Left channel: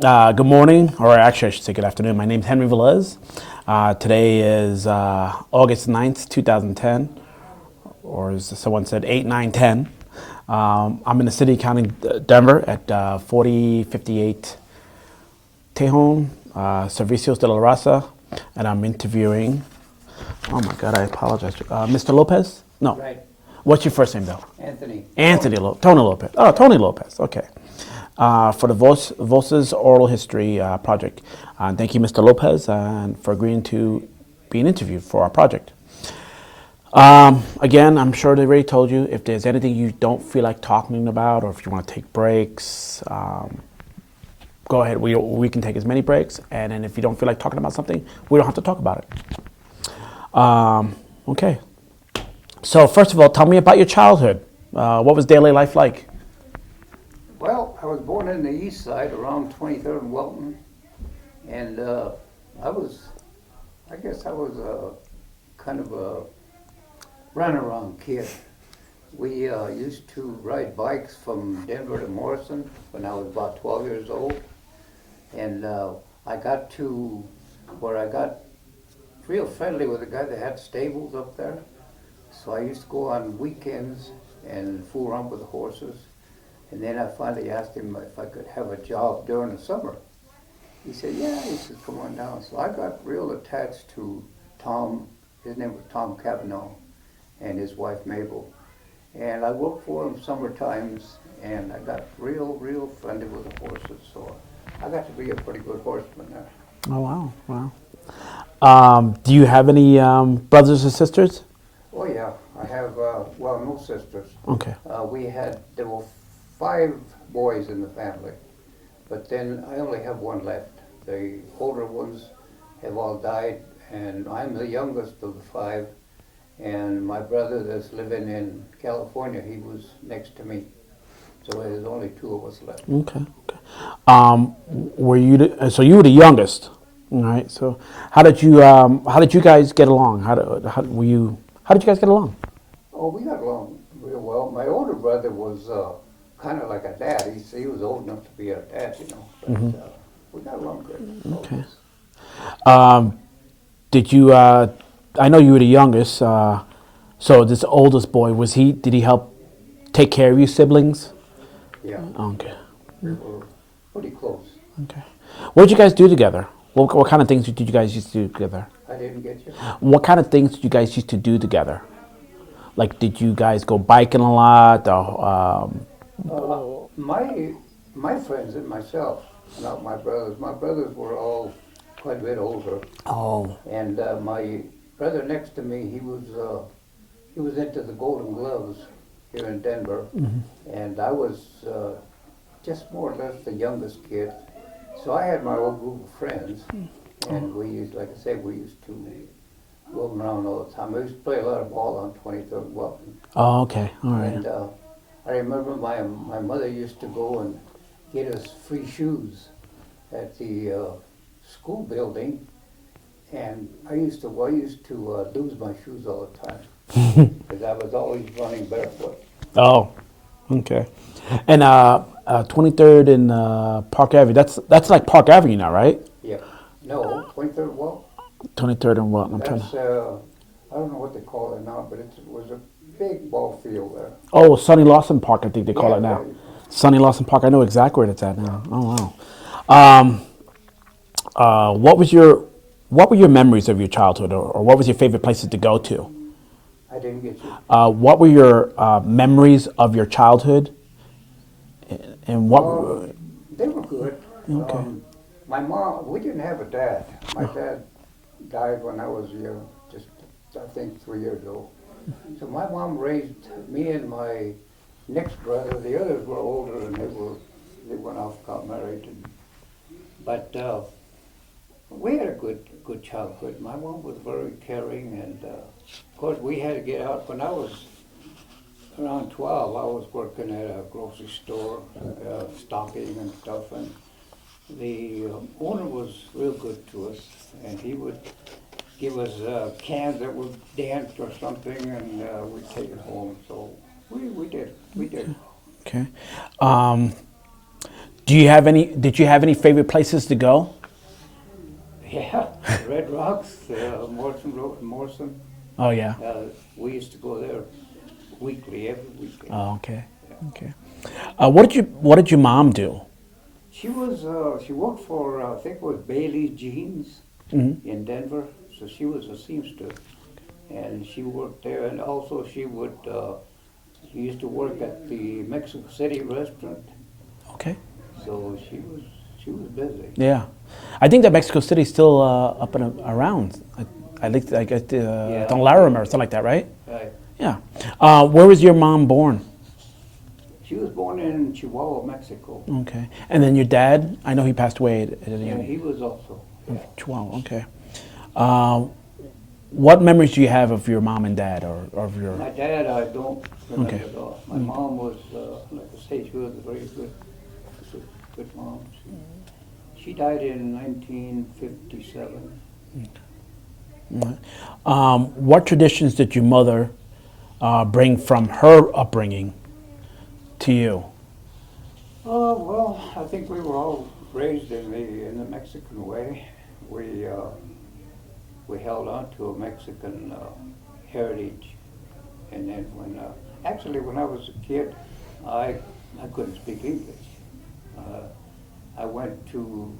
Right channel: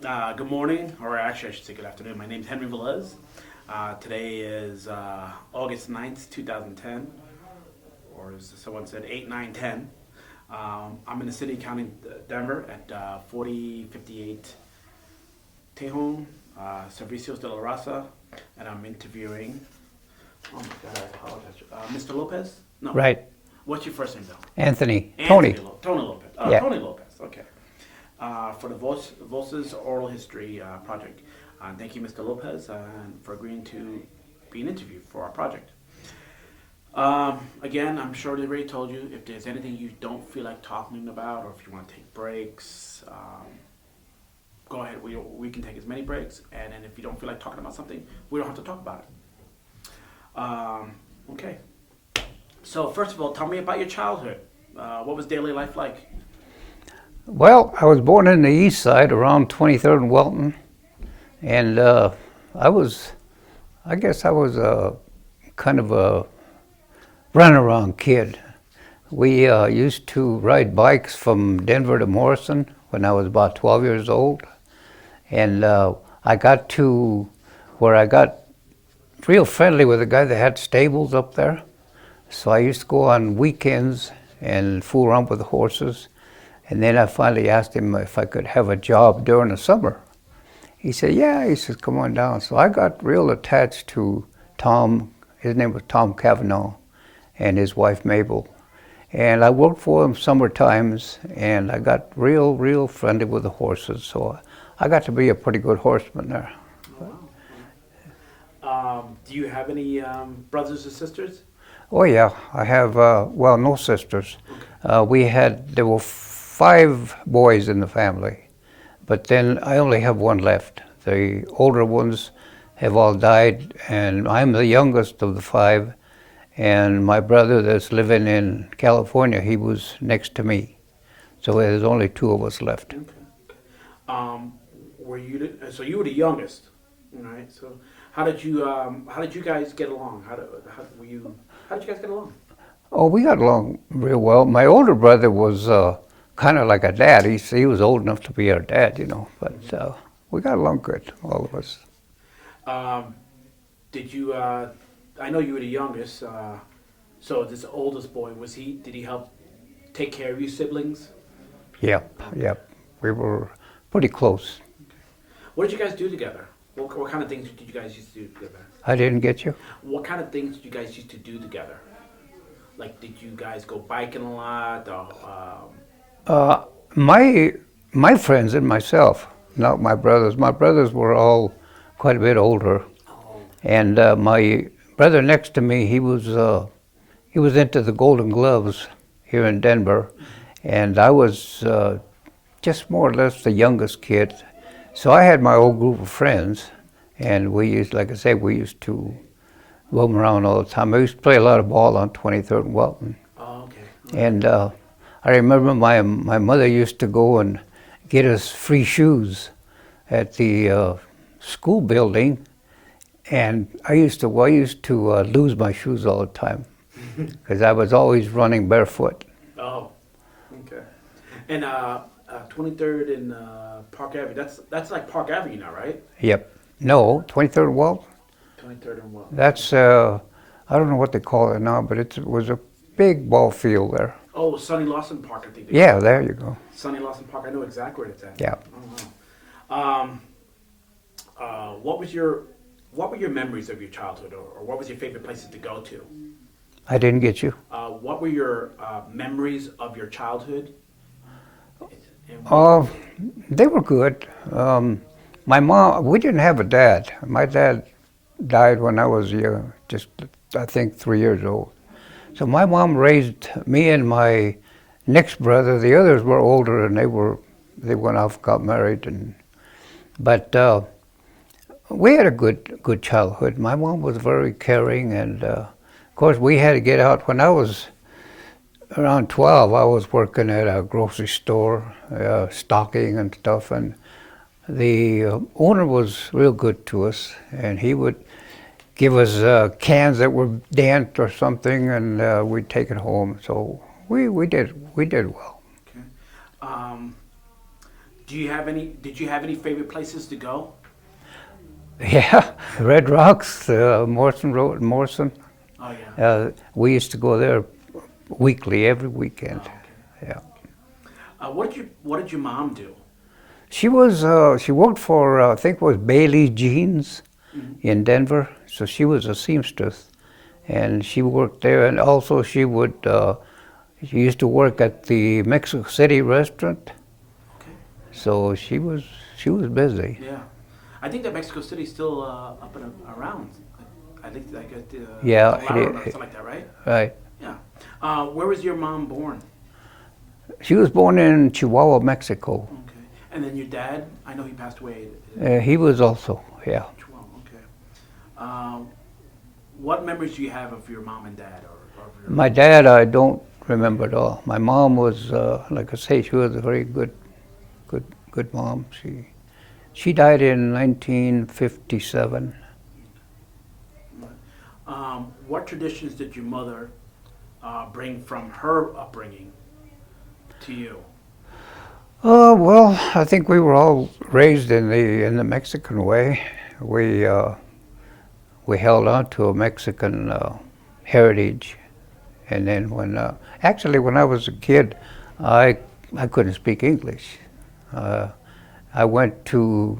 Good morning, or actually I should say good afternoon. My name's Henry Velez. Today is August 9th, 2010, or as someone said, 8, 9, 10. I'm in the city, county Denver at 4058 Tejon, Servicios de la Raza, and I'm interviewing, oh my God, I apologize, Mr. Lopez? No. Right. What's your first name, though? Anthony. Anthony. Tony Lopez. Oh, Yeah. Tony Lopez. Okay. For the Voces Oral History Project. Thank you, Mr. Lopez, for agreeing to be an interview for our project. Again, I'm sure they already told you, if there's anything you don't feel like talking about, or if you want to take breaks, go ahead. We can take as many breaks, and then if you don't feel like talking about something, we don't have to talk about it. Okay. So first of all, tell me about your childhood. What was daily life like? Well, I was born in the east side around 23rd and Welton, and I guess I was a kind of a runaround kid. We used to ride bikes from Denver to Morrison when I was about 12 years old, and I got to where I got real friendly with a guy that had stables up there. So I used to go on weekends and fool around with the horses. And then I finally asked him if I could have a job during the summer. He said, yeah. He says, come on down. So I got real attached to Tom. His name was Tom Cavanaugh, and his wife Mabel. And I worked for them summer times, and I got real friendly with the horses. So I got to be a pretty good horseman there. Oh, wow. Do you have any brothers or sisters? Oh yeah, I have, no sisters. Okay. There were 5 boys in the family, but then I only have one left. The older ones have all died, and I'm the youngest of the 5, and my brother that's living in California, he was next to me. So there's only 2 of us left. Okay. So you were the youngest, all right? So how did you guys get along? How did you guys get along? Oh, we got along real well. My older brother was kind of like a dad. He was old enough to be our dad, but we got along good, all of us. Did you, I know you were the youngest, so this oldest boy, did he help take care of you siblings? Yeah, Okay. yeah. We were pretty close. Okay. What did you guys do together? What kind of things did you guys used to do together? I didn't get you? What kind of things did you guys used to do together? Like, did you guys go biking a lot? My friends and myself, not my brothers. My brothers were all quite a bit older. Oh. And my brother next to me, he was into the Golden Gloves here in Denver, and I was just more or less the youngest kid. So I had my old group of friends, and like I said, we used to roam around all the time. I used to play a lot of ball on 23rd and Welton. Oh, okay. All right. And I remember my mother used to go and get us free shoes at the school building, and I used to lose my shoes all the time because I was always running barefoot. Oh, okay. And 23rd and Park Avenue. That's like Park Avenue now, right? Yep. No, 23rd and Welton. 23rd and what? That's I don't know what they call it now, but it was a big ball field there. Oh, Sonny Lawson Park, I think they call it. Yeah, now. there you go. Sonny Lawson Park. I know exactly where it's at. Yeah. Now. Oh, wow. What were your memories of your childhood, or what was your favorite places to go to? I didn't get you. What were your memories of your childhood? And what? They were good. Okay. My mom, we didn't have a dad. My dad died when I was just I think 3 years old. So my mom raised me and my next brother. The others were older, and they went off, got married, but we had a good childhood. My mom was very caring, and of course we had to get out. When I was around 12, I was working at a grocery store, stocking and stuff, and the owner was real good to us, and he would give us cans that were dent or something, and we'd take it home. So we did well. Okay. Do you have any? Did you have any favorite places to go? Yeah, Red Rocks, Morrison Road, Morrison. Oh yeah. We used to go there weekly, every weekend. Oh, okay. Yeah. Okay. What did your mom do? She worked for, I think it was Bailey Jeans in Denver. So she was a seamstress. And she worked there, and also she used to work at the Mexico City restaurant. Okay. So she was busy. Yeah. I think that Mexico City's still up and around. I think I guess Yeah, Don Larimer or something like that, right? Right. Yeah. Where was your mom born? She was born in Chihuahua, Mexico. Okay. And then your dad, I know he passed away. He was also, yeah. Chihuahua, okay. What memories do you have of your mom and dad, or of your? My dad, I don't remember at all. My mom was, like I say, she was a very good mom. She died in 1957. What traditions did your mother bring from her upbringing to you? Well, I think we were all raised in the Mexican way. We held on to a Mexican heritage, and then when I was a kid, I couldn't speak English. I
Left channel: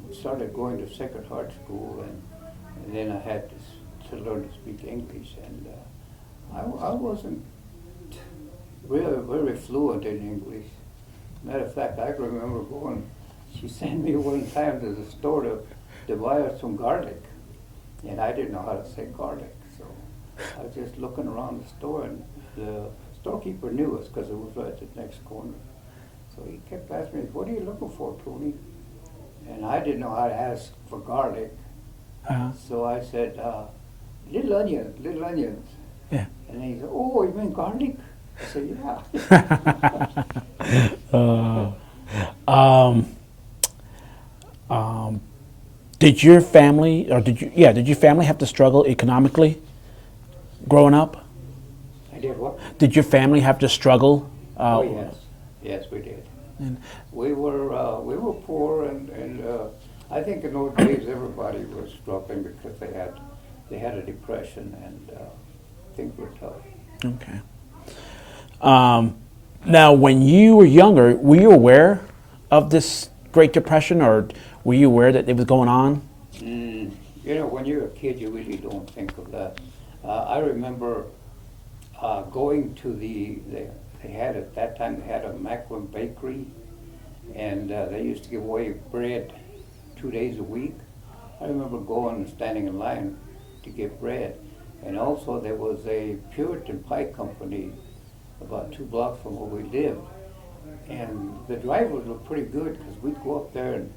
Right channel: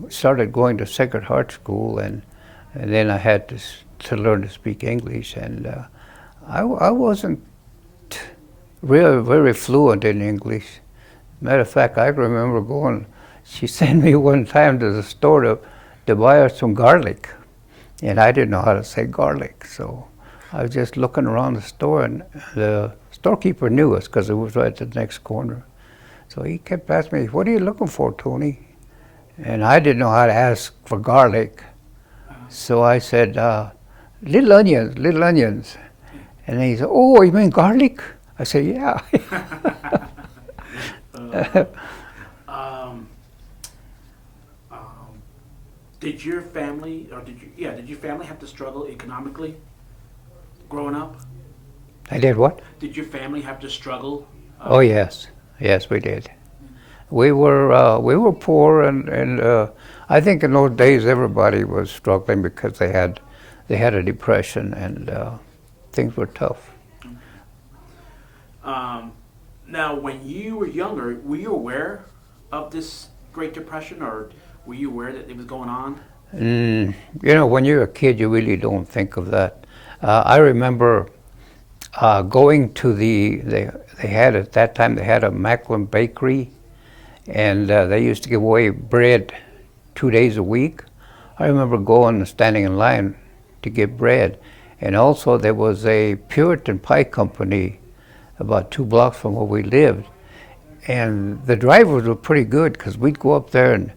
started going to Sacred Heart School, and then I had to learn to speak English, and I wasn't really very fluent in English. Matter of fact, I remember she sent me one time to the store to buy her some garlic, and I didn't know how to say garlic, so I was just looking around the store, and the storekeeper knew us because it was right at the next corner. So he kept asking me, "What are you looking for, Tony?" And I didn't know how to ask for garlic. So I said, little onions. Yeah. And then he said, "Oh, you mean garlic?" I said, "Yeah." Did your family, did your family have to struggle economically growing up? I did what? Did your family have to struggle? Oh, yes. Yes, we did. We were poor, and I think in those days everybody was struggling because they had a depression, and things were tough. Okay. Now, when you were younger, were you aware of this Great Depression, or were you aware that it was going on? When you're a kid, you really don't think of that. I remember going to they had at that time, they had a Macklin bakery, and they used to give away bread 2 days a week. I remember going and standing in line to get bread. And also there was a Puritan Pie Company about 2 blocks from where we lived. And the drivers were pretty good, because we'd go up there and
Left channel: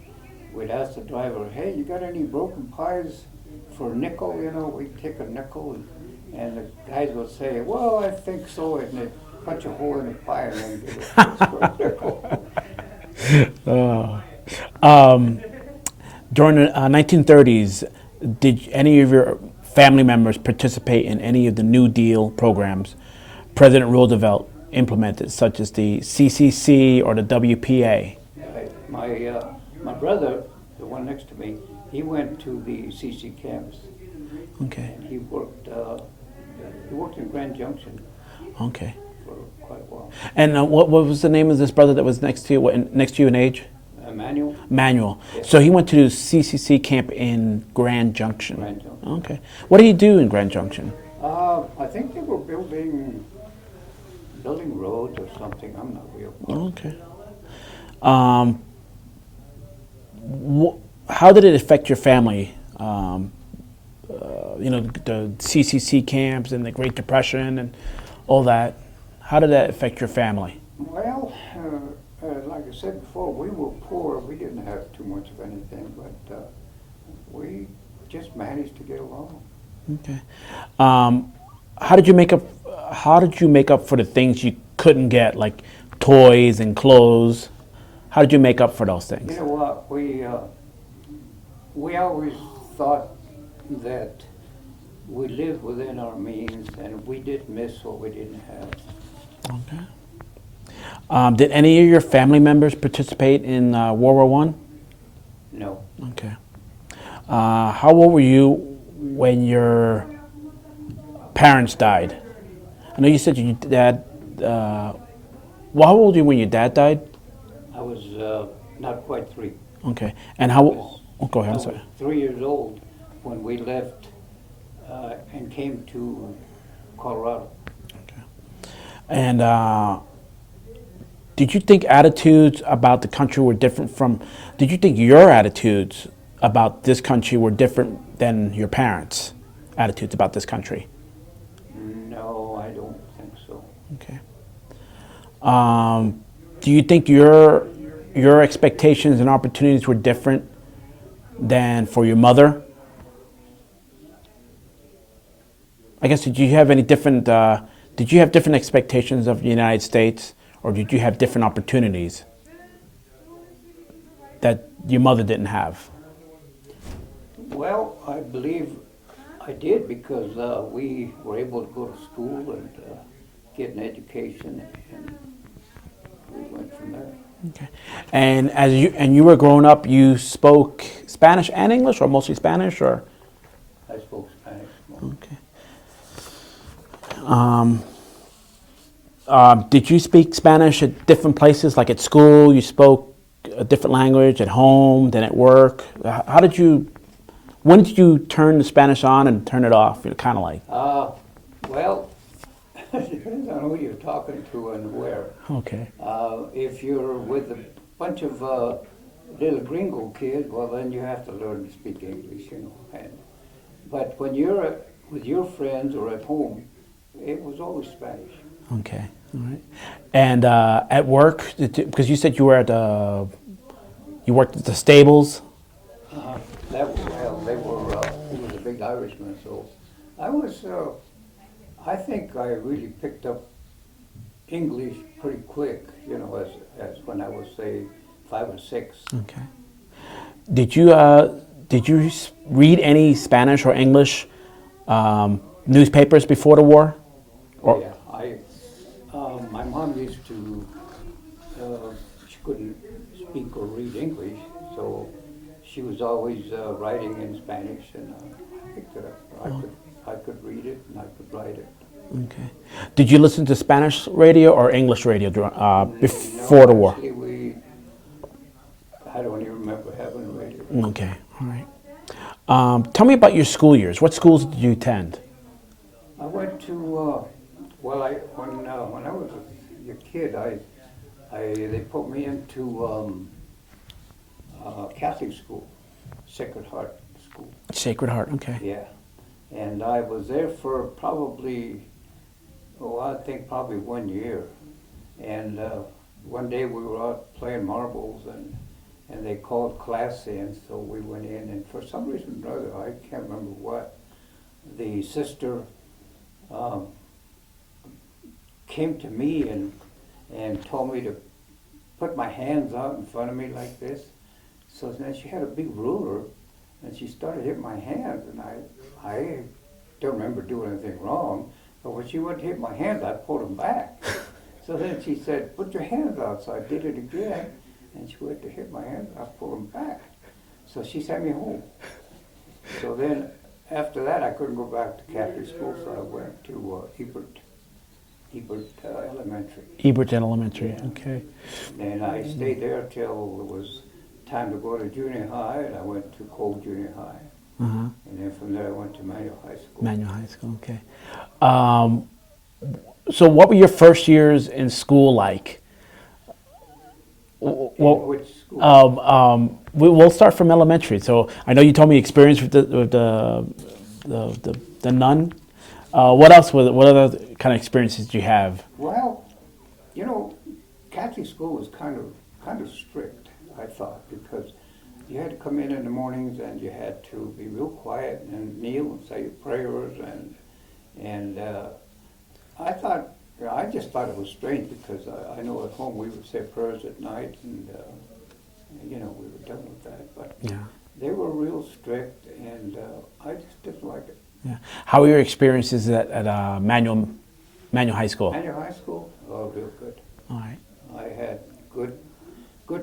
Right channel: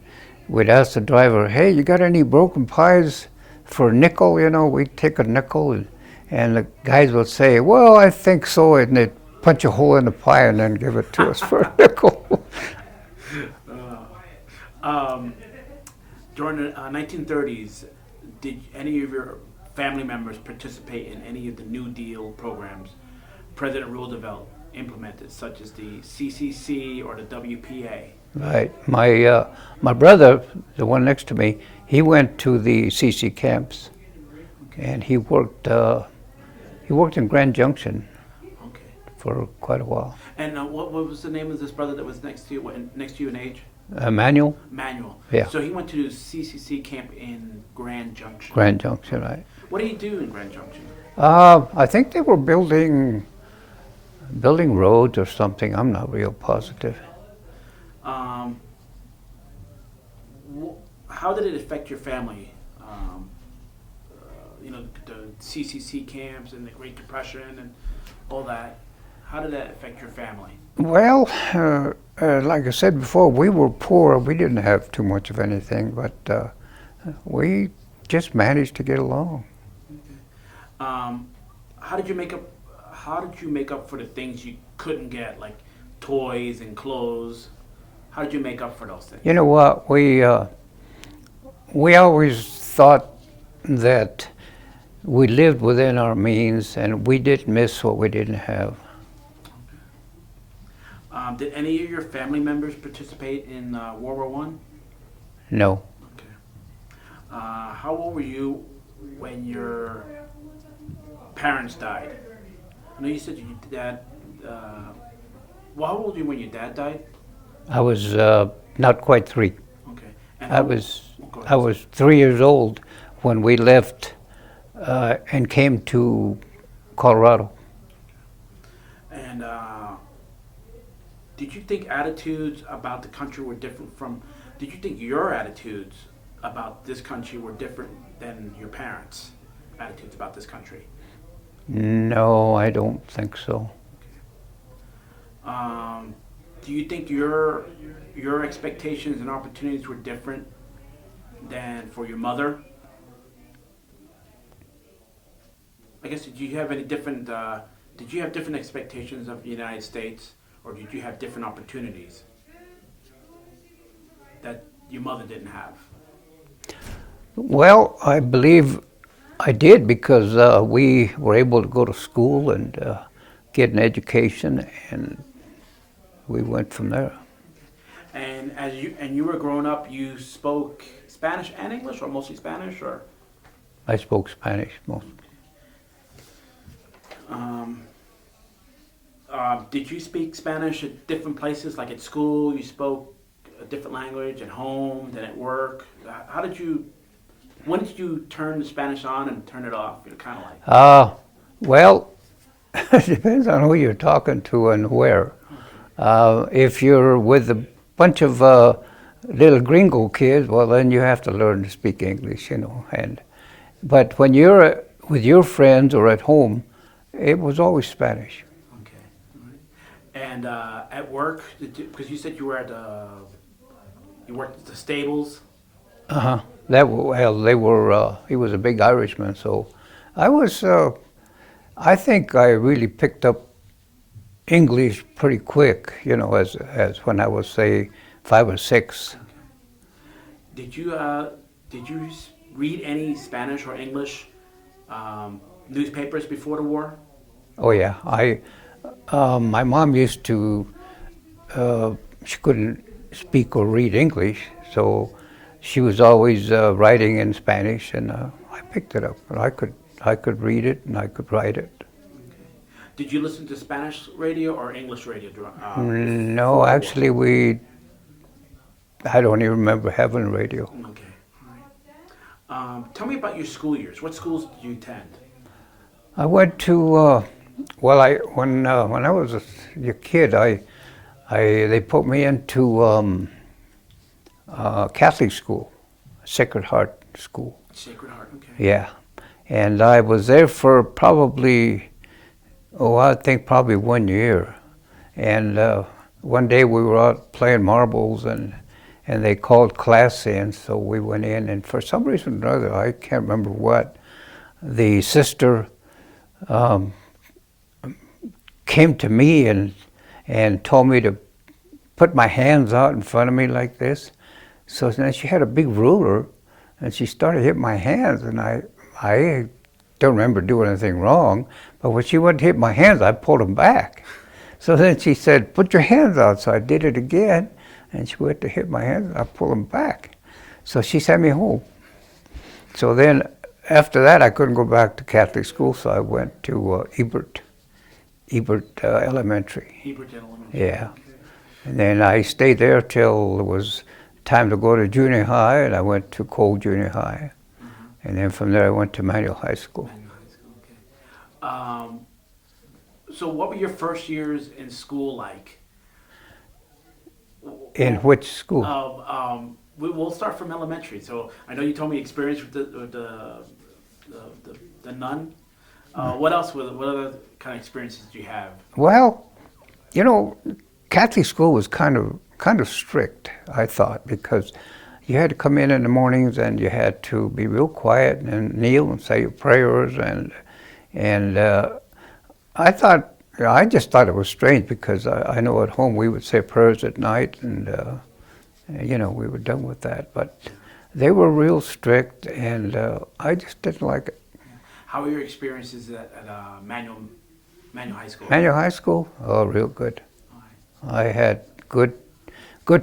we'd ask the driver, "Hey, you got any broken pies for a nickel?" We'd take a nickel, and the guys would say, "Well, I think so," and they'd punch a hole in the pie and then give it to us for a nickel. During the 1930s, did any of your family members participate in any of the New Deal programs President Roosevelt implemented, such as the CCC or the WPA? Right. My brother, the one next to me, he went to the CC camps. Okay. And he worked in Grand Junction. Okay. For quite a while. And what was the name of this brother that was next to you? Next to you in age? Manuel. Manuel. Yeah. So he went to the CCC camp in Grand Junction. Grand Junction. Okay. Right. What did he do in Grand Junction? I think they were building roads or something. I'm not real positive. Okay. How did it affect your family? The CCC camps and the Great Depression and all that. How did that affect your family? Well, like I said before, we were poor. We didn't have too much of anything, but we just managed to get along. Okay. How did you make up for the things you couldn't get, like toys and clothes? How did you make up for those things? You know what? We always thought that we lived within our means, and we didn't miss what we didn't have. Okay. Did any of your family members participate in World War One? No. Okay. How old were you when your parents died? I know you said your dad. Well, how old were you when your dad died? I was not quite 3. Okay. And I how? was Oh, go ahead. I was 3 years old when we left and came to Colorado. And did you think attitudes about the country were different from? Did you think your attitudes about this country were different than your parents' attitudes about this country? No, I don't think so. Okay. Do you think your expectations and opportunities were different than for your mother? I guess did you have any different? Did you have different expectations of the United States, or did you have different opportunities that your mother didn't have? Well, I believe I did because we were able to go to school and get an education, and we went from there. Okay. And as you were growing up, you spoke Spanish and English, or mostly Spanish, or? I spoke Spanish most. Okay. Did you speak Spanish at different places, like at school? You spoke a different language at home than at work. How did you? When did you turn the Spanish on and turn it off? Kind of like. Well, it depends on who you're talking to and where. Okay. If you're with a bunch of little gringo kids, well, then you have to learn to speak English, you know. But when you're with your friends or at home, it was always Spanish. Okay. All right. And at work, because you said you were at you worked at the stables. Uh-huh. Well, they were. He was a big Irishman, so I was. I think I really picked up English pretty quick. You know, as when I was say 5 or 6. Okay. Did you read any Spanish or English newspapers before the war? Oh yeah, my mom used to. She couldn't speak or read English, so she was always writing in Spanish, and I picked it up. I could read it and I could write it. Okay. Did you listen to Spanish radio or English radio before No, the war? actually, I don't even remember having radio. Okay, all right. Tell me about your school years. What schools did you attend? I went to. When I was a kid, they put me into Catholic school, Sacred Heart School. Sacred Heart. Okay. Yeah, and I was there for probably, I think probably 1 year. And one day we were out playing marbles, and they called class in, so we went in, and for some reason or other, I can't remember what, the sister came to me and told me to put my hands out in front of me like this. So then she had a big ruler, and she started hitting my hands, and I don't remember doing anything wrong, but when she went to hit my hands, I pulled them back. So then she said, put your hands out. So I did it again, and she went to hit my hands, and I pulled them back. So she sent me home. So then after that, I couldn't go back to Catholic school, so I went to Ebert Elementary. Hebert Elementary. Yeah. Okay. And then I stayed there till it was time to go to junior high, and I went to Cole Junior High. Uh-huh. And then from there I went to Manual High School. Manual High School. Okay. So what were your first years in school like? In which school? We'll start from elementary. So I know you told me experience with the nun. What else? What other kind of experiences did you have? Well, you know, Catholic school was kind of strict, I thought, because you had to come in the mornings and you had to be real quiet and kneel and say your prayers, and I just thought it was strange because I know at home we would say prayers at night, and you know, we were done with that. But Yeah. they were real strict, and I just didn't like it. Yeah. How were your experiences at Manual High School? Manual High School, oh, real good. All right. I had good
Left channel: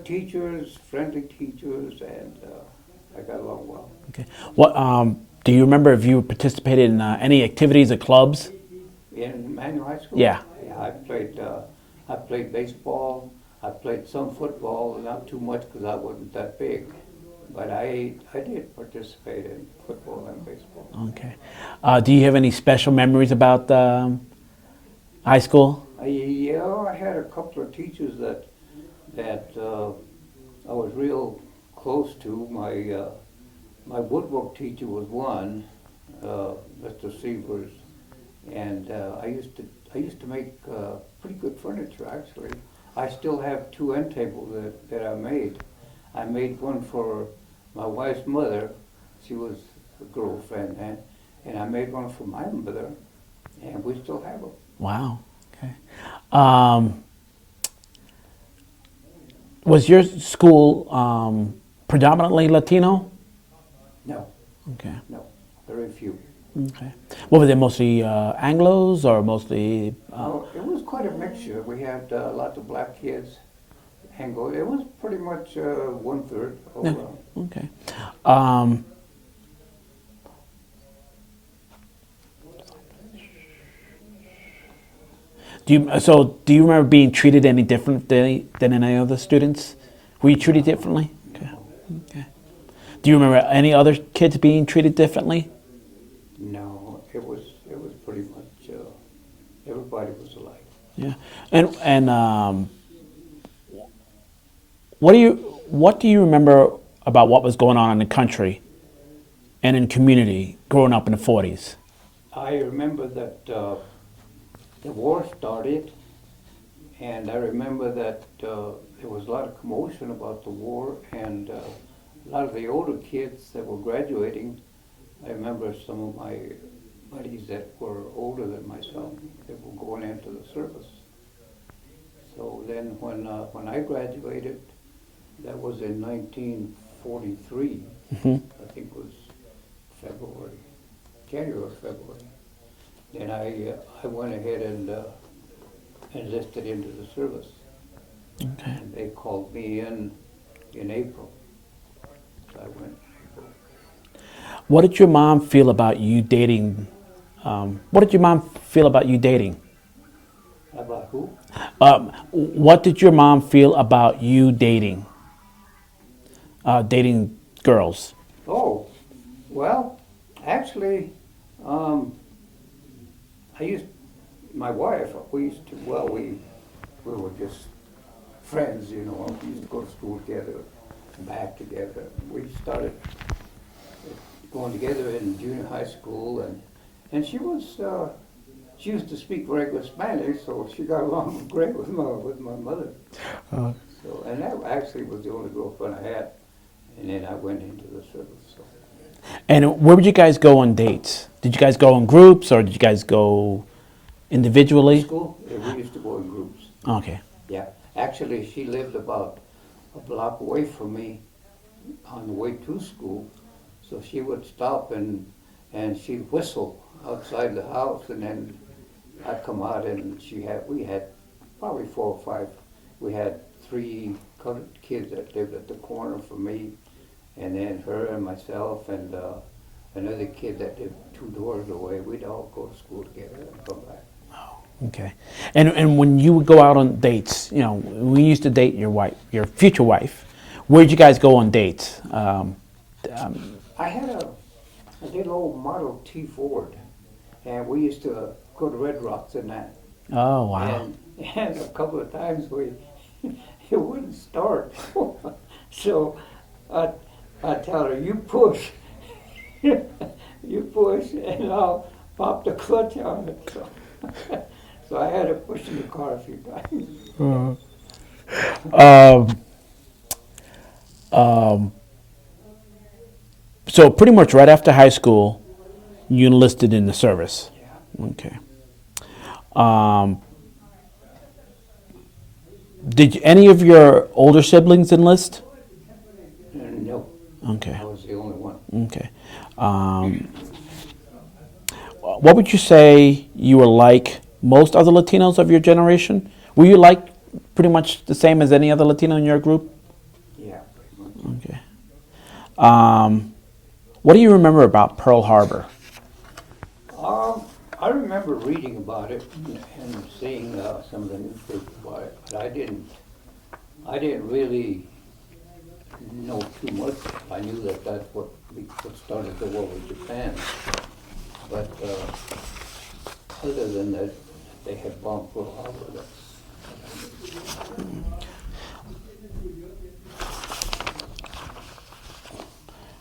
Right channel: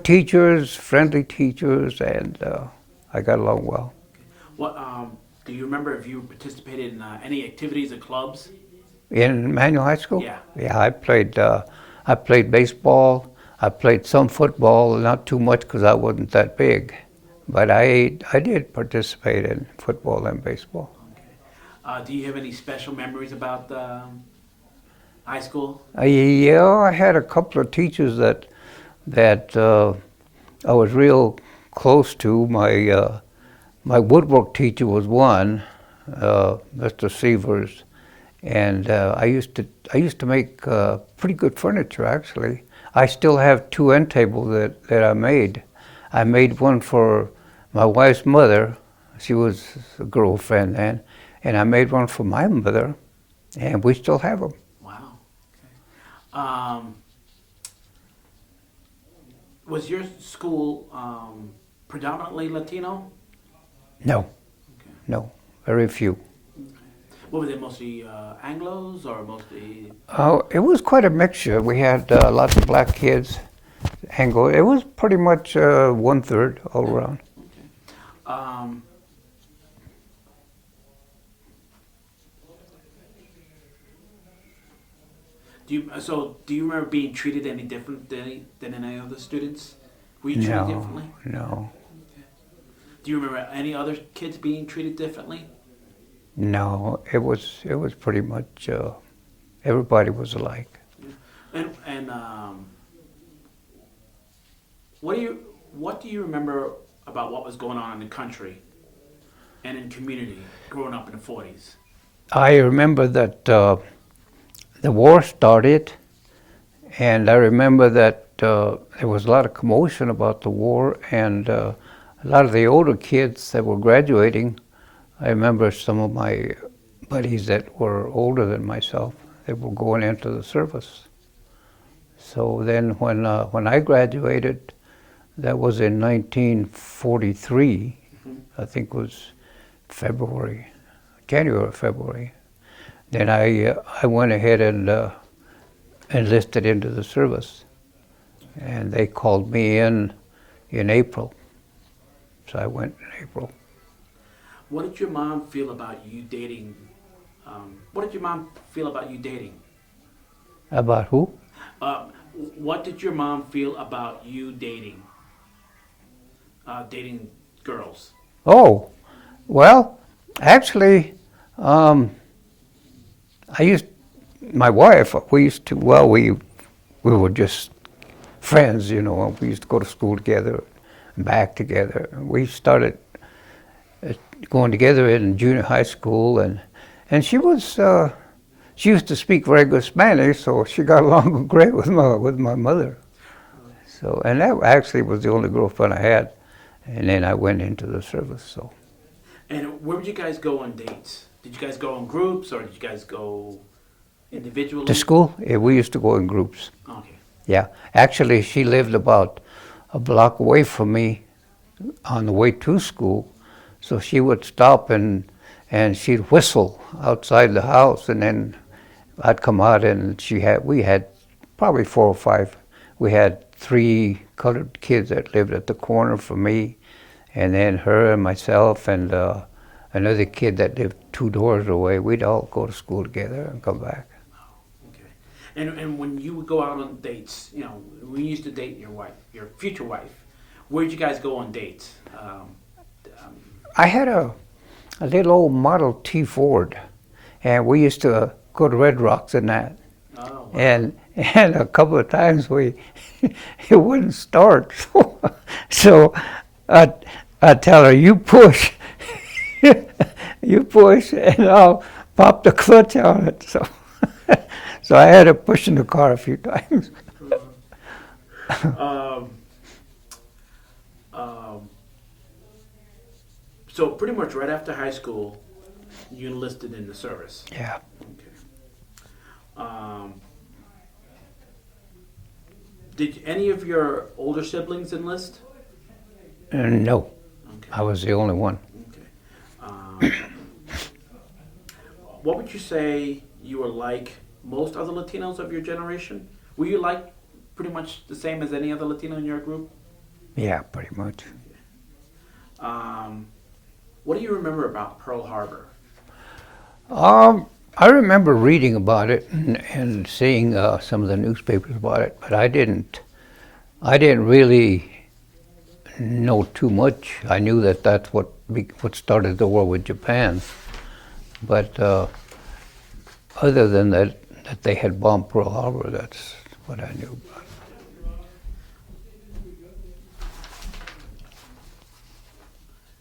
teachers, friendly teachers, and I got along well. Okay. What do you remember if you participated in any activities or clubs? In Manual High School? Yeah. Yeah, I played baseball. I played some football, not too much because I wasn't that big. But I did participate in football and baseball. Okay. Do you have any special memories about high school? Yeah, I had a couple of teachers that I was real close to. My woodwork teacher was one, Mr. Severs, and I used to make pretty good furniture actually. I still have two end tables that I made. I made one for my wife's mother. She was a girlfriend then, and I made one for my mother, and we still have them. Wow. Okay. Was your school predominantly Latino? No, Okay. no, very few. Okay. What were they, mostly Anglos or mostly? It was quite a mixture. We had lots of black kids, Anglo. It was pretty much 1/3 all around. Okay. Do you remember being treated any different than any other students? Were you treated No, differently? no, Okay. Do you remember any other kids being treated differently? no. It was pretty much everybody was alike. Yeah. And what do you remember about what was going on in the country and in community growing up in the 40s? I remember that the war started, and I remember that there was a lot of commotion about the war, and a lot of the older kids that were graduating, I remember some of my buddies that were older than myself, they were going into the service. So then when I graduated, that was in 1943, I think it was January or February. Then I went ahead and enlisted into the service. Okay. And they called me in April. So I went in April. What did your mom feel about you dating? What did your mom feel about you dating? About who? What did your mom feel about you dating? Dating girls? Oh, well, actually, my wife, we were just friends, you know. We used to go to school together and back together. We started going together in junior high school, and she used to speak very good Spanish, so she got along great with my mother. So, and that actually was the only girlfriend I had, and then I went into the service. So. And where would you guys go on dates? Did you guys go in groups or did you guys go individually? To school? Yeah, we used to go in groups. Okay. Yeah. Actually, she lived about a block away from me on the way to school. So she would stop and she'd whistle outside the house, and then I'd come out and we had probably 4 or 5. We had 3 colored kids that lived at the corner from me, and then her and myself and another kid that lived 2 doors away. We'd all go to school together and come back. Oh, okay. And when you would go out on dates, you know, we used to date your future wife. Where'd you guys go on dates? I had a little old Model T Ford, and we used to go to Red Rocks in that. Oh, wow. And a couple of times it wouldn't start. So I tell her, you push, and I'll pop the clutch on it. So, so I had to push in the car a few times. So pretty much right after high school, you enlisted in the service. Yeah. Okay. Did any of your older siblings enlist? No. Okay. I was the only one. Okay. What would you say you were like most other Latinos of your generation? Were you like pretty much the same as any other Latino in your group? Yeah, pretty much. Okay. What do you remember about Pearl Harbor? I remember reading about it and seeing some of the newspapers about it, but I didn't really know too much. I knew that that's what started the war with Japan, but other than that they had bombed Pearl Harbor, that's what I knew.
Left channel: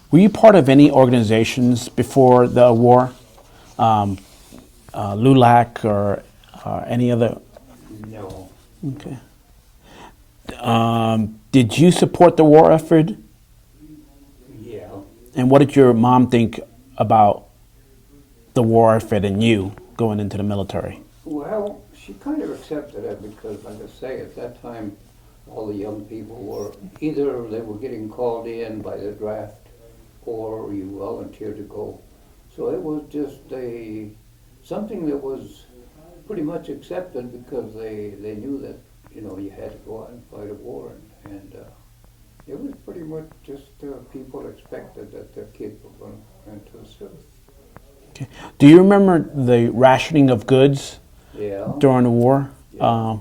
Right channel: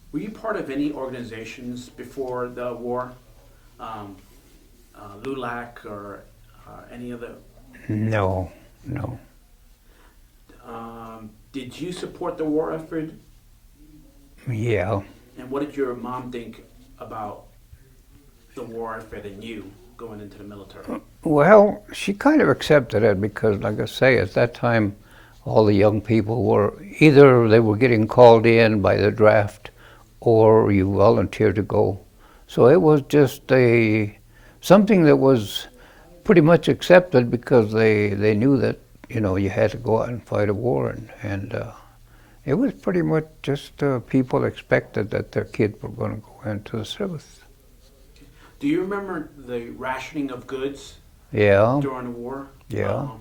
Were you part of any organizations before the war? LULAC or any other? No, no. Did you support the war effort? Yeah. And what did your mom think about the war effort and you going into the military? Well, she kind of accepted it because, like I say, at that time, all the young people were either they were getting called in by the draft or you volunteered to go. So it was just something that was pretty much accepted because they knew that, you know, you had to go out and fight a war. And it was pretty much just people expected that their kids were going to go into the service. Okay. Do you remember the rationing of goods? Yeah. During the war? Yeah.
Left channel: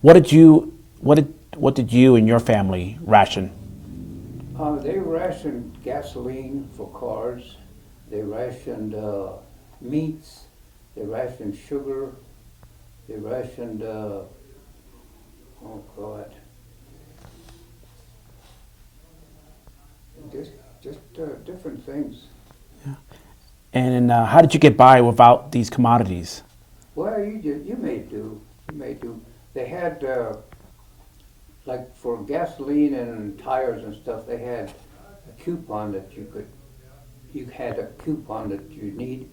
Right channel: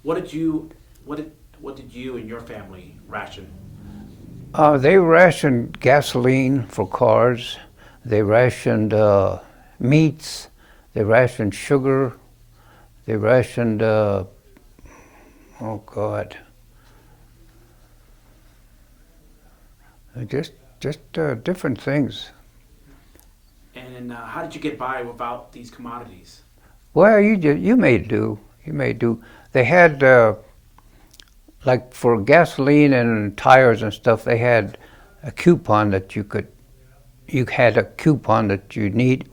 What did you and your family ration? They rationed gasoline for cars. They rationed meats. They rationed sugar. They rationed, oh God, just different things. And how did you get by without these commodities? Well, you may do. You may do. They had like for gasoline and tires and stuff. They had a coupon that you had a coupon that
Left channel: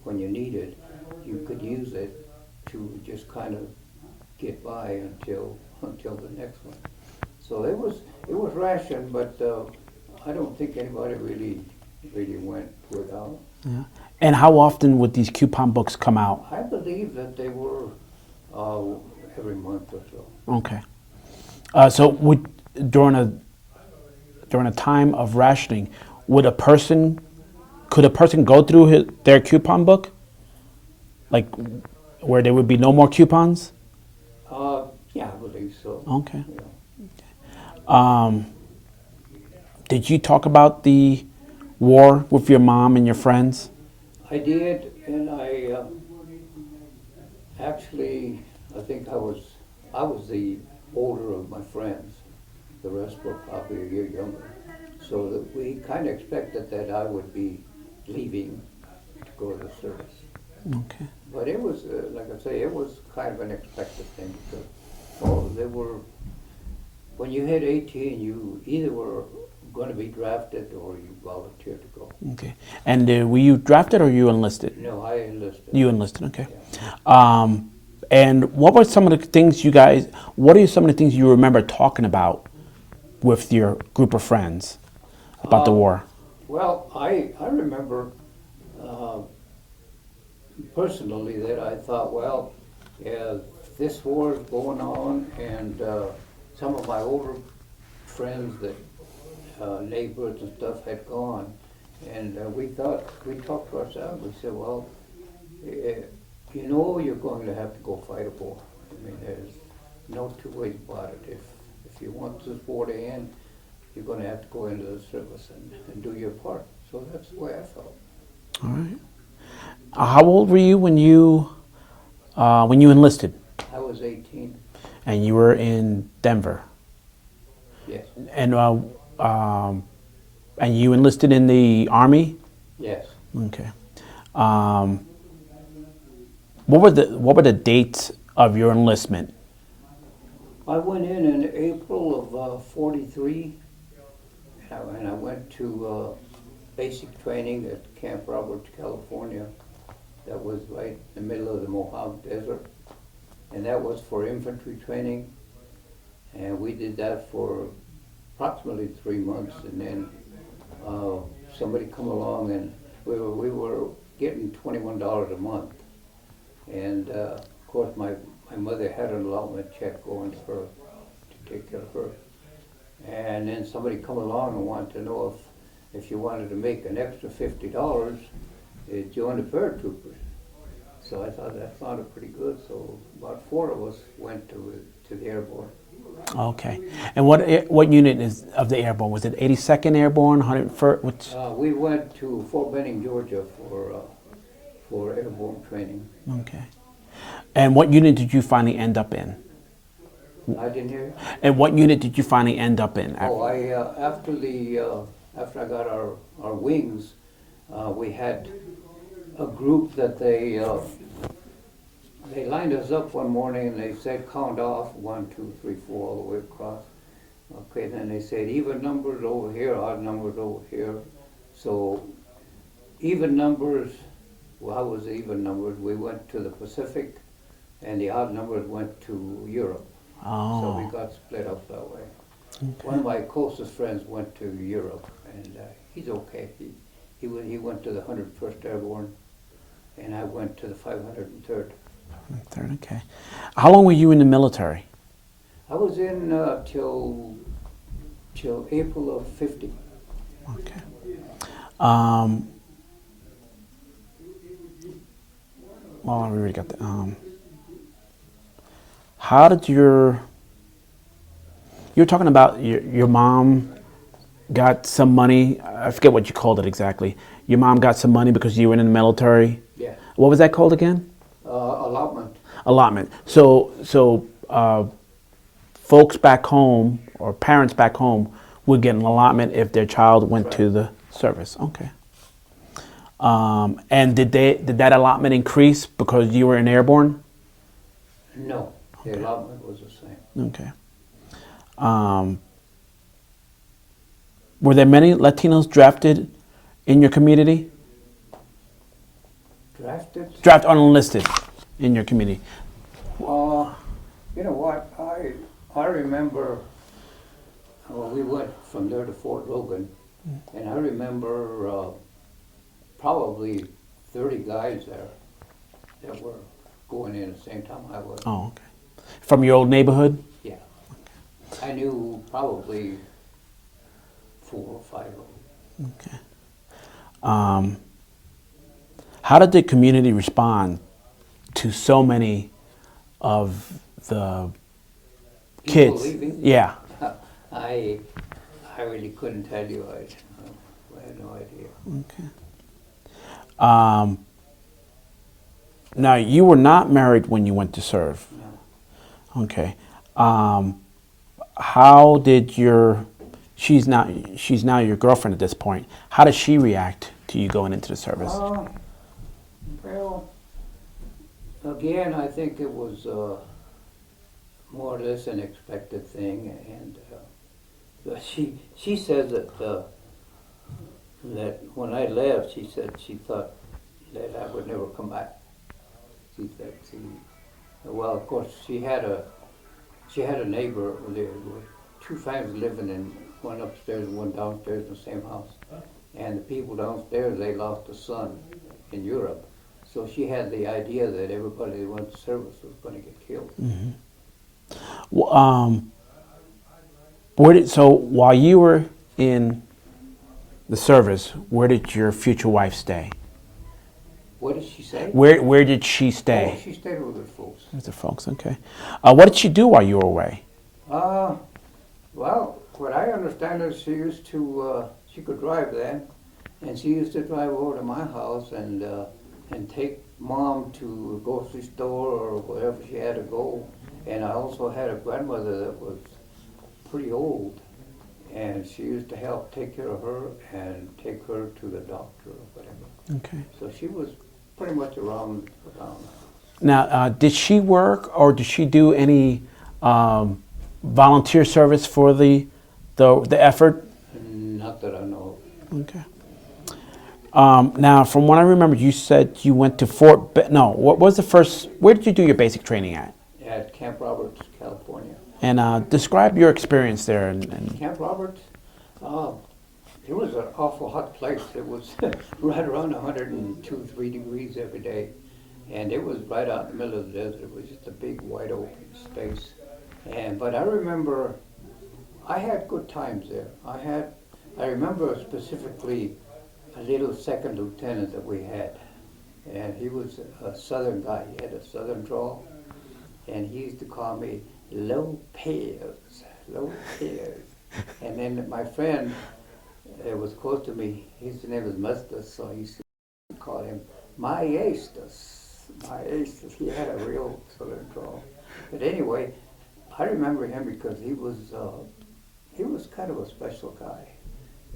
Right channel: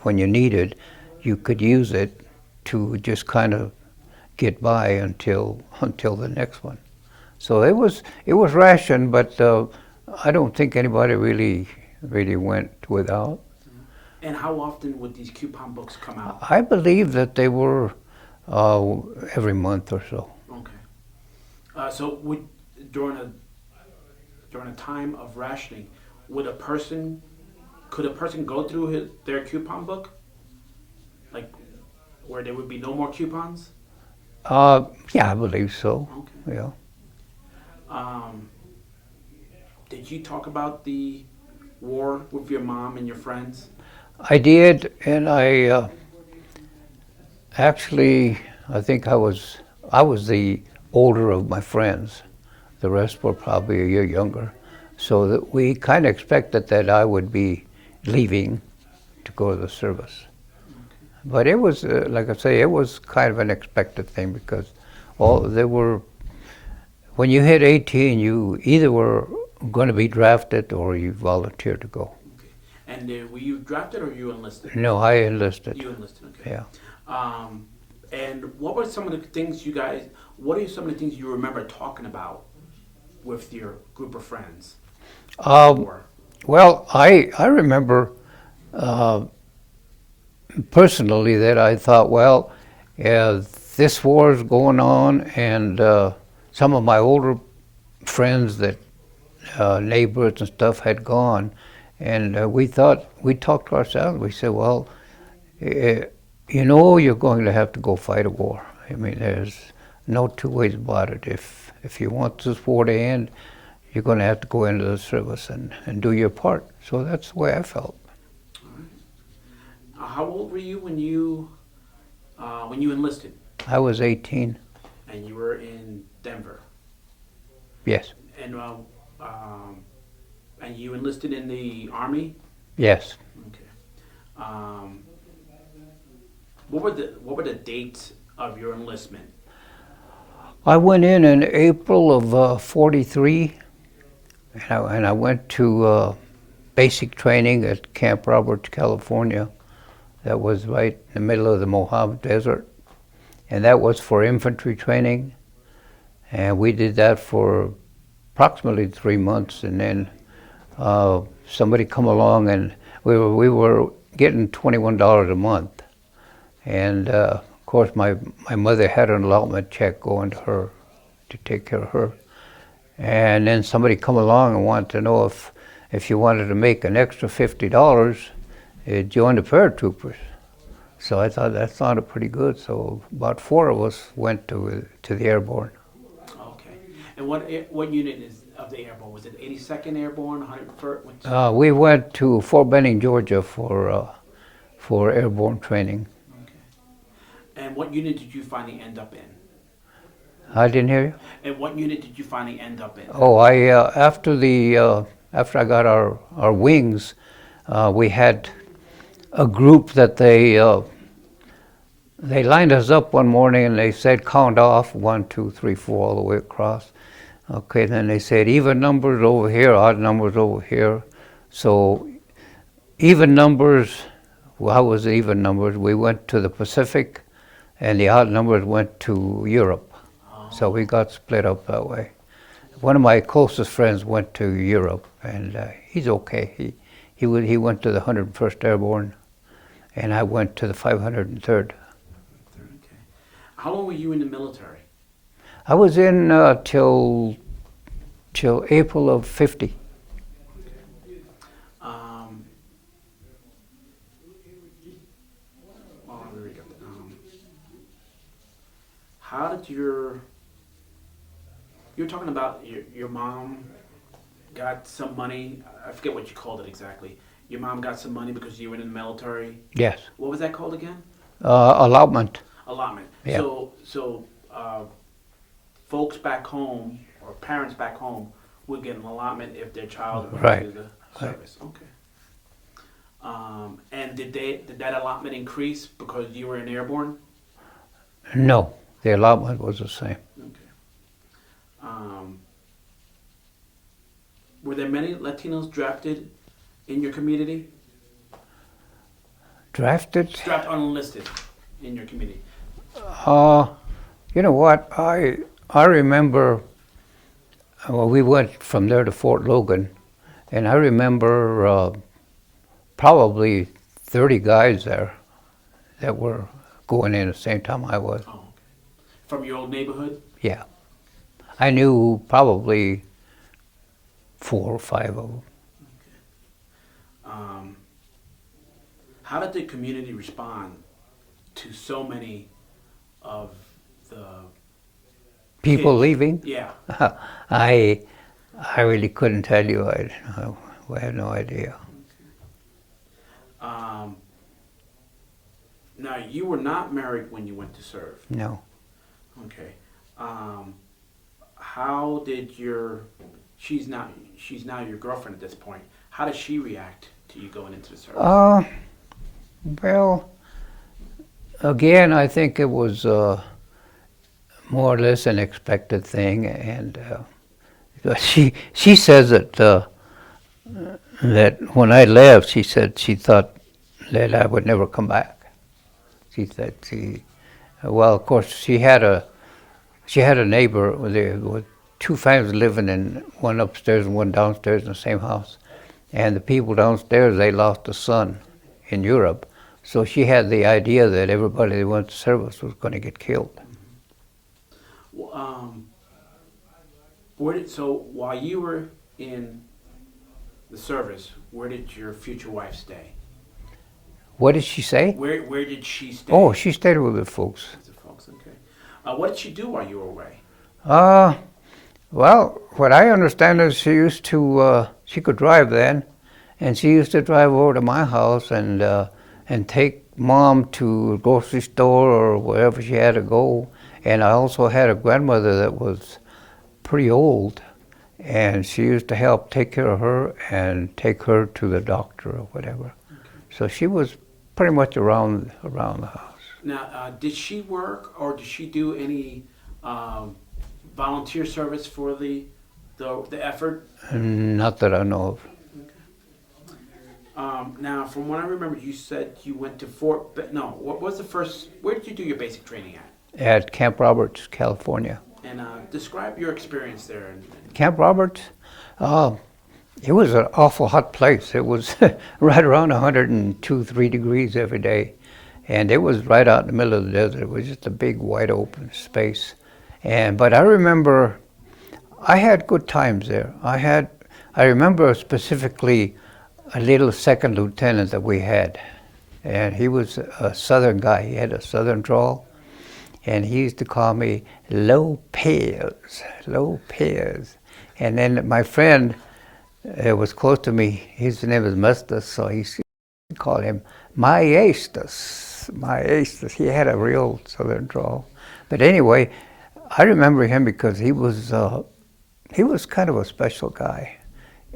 when you needed, you could use it to just kind of get by until the next one. So it was rationed, but I don't think anybody really went without. Yeah. And how often would these coupon books come out? I believe that they were every month or so. Okay. So during a time of rationing, could a person go through their coupon book, like where there would be no more coupons? Yeah, I believe so. Okay. Yeah. Did you talk about the war with your mom and your friends? I did, and I actually I think I was the older of my friends. The rest were probably a year younger, so that we kind of expected that I would be leaving to go to the service. Okay. But it was, like I say, it was kind of an expected thing because when you hit 18, you either were going to be drafted or you volunteered to go. Okay. And were you drafted or you enlisted? No, I enlisted. You enlisted, okay. Yeah. And what are some of the things you remember talking about with your group of friends about the war? Well, I remember personally that I thought, well, this war is going on, and some of my older friends that neighbors and stuff had gone, and we talked to ourselves. We said, well, you know, you're going to have to go fight a war. I mean, there's no two ways about it. If you want this war to end, you're going to have to go into the service and do your part. So that's the way I felt. All right. How old were you when you enlisted? I was 18. And you were in Denver. Yes. And you enlisted in the Army? Yes. Okay. What were the dates of your enlistment? I went in April of '43, and I went to basic training at Camp Roberts, California. That was right in the middle of the Mojave Desert, and that was for infantry training. And we did that for approximately 3 months, and then somebody come along, and we were getting $21 a month, and of course my mother had an allotment check going to her to take care of her. And then somebody come along and wanted to know if you wanted to make an extra $50, join the paratroopers. So I thought that sounded pretty good. So about 4 of us went to the airborne. Okay. And what unit is of the airborne? Was it 82nd Airborne, 101st? Which? We went to Fort Benning, Georgia for airborne training. Okay. And what unit did you finally end up in? I didn't hear you. And what unit did you finally end up in? Oh, after I got our wings, we had a group that they lined us up one morning and they said count off 1, 2, 3, 4 all the way across. Okay, then they said even numbers over here, odd numbers over here. So even numbers, well, how was the even numbers? We went to the Pacific, and the odd numbers went to Europe. Oh. So we got split up that way. One of my closest friends went to Europe, and he's okay. He went to the 101st Airborne, and I went to the 503rd. Third, okay. How long were you in the military? I was in till April of '50. Okay. Well, we already got that. How did you were talking about your mom got some money. I forget what you called it exactly. Your mom got some money because you were in the military? Yes. What was that called again? Allotment. Allotment. Yeah. So folks back home or parents back home would get an allotment if their child went Right. to the service. Okay. And did that allotment increase because you were in airborne? No, the allotment was the same. Okay. Were there many Latinos drafted in your community? Drafted? Drafted unenlisted in your community? You know what? I remember. Well, we went from there to Fort Logan, and I remember probably 30 guys there that were going in at the same time I was. Oh, okay. From your old neighborhood? Yeah. I knew probably 4 or 5 of them. Okay. How did the community respond to so many of the People kids? leaving? Yeah. I really couldn't tell you. I had no idea. Okay. Now, you were not married when you went to serve. No. Okay. How did she's now your girlfriend at this point. How does she react to you going into the service? Well, again, I think it was more or less an expected thing, and she says that when I left, she said she thought that I would never come back. She said well, of course, she had a neighbor with 2 families living in one upstairs and one downstairs in the same house, and the people downstairs, they lost a son in Europe, so she had the idea that everybody that went to service was going to get killed. Mm-hmm. So while you were in the service, where did your future wife stay? What did she say? Where did she stay? Oh, she stayed with the folks. With the folks, okay. What did she do while you were away? Well, what I understand is she used to, she could drive then, and she used to drive over to my house and take Mom to a grocery store or wherever she had to go. And I also had a grandmother that was pretty old, and she used to help take care of her and take her to the doctor or whatever. Okay. So she was pretty much around the house. Now, did she work or did she do any volunteer service for the effort? Not that I know of. Okay. Now, from what I remember, you said you went to what was the first? Where did you do your basic training at? At Camp Roberts, California. And describe your experience there. Camp Roberts, it was an awful hot place. It was right around 102, 3 degrees every day. And it was right out in the middle of the desert. It was just a big, wide open space. But I remember I had good times there. I remember specifically a little second lieutenant that we had, and he was a Southern guy. He had a Southern drawl, and he used to call me Lopez, Lopez. And then my friend was close to me. His name was Mustus, so he called him Maestas, Maestas. He had a real Southern drawl. But anyway, I remember him because he was kind of a special guy.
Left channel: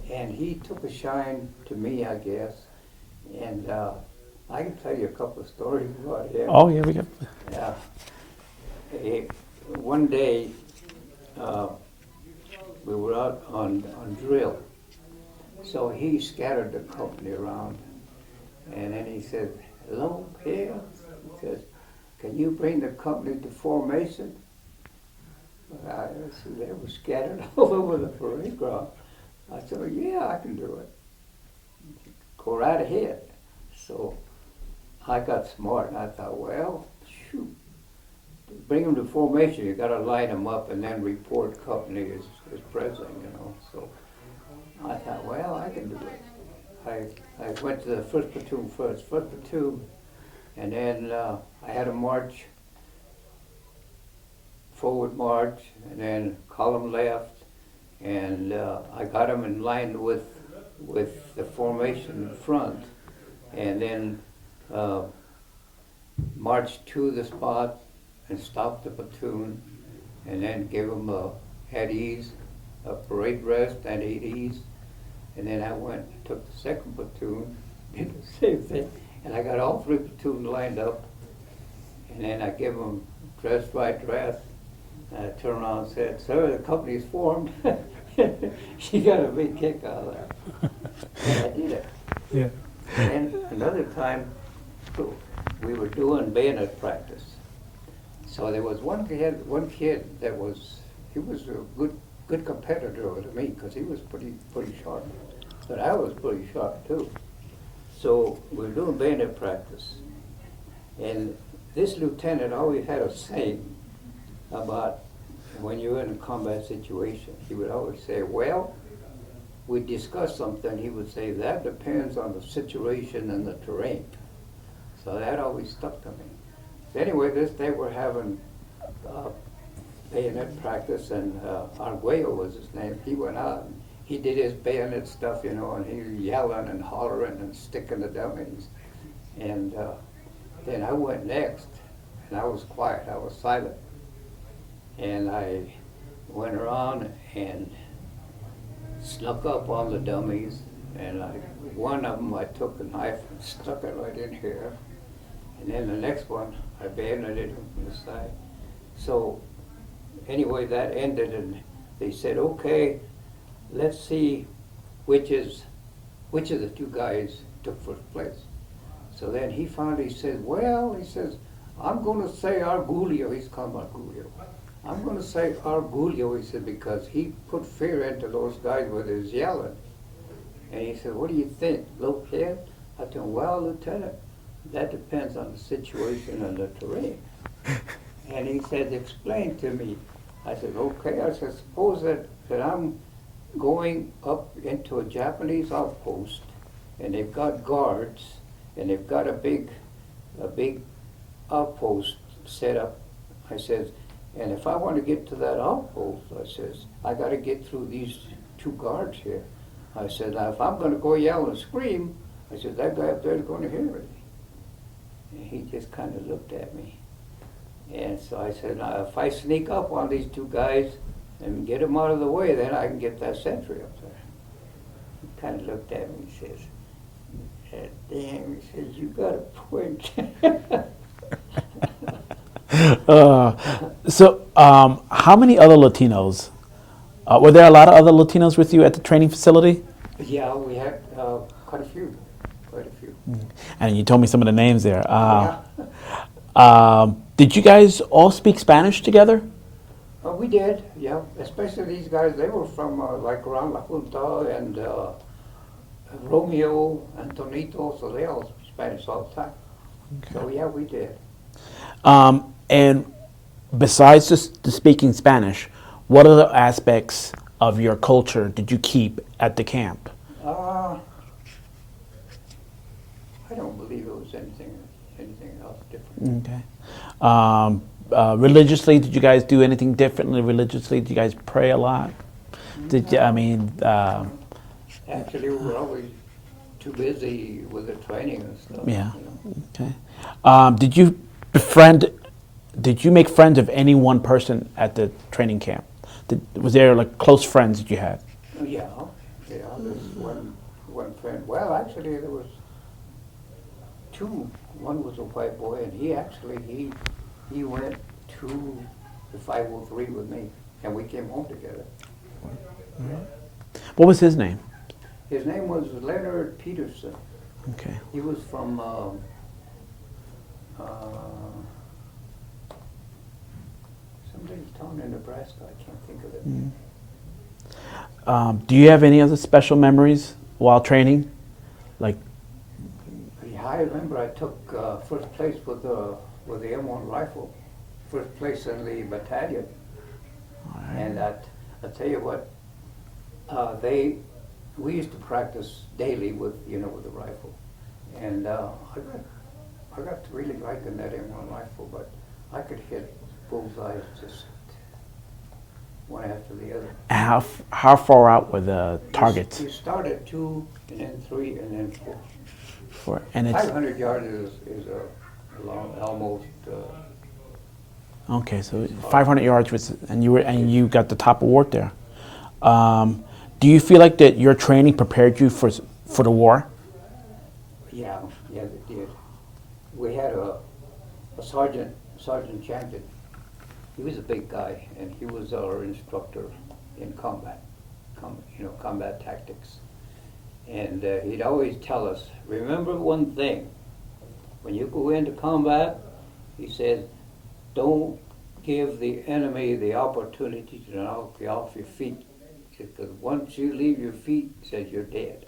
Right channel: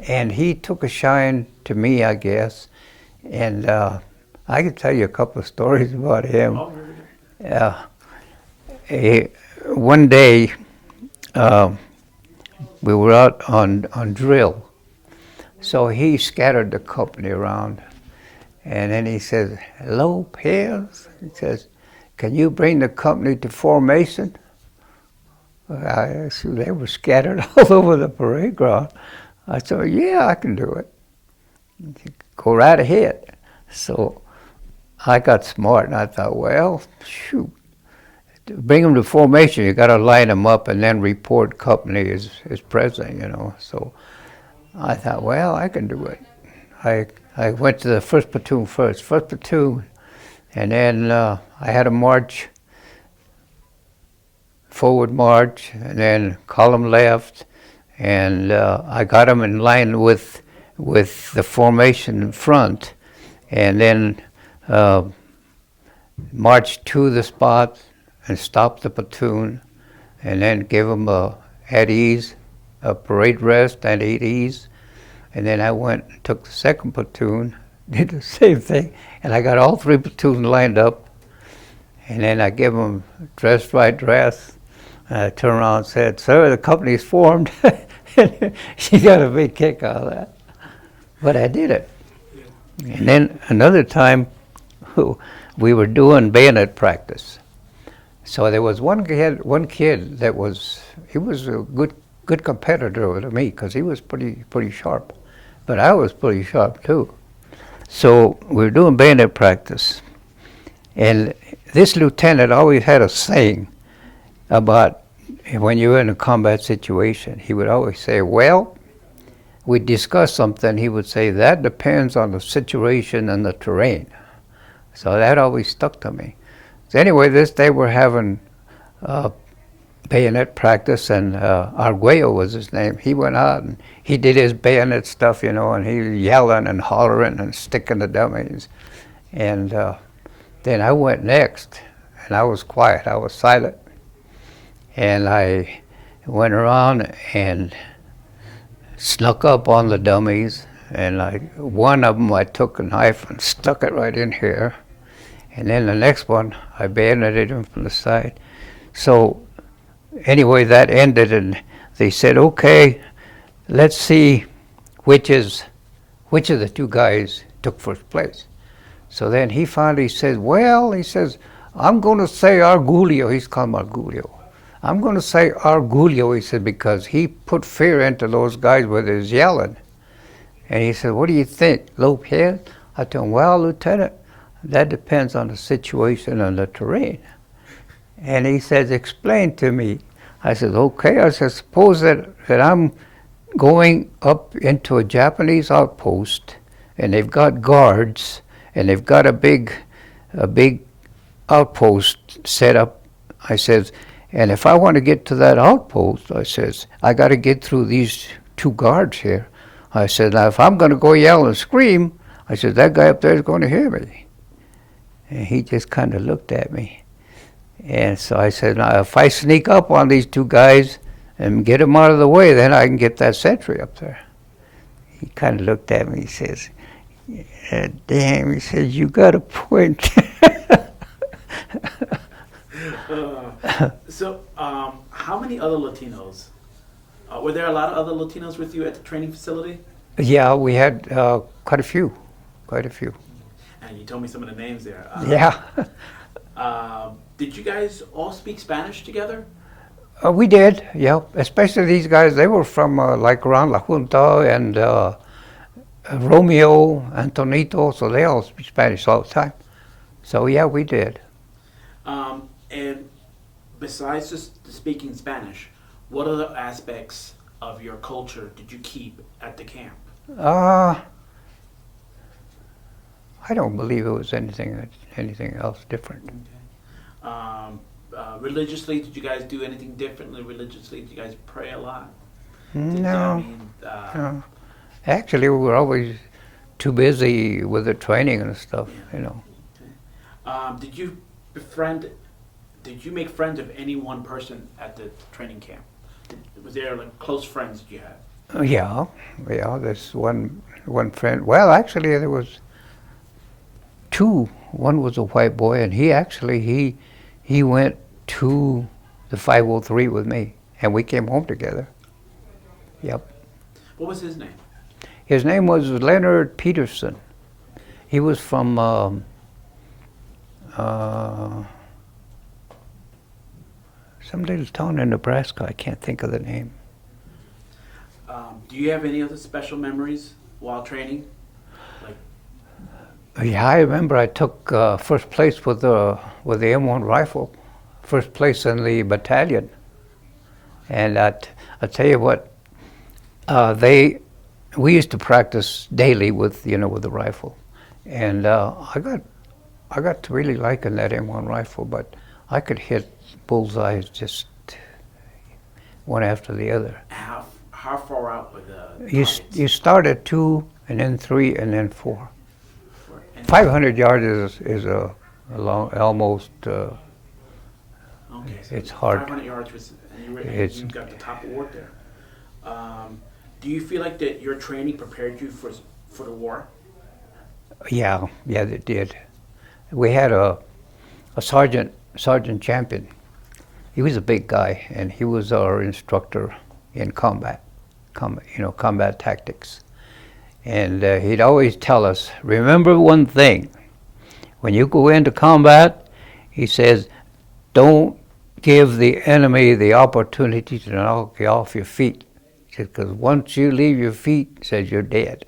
And he took a shine to me, I guess. And I can tell you a couple of stories about him. Oh, here we go. One day, we were out on drill. So he scattered the company around. And then he says, Lopez, he says, can you bring the company to formation? They were scattered all over the parade ground. I said, yeah, I can do it. Go right ahead. So I got smart, and I thought, well, shoot, to bring them to formation, you got to line them up and then report company as president, you know. So I thought, well, I can do it. I went to the first platoon first, and then I had a march, forward march, and then column left, and I got them in line with the formation in front, and then marched to the spot and stopped the platoon, and then gave them at ease, a parade rest at ease, and then I went and took the second platoon, did the same thing, and I got all three platoons lined up, and then I gave them dress right dress. I turned around and said, sir, the company's formed. She got a big kick out of that. But I did it. Yeah. And then another time, we were doing bayonet practice. So there was one kid that was a good competitor with me because he was pretty sharp. But I was pretty sharp too. So we were doing bayonet practice. And this lieutenant always had a saying about when you're in a combat situation. He would always say, well, we discuss something, he would say, that depends on the situation and the terrain. So that always stuck to me. So anyway, this day we're having bayonet practice, and Arguello was his name. He went out and he did his bayonet stuff, you know, and he was yelling and hollering and sticking the dummies. And then I went next, and I was quiet, I was silent. And I went around and snuck up on the dummies, and one of them I took a knife and stuck it right in here, and then the next one I bayoneted him from the side. So anyway, that ended, and they said, okay, let's see which of the two guys took first place. So then he finally says, well, he says, I'm going to say Arguello. He's called Arguello. I'm going to say Arguello, he said, because he put fear into those guys with his yelling. And he said, what do you think, Lopez? I told him, well, Lieutenant, that depends on the situation and the terrain. And he says, explain to me. I said, okay. I said, suppose that I'm going up into a Japanese outpost, and they've got guards, and they've got a big outpost set up. I says, and if I want to get to that outpost, I says, I got to get through these two guards here. I said, now if I'm going to go yell and scream, I said, that guy up there is going to hear me. And he just kind of looked at me. And so I said, now if I sneak up on these two guys and get them out of the way, then I can get that sentry up there. He kind of looked at me, he says, damn, he says, you got a point. So how many other Latinos? Were there a lot of other Latinos with you at the training facility? Yeah, we had quite a few. And you told me some of the names there. Yeah. Did you guys all speak Spanish together? We did, yeah. Especially these guys, they were from like around La Junta and Romeo, Antonito, so they all speak Spanish all the time. So yeah, we did. And besides just the speaking Spanish, what other aspects of your culture did you keep at the camp? Uh, I don't believe it was anything else different. Okay. Religiously, did you guys do anything differently religiously? Did you guys pray a lot? I No, mean, no. Actually, we were always too busy with the training and stuff. yeah. You know. Okay. Did you befriend? Did you make friends of any one person at the training camp? Was there like close friends that you had? Yeah, yeah. There's one friend. Well, actually, there was two. One was a white boy, and he went to the 503 with me, and we came home together. Yep. What was his name? His name was Leonard Peterson. Okay. He was from some little town in Nebraska. I can't think of the name. Do you have any other special memories while training? Like, Yeah, I remember I took first place with the M1 rifle, first place in the battalion. And I tell you what, we used to practice daily with the rifle, and I got to really liking that M1 rifle, but I could hit bullseyes just one after the other. how far out were the targets? You start at 2, and then 3, and then 4. And 500 yards is a long, almost. Okay, so it's hard. 500 yards was, and you got the top award there. Do you feel like that your training prepared you for the war? Yeah, it did. We had a sergeant champion. He was a big guy, and he was our instructor in combat tactics. And he'd always tell us, remember one thing, when you go into combat, he says, don't give the enemy the opportunity to knock you off your feet, because once you leave your feet, he says you're dead.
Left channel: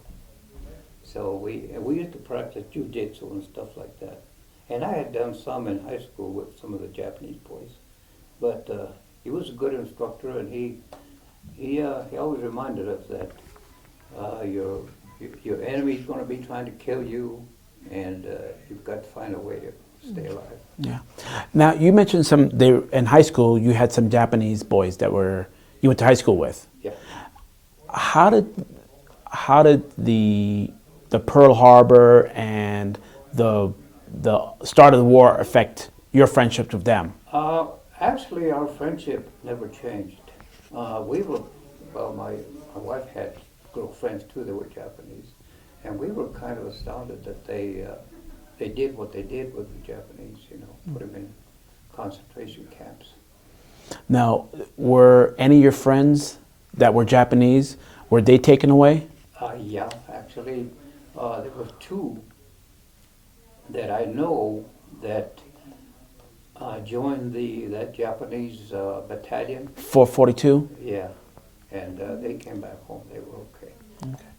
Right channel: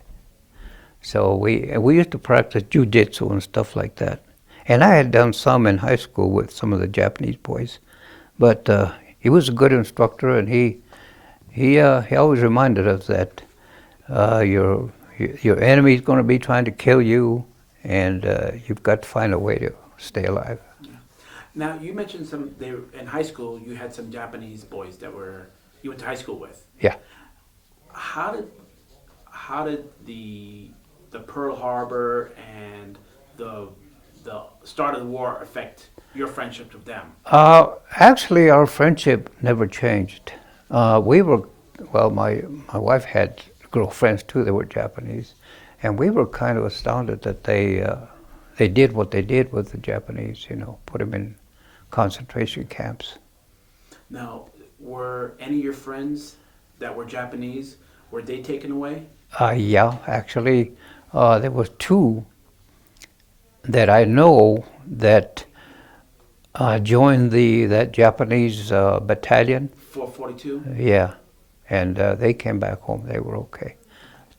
So we used to practice jiu-jitsu and stuff like that. And I had done some in high school with some of the Japanese boys. But he was a good instructor, and he always reminded us that your enemy's going to be trying to kill you, and you've got to find a way to stay alive. Yeah. Now you mentioned in high school you had some Japanese boys that you went to high school with. Yeah. How did the Pearl Harbor and the start of the war affect your friendship with them? Actually, our friendship never changed. My wife had girlfriends too that were Japanese, and we were kind of astounded that they did what they did with the Japanese, put them in concentration camps. Now, were any of your friends that were Japanese, were they taken away? Yeah, actually, there was 2 that I know that joined that Japanese battalion. 442? Yeah, and they came back home. They were okay.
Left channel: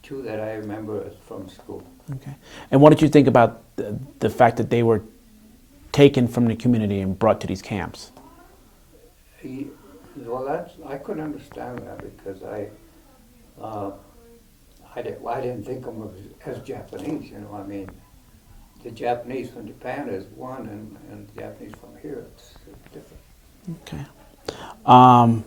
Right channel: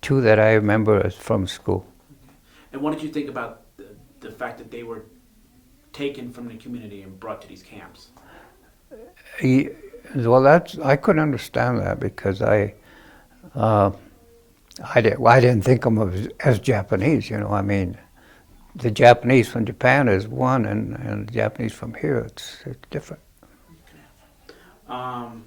2 that I remember is from school. Okay. And what did you think about the fact that they were taken from the community and brought to these camps? Well, I couldn't understand that, because I didn't think of them as Japanese. I mean, the Japanese from Japan is one, and the Japanese from here, it's different. Okay. Now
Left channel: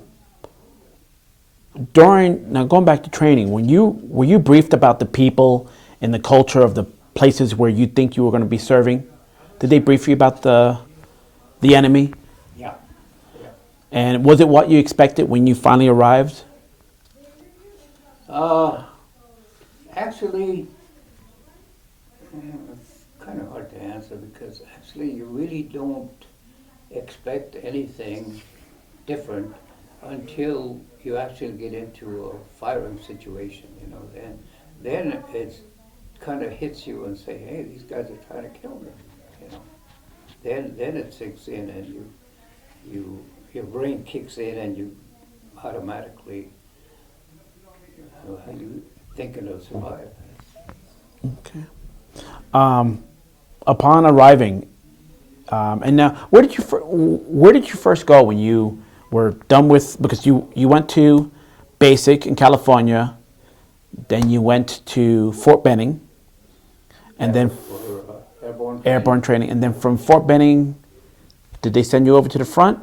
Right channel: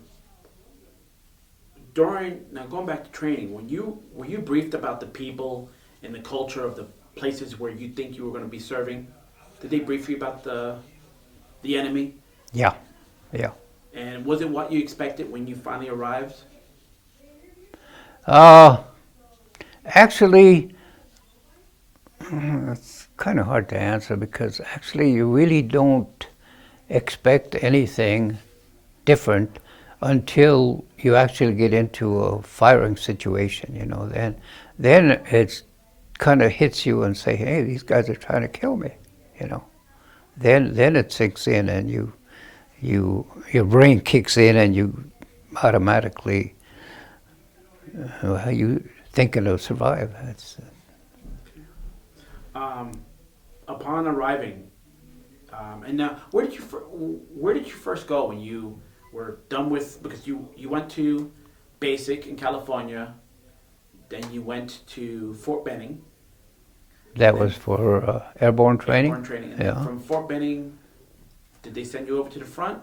going back to training, were you briefed about the people and the culture of the places where you think you were going to be serving? Did they brief you about the enemy? Yeah. And was it what you expected when you finally arrived? Actually, it's kind of hard to answer, because actually you really don't expect anything different until you actually get into a firing situation. Then it's kind of hits you and say, hey, these guys are trying to kill me. Then it sinks in, and your brain kicks in, and you automatically you thinking to survive. Okay. Upon arriving, And now, where did you first go when you were done with? Because you went to basic in California, then you went to Fort Benning, and That then was for airborne training. airborne training, and then Yeah. from Fort Benning, did they send you over to the front?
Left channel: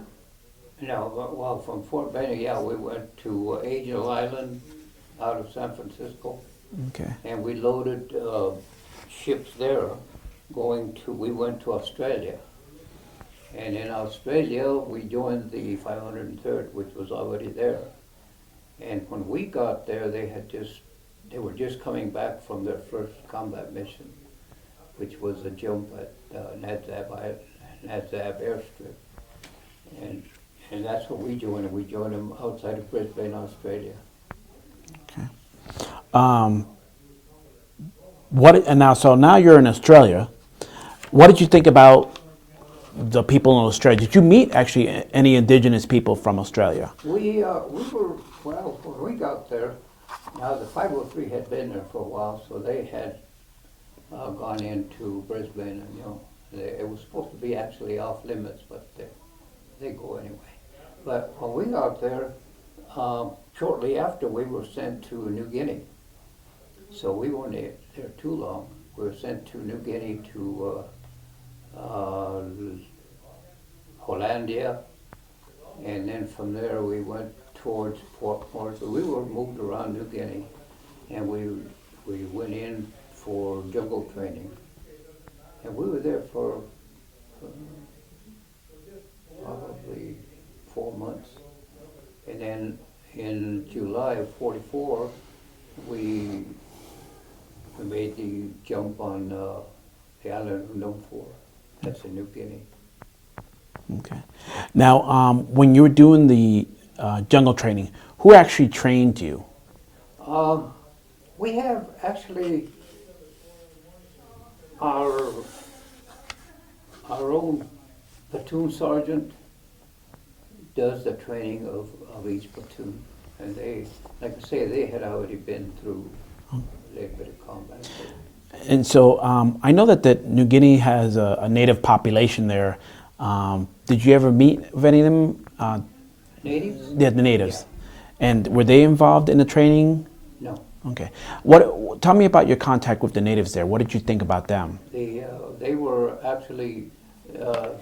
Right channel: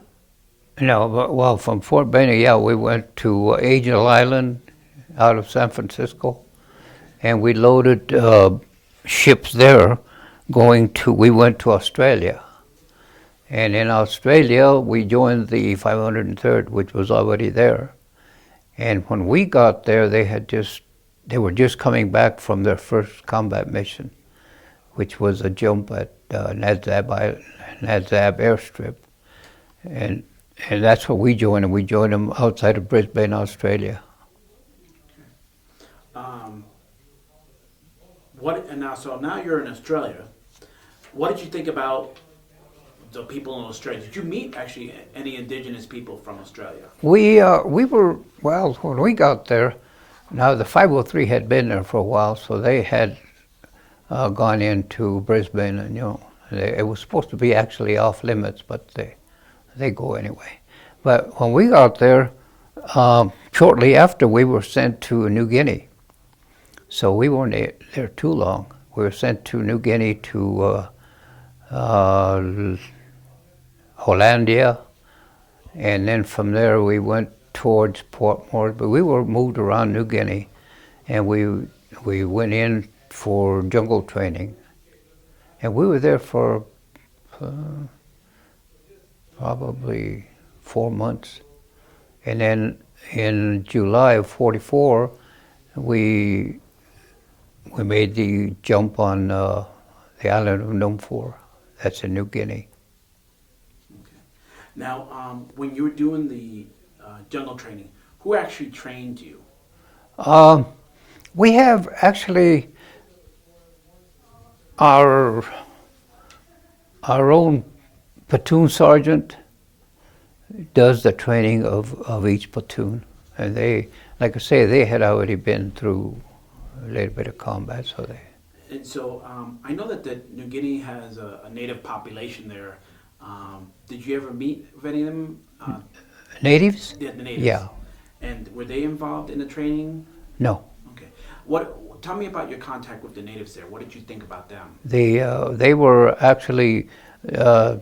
No, well, from Fort Benning, yeah, we went to Angel Island out of San Francisco, Okay. and we loaded ships there we went to Australia. And in Australia, we joined the 503rd, which was already there. And when we got there, they were just coming back from their first combat mission, which was a jump at Nadzab airstrip. And that's what we joined, and we joined them outside of Brisbane, Australia. So now you're in Australia. What did you think about the people in Australia? Did you meet actually any indigenous people from Australia? We were, well, when we got there, now the 503 had been there for a while, so they had gone into Brisbane, and it was supposed to be actually off limits, but they go anyway. But when we got there, shortly after, we were sent to New Guinea. So we weren't there too long. We were sent to New Guinea to Hollandia, and then from there we went towards Port Moresby. We were moved around New Guinea, and we went in for jungle training, and we were there for probably 4 months. And then in July of '44, we made the jump on the island of Numfor. That's in New Guinea. Okay. Now, when you were doing the jungle training, who actually trained you? We have actually our own platoon sergeant does the training of each platoon, and they, like I say, they had already been through a little bit of combat, so they. And so I know that New Guinea has a native population there. Did you ever meet with any of them? Natives? Yeah, the natives. Yeah. And were they involved in the training? No. Okay. Tell me about your contact with the natives there. What did you think about them? They were actually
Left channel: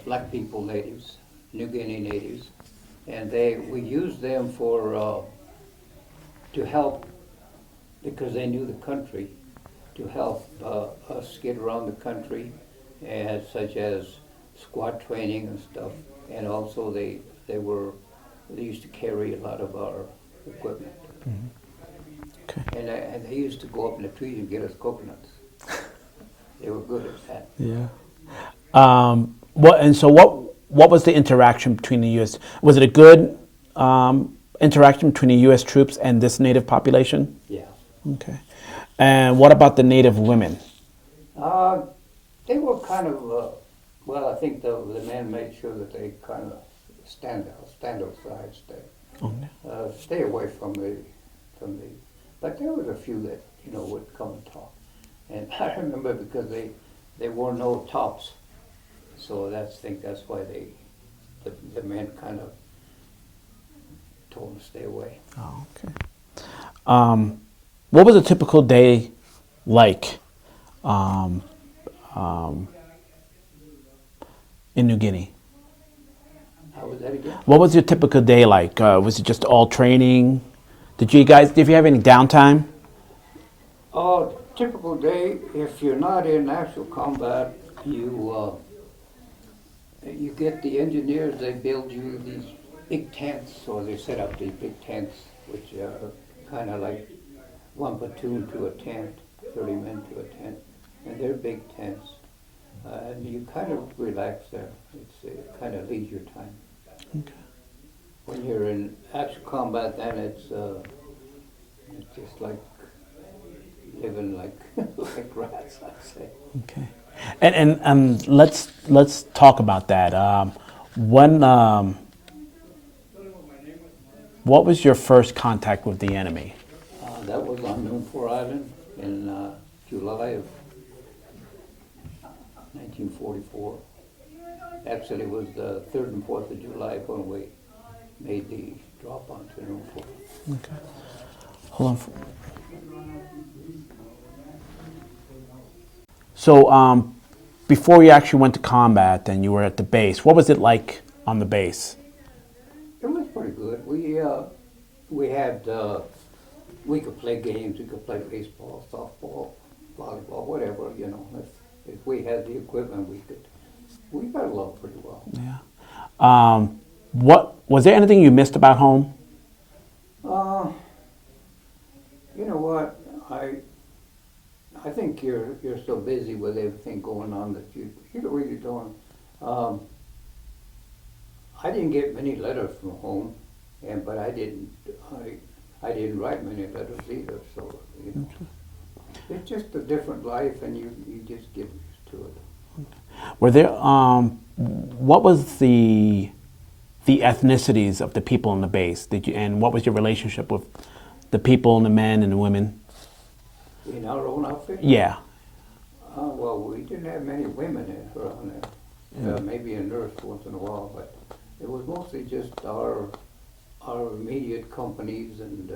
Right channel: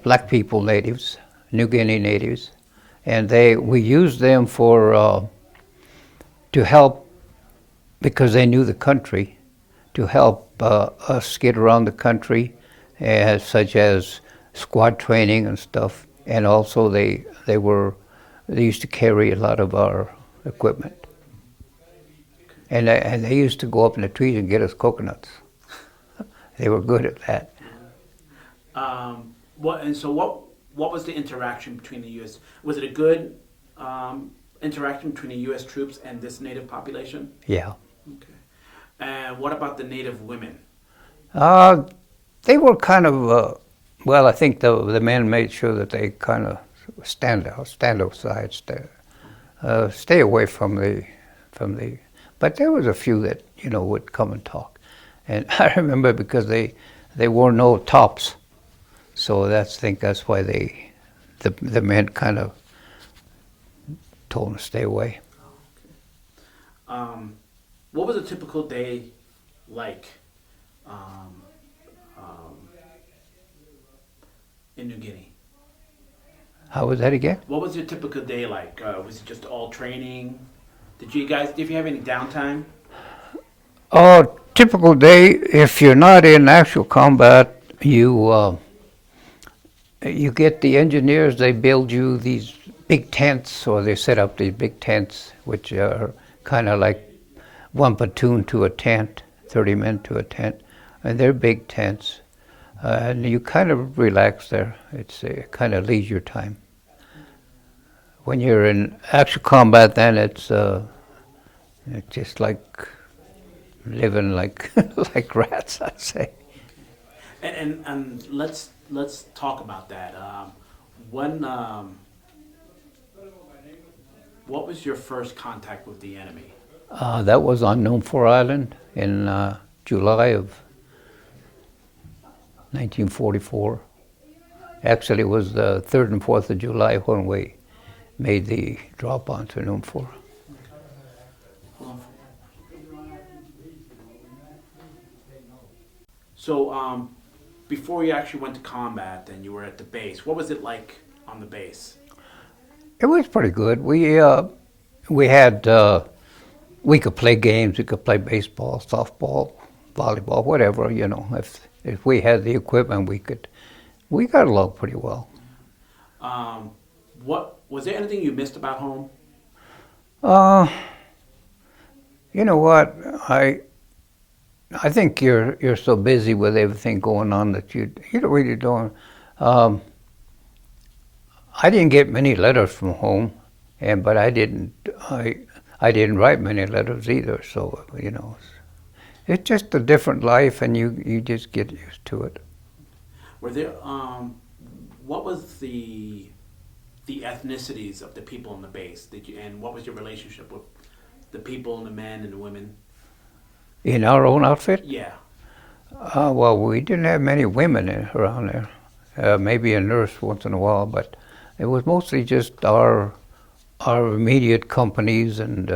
black people natives, New Guinea natives, and we used them to help, because they knew the country, to help us get around the country, such as squad training and stuff. And also they used to carry a lot of our equipment. Okay. And they used to go up in the trees and get us coconuts. They were good at that. Yeah. What was the interaction between the U.S.? Was it a good interaction between the U.S. troops and this native population? Yeah. Okay. And what about the native women? They were kind of, well, I think the men made sure that they kind of stand outside, stay away from the, but there was a few that, would come and talk. And I remember because they wore no tops, so I think that's why the men kind of told them to stay away. Oh, okay. What was a typical day like in New Guinea? How was that again? What was your typical day like? Was it just all training? Did you have any downtime? Typical day, if you're not in actual combat, you get the engineers, they build you these big tents, or they set up these big tents, which are kind of like one platoon to a tent, 30 men to a tent, and they're big tents. And you kind of relax there. It's kind of leisure time. Okay. When you're in actual combat, then it's just like living like like rats, I'd say. Okay. And let's talk about that. What was your first contact with the enemy? That was on Numfor Island in July of 1944, Actually, it was the 3rd and 4th of July when we made the drop onto Noon 4. Okay. Hold on. So, before you actually went to combat and you were at the base, what was it like on the base? It was pretty good. We had we could play games. We could play baseball, softball, volleyball, whatever. You know, if we had the equipment, we got along pretty well. Yeah. What was there anything you missed about home? You know what? I think you're so busy with everything going on that you really don't. I didn't get many letters from home, but I didn't write many letters either. So you know, it's just a different life, and you just get used to it. Were there what was the ethnicities of the people in the base? And what was your relationship with the people and the men and the women? In our own outfit? Yeah. Well, we didn't have many women around there. Maybe a nurse once in a while, but it was mostly just our immediate companies and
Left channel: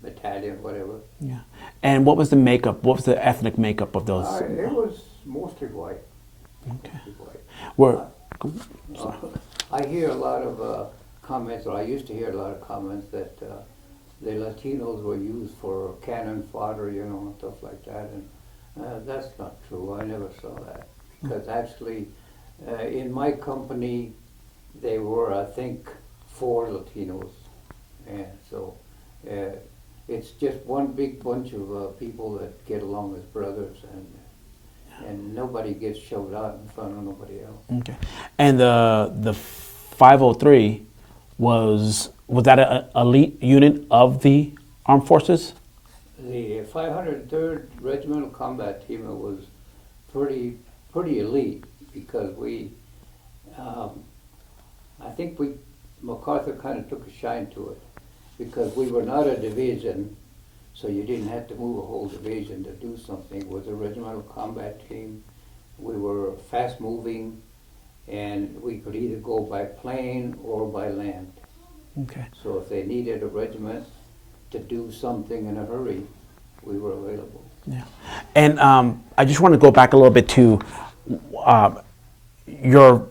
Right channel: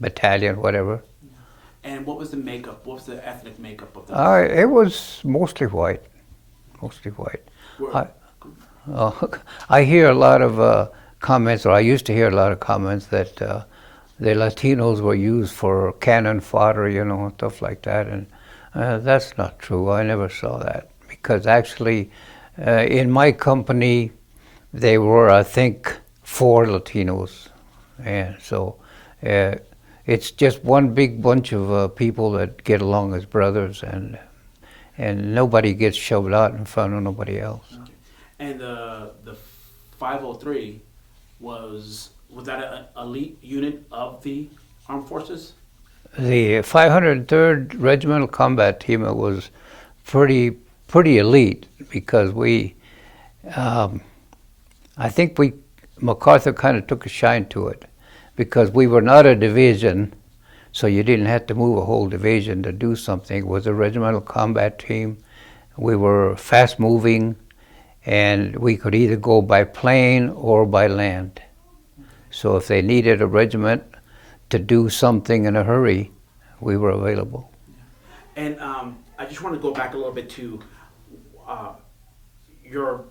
battalion, whatever. Yeah. And what was the makeup? What was the ethnic makeup of those? It was mostly white. Mostly white. I hear a lot of comments, or I used to hear a lot of comments that the Latinos were used for cannon fodder, you know, and stuff like that. And that's not true. I never saw that. Because actually, in my company, they were, I think, 4 Latinos. And so it's just one big bunch of people that get along as brothers, and nobody gets shoved out in front of nobody else. Okay. And the 503 was that an elite unit of the armed forces? The 503rd Regimental Combat Team was pretty elite because I think MacArthur kind of took a shine to it because we were not a division, so you didn't have to move a whole division to do something. It was a regimental combat team. We were fast moving, and we could either go by plane or by land. Okay. So if they needed a regiment to do something in a hurry, we were available. Yeah. And I just want to go back a little bit to your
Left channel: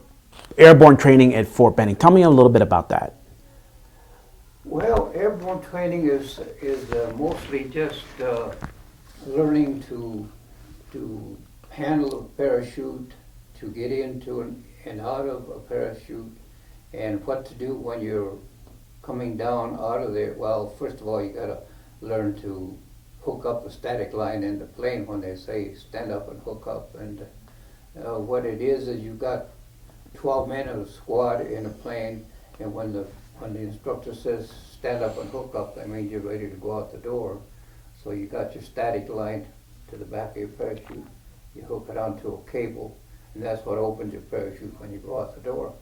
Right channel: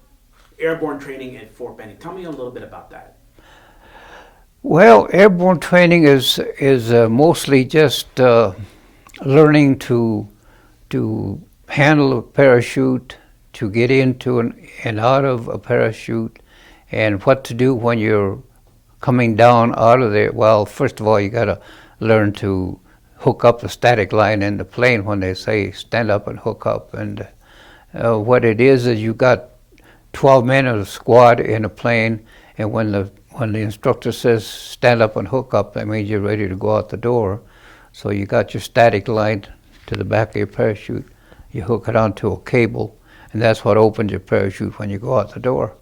airborne training at Fort Benning. Tell me a little bit about that. Well, airborne training is mostly just learning to handle a parachute, to get into and out of a parachute, and what to do when you're coming down out of there. Well, first of all, you got to learn to hook up the static line in the plane when they say stand up and hook up. And what it is you got 12 men in a squad in a plane, and when the instructor says stand up and hook up, that means you're ready to go out the door. So you got your static line to the back of your parachute. You hook it onto a cable, and that's what opens your parachute when you go out the door.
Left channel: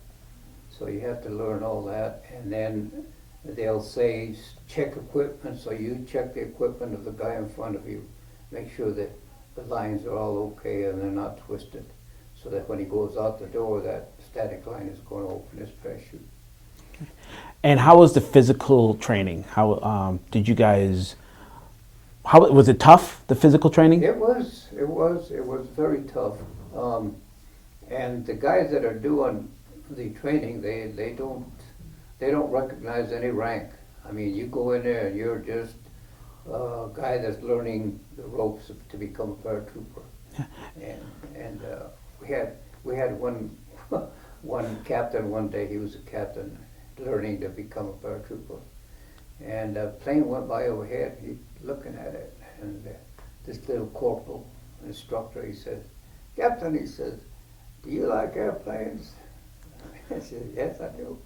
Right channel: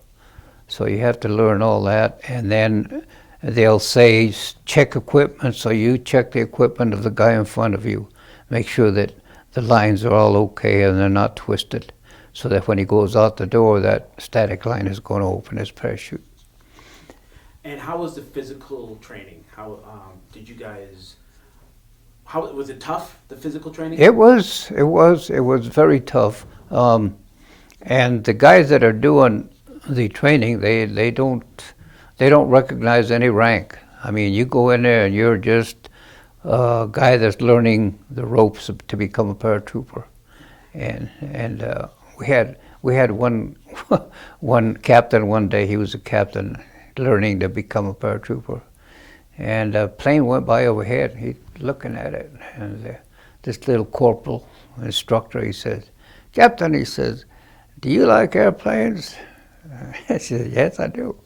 So you have to learn all that, and then they'll say check equipment, so you check the equipment of the guy in front of you. Make sure that the lines are all okay and they're not twisted, so that when he goes out the door, that static line is going to open his parachute. And how was the physical training? How did you guys? How was it tough? The physical training? It was very tough. And the guys that are doing the training, they don't recognize any rank. I mean, you go in there and you're just a guy that's learning the ropes to become a paratrooper. And we had one captain one day. He was a captain learning to become a paratrooper, and a plane went by overhead. He's looking at it, and this little corporal instructor, he says, "Captain," he says, "do you like airplanes?" I said, "Yes, I do."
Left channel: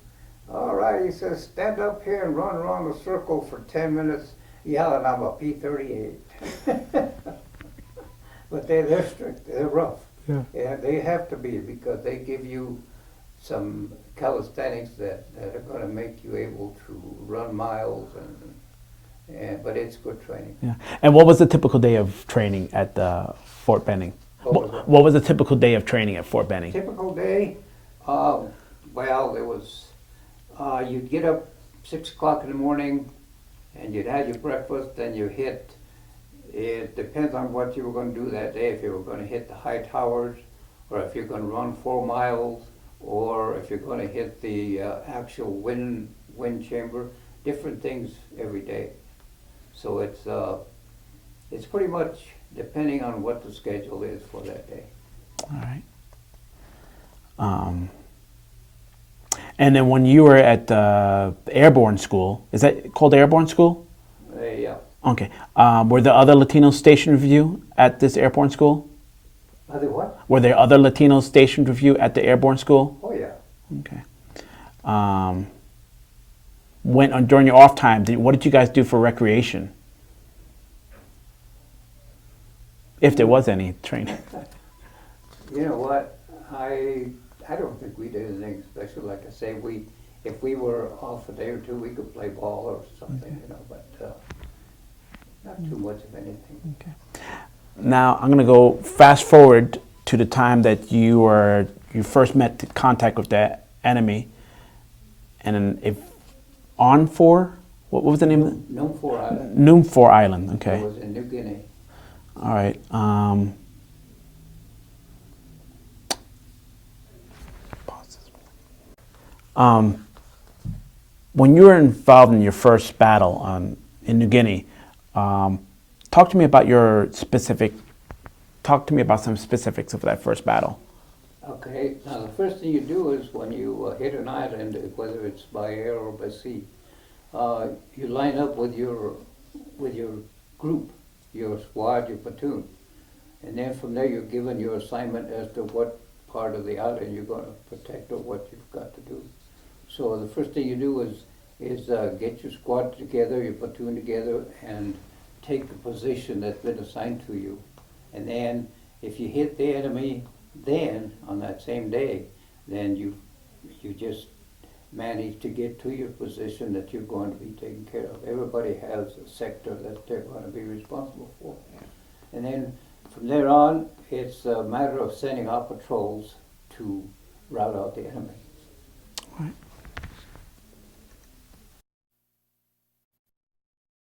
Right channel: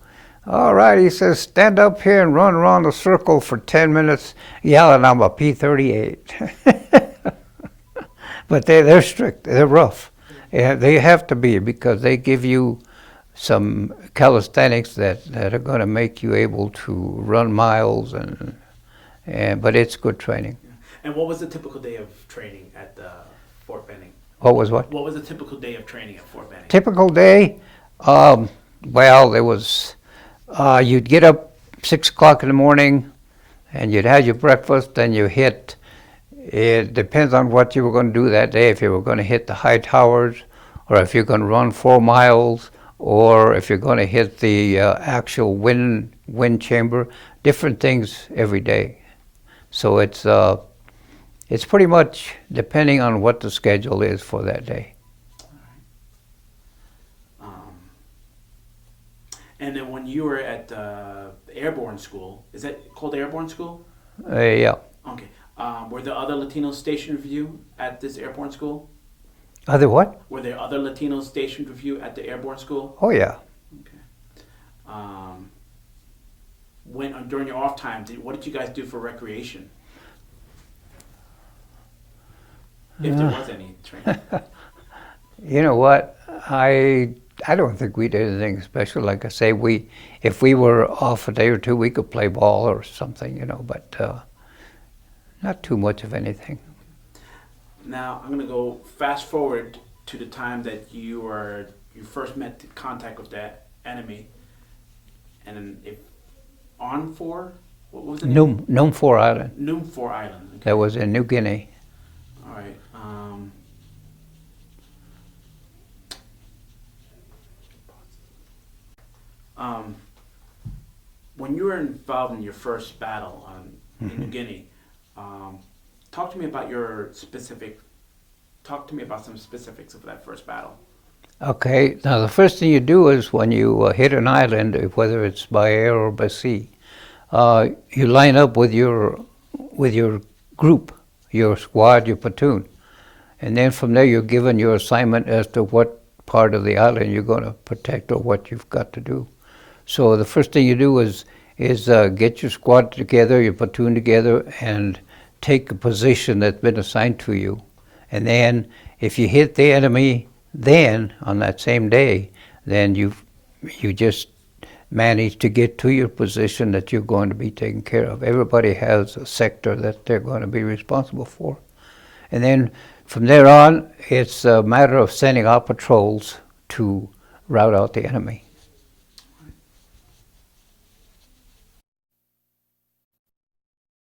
"All right," he says, "stand up here and run around the circle for 10 minutes yelling, 'I'm a P-38. But they're strict, they're rough. Yeah, they have to be, because they give you some calisthenics that are going to make you able to run miles, but it's good training. Yeah. And what was the typical day of training at Fort Benning? What was what? What was a typical day of training at Fort Benning? Typical day, Um, well, there was, you'd get up 6 o'clock in the morning and you'd have your breakfast, then you hit, it depends on what you were going to do that day, if you were going to hit the high towers, or if you're going to run 4 miles, or if you're going to hit the actual wind chamber, different things every day. So it's pretty much depending on what the schedule is for that day. All right. And then when you were at the airborne school, is that called airborne school? Yeah. Okay. Were there other Latinos stationed with you at this airborne school? Other what? Were there other Latinos stationed with you at the airborne school? Oh, yeah. Okay. During your off time, what did you guys do for recreation? If there was any training. You know what? I don't think we did anything special. Like I say, if we were off a day or two, we could play ball or something, but not too much of anything. Okay. Now I'm going to go fast forward to the time that you first met contact with the enemy, and then what was the name? Numfor Island. Numfor Island. Okay. That was in New Guinea. All right. When you were involved in your first battle in New Guinea, talk to me about some specifics of that first battle. Okay, now the first thing you do is when you hit an island, whether it's by air or by sea, you line up with your group, your squad, your platoon. And then from there you're given your assignment as to what part of the island you're going to protect or what you've got to do. So the first thing you do is get your squad together, your platoon together, and take a position that's been assigned to you. And then if you hit the enemy then, on that same day, then you just manage to get to your position that you're going to be taken care of. Everybody has a sector that they're going to be responsible for. And then from there on, it's a matter of sending out patrols to rout out the enemy.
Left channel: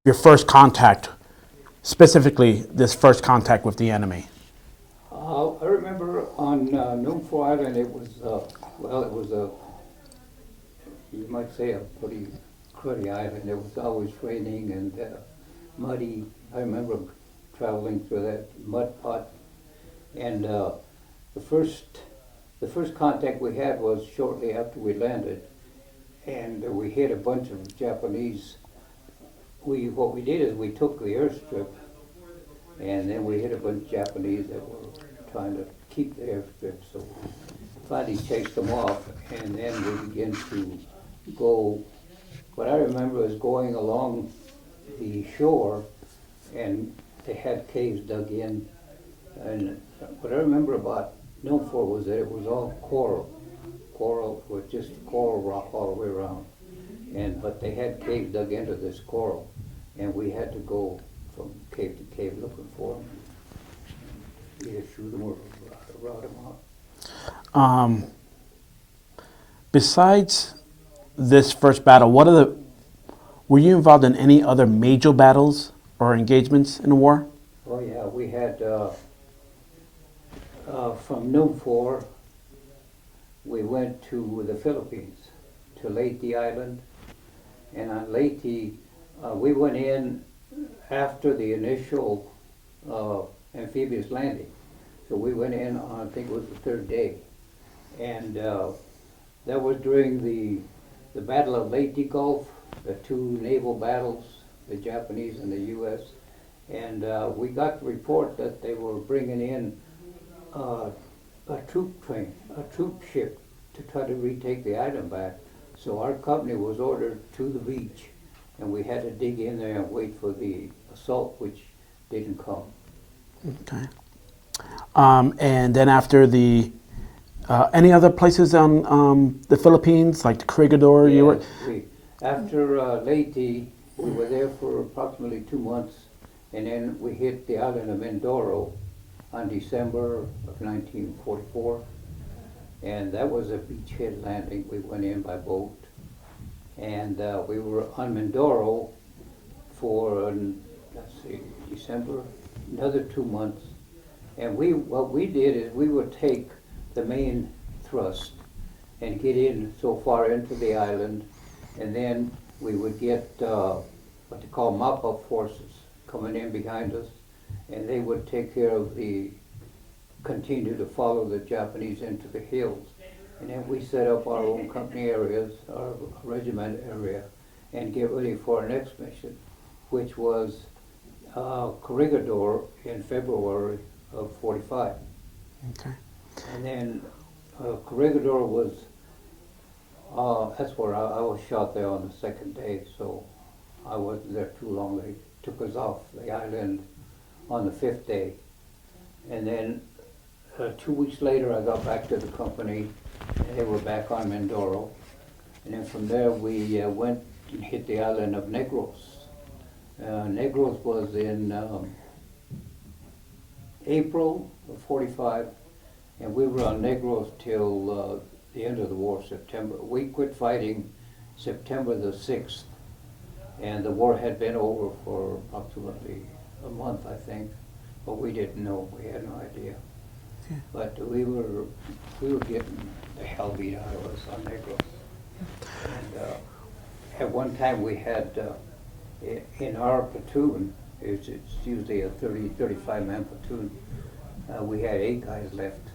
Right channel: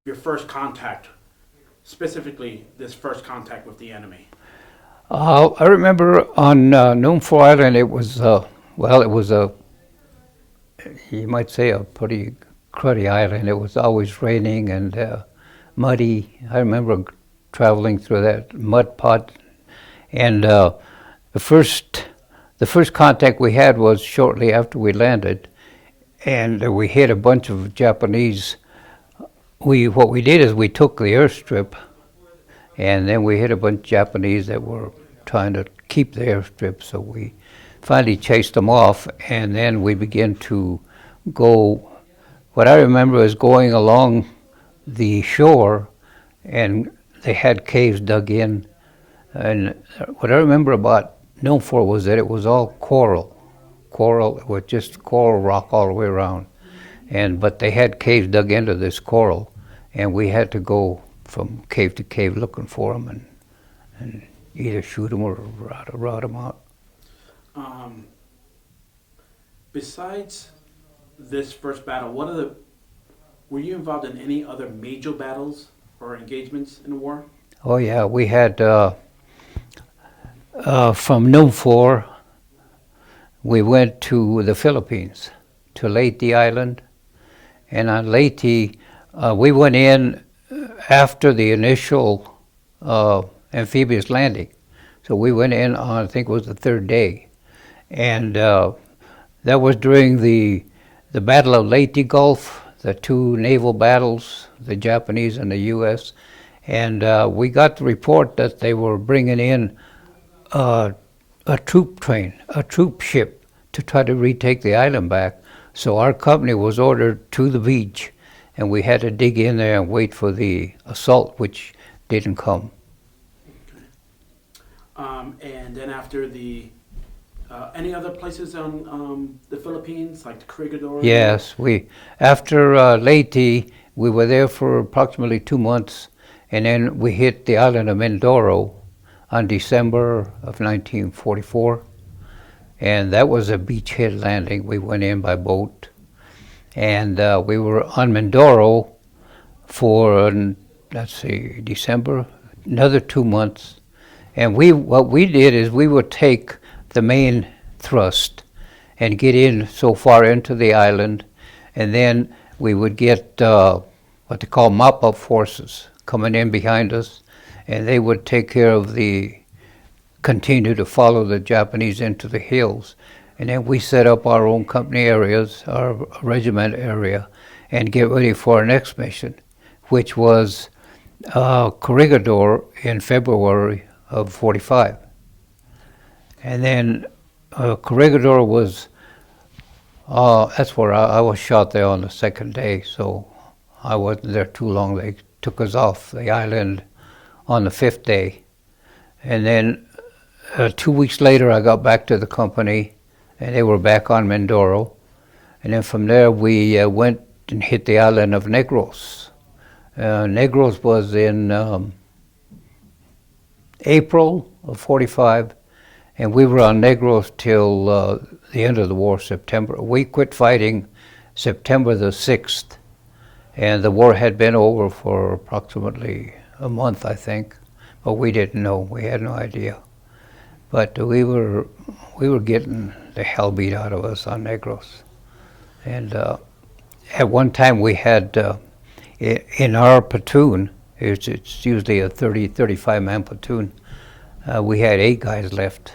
Your first contact, specifically this first contact with the enemy. I remember on Numfor Island, it was you might say a pretty cruddy island. It was always raining and muddy. I remember traveling through that mud pot, and the first contact we had was shortly after we landed, and we hit a bunch of Japanese. What we did is we took the airstrip, and then we hit a bunch of Japanese that were trying to keep the airstrip, so we finally chased them off, and then we began to go. What I remember is going along the shore, and they had caves dug in, and what I remember about Numfor was that it was all coral. It was just coral rock all the way around, but they had caves dug into this coral, and we had to go from cave to cave looking for them and either shoot them or rout them out. Besides this first battle, were you involved in any other major battles or engagements in the war? Oh yeah, we had from Numfor, we went to the Philippines, to Leyte Island, and on Leyte, we went in after the initial amphibious landing. So we went in on, I think it was the third day. And that was during the Battle of Leyte Gulf, the two naval battles, the Japanese and the U.S. And we got the report that they were bringing in a troop ship to try to retake the island back. So our company was ordered to the beach, and we had to dig in there and wait for the assault, which didn't come. Okay. And then after any other places on the Philippines, like the Corregidor? Yes, after Leyte, we were there for approximately 2 months, and then we hit the island of Mindoro on December of 1944. and that was a beachhead landing. We went in by boat, and we were on Mindoro for, let's see, December, another 2 months. And what we did is we would take the main thrust and get in so far into the island, and then we would get what they call mop-up forces coming in behind us, and they would take care of continue to follow the Japanese into the hills. And then we set up our own company areas, our regiment area, and get ready for our next mission, which was Corregidor in February of 45. Okay. And then Corregidor was, that's where I was shot there on the second day, so I wasn't there too long. They took us off the island on the 5th day. And then 2 weeks later, I got back to the company, and they were back on Mindoro. And then from there, we went and hit the island of Negros. Negros was in April of 45, and we were on Negros till the end of the war, September. We quit fighting September the 6th, and the war had been over for approximately a month, I think, but we didn't know. We had no idea. But we were getting the hell beat out of us on Negros. And at one time we had, in our platoon, it's usually a 35-man platoon, we had 8 guys left.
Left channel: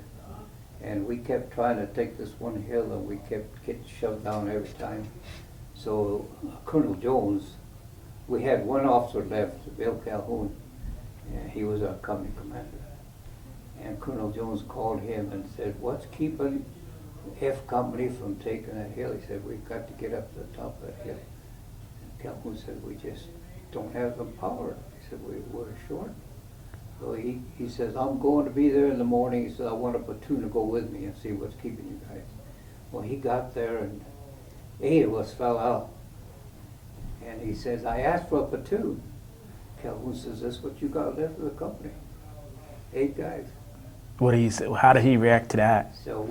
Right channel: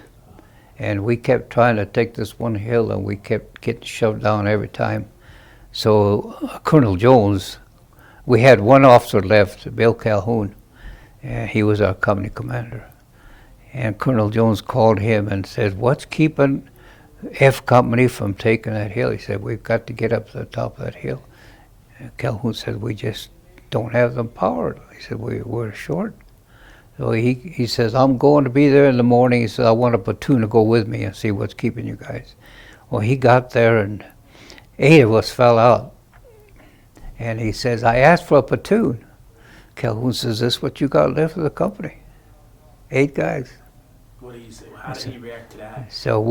And we kept trying to take this one hill, and we kept getting shoved down every time. So Colonel Jones, we had one officer left, Bill Calhoun, and he was our company commander. And Colonel Jones called him and said, "What's keeping F Company from taking that hill?" He said, "We've got to get up to the top of that hill." And Calhoun said, "We just don't have the power." He said, "We're short." So he says, "I'm going to be there in the morning." He says, "I want a platoon to go with me and see what's keeping you guys." Well, he got there, and 8 of us fell out. And he says, "I asked for a platoon." Calhoun says, "This is what you got left of the company. 8 guys." What do you say? How did he react to that? So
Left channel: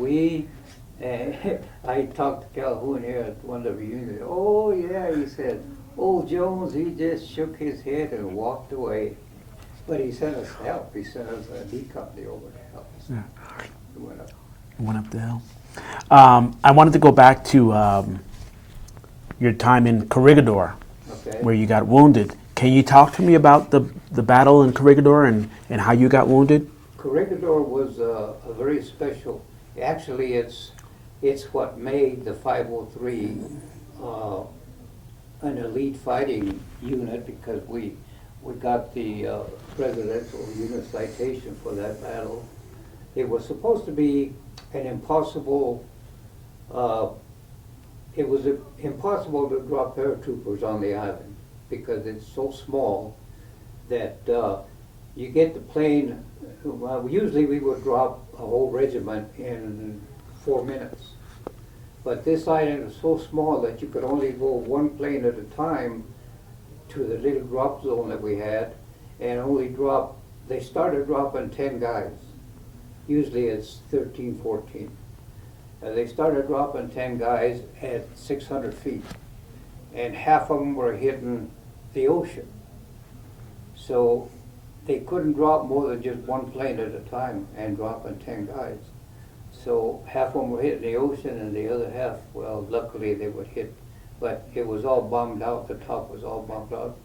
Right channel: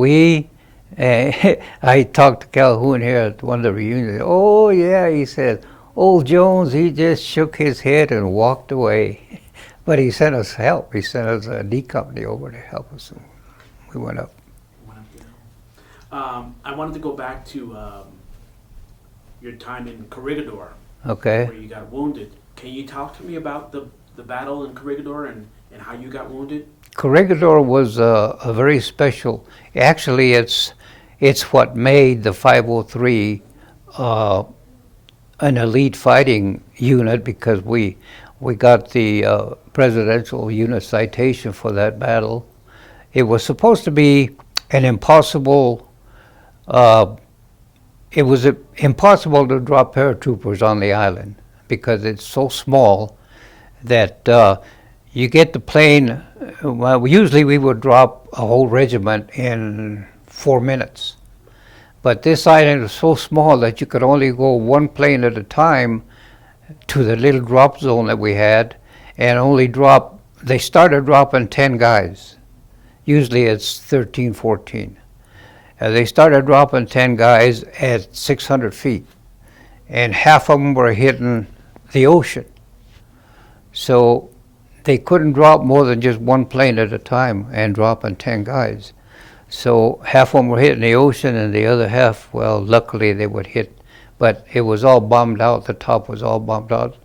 I talked to Calhoun here at one of the reunions. "Oh yeah," he said, "Old Jones, he just shook his head and walked away." But he sent us help. He sent us a D company over to help us. We went up. Went up the hill. I wanted to go back to your time in Corregidor, Okay. where you got wounded. Can you talk to me about the battle in Corregidor and how you got wounded? Corregidor was a very special. Actually, it's what made the 503 an elite fighting unit, because we got the presidential unit citation for that battle. It was supposed to be an impossible. It was impossible to drop paratroopers on the island because it's so small that you get the plane. Well, usually we would drop a whole regiment in 4 minutes. But this island was so small that you could only go one plane at a time to the little drop zone that we had, and only drop. They started dropping 10 guys. Usually it's 13, 14. They started dropping 10 guys at 600 feet, and half of them were hitting the ocean. So they couldn't drop more than just one plane at a time and dropping 10 guys. So half of them were hitting the ocean, and the other half, well, luckily they would hit, but it was all bombed out. The top was all bombed out.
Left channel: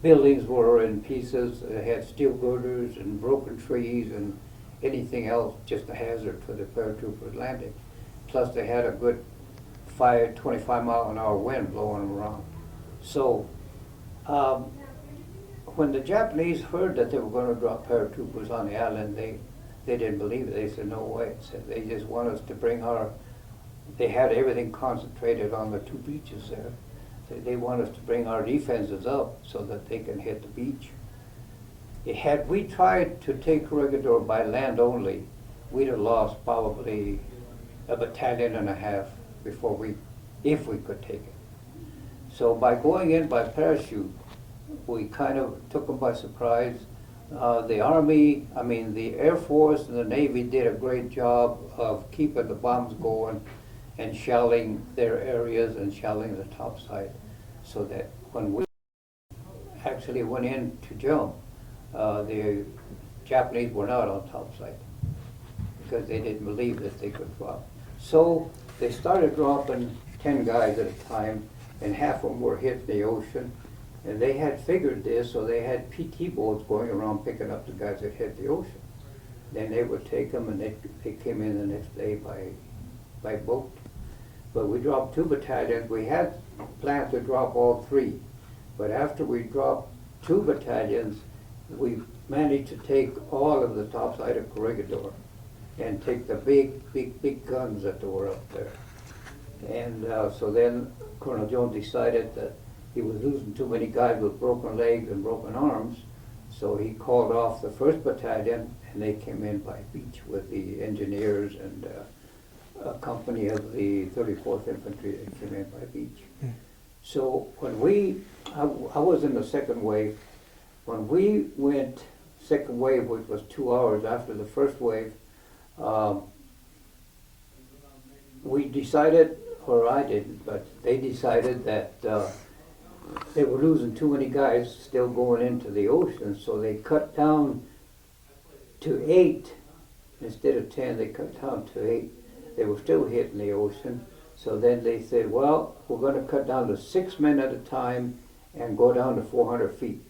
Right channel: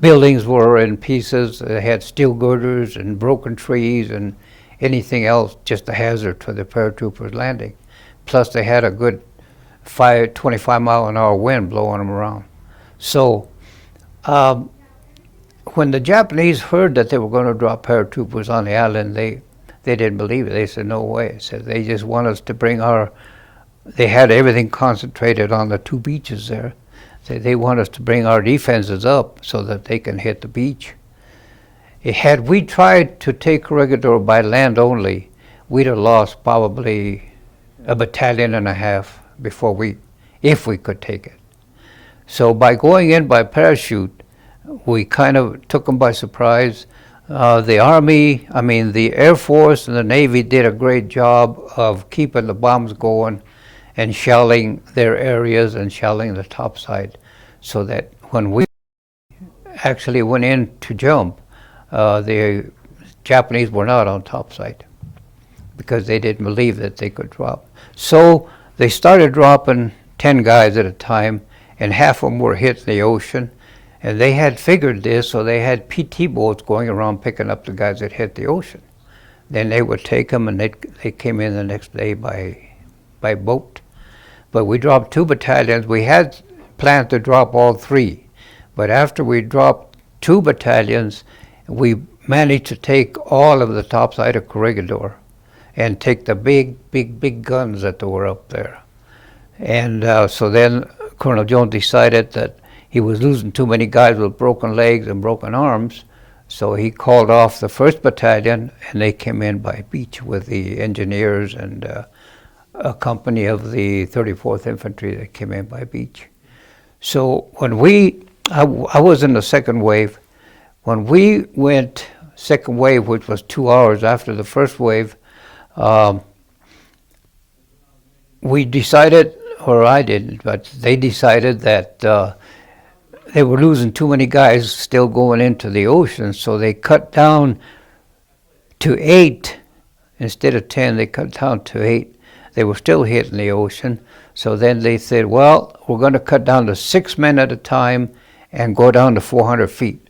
Buildings were in pieces. They had steel girders and broken trees and anything else, just a hazard to the paratroopers landing. Plus they had a good 25-mile-an-hour wind blowing them around. So when the Japanese heard that they were going to drop paratroopers on the island, they didn't believe it. They said, "No way." Said they just want us to bring they had everything concentrated on the 2 beaches there. They want us to bring our defenses up so that they can hit the beach. Had we tried to take Corregidor by land only, we'd have lost probably a battalion and a half if we could take it. So by going in by parachute, we kind of took them by surprise. The Army, I mean, the Air Force and the Navy did a great job of keeping the bombs going and shelling their areas and shelling the topside, so that when we actually went in to jump, the Japanese were not on topside because they didn't believe that they could drop. So they started dropping 10 guys at a time, and half of them were hit in the ocean. And they had figured this, so they had PT boats going around picking up the guys that hit the ocean. Then they would take them, and they came in the next day by boat. But we dropped 2 battalions. We had planned to drop all 3. But after we dropped 2 battalions, we managed to take all of the topside of Corregidor and take the big guns that were up there. And so then Colonel Jones decided that he was losing too many guys with broken legs and broken arms, so he called off the 1st Battalion, and they came in by beach with the engineers and a company of the 34th Infantry that came in by beach. Mm. So when I was in the 2nd wave. When we went 2nd wave, which was 2 hours after the 1st wave, we decided, or I didn't, but they decided that they were losing too many guys still going into the ocean, so they cut down to 8. Instead of 10, they cut down to 8. They were still hitting the ocean, so then they said, well, we're going to cut down to 6 men at a time and go down to 400 feet,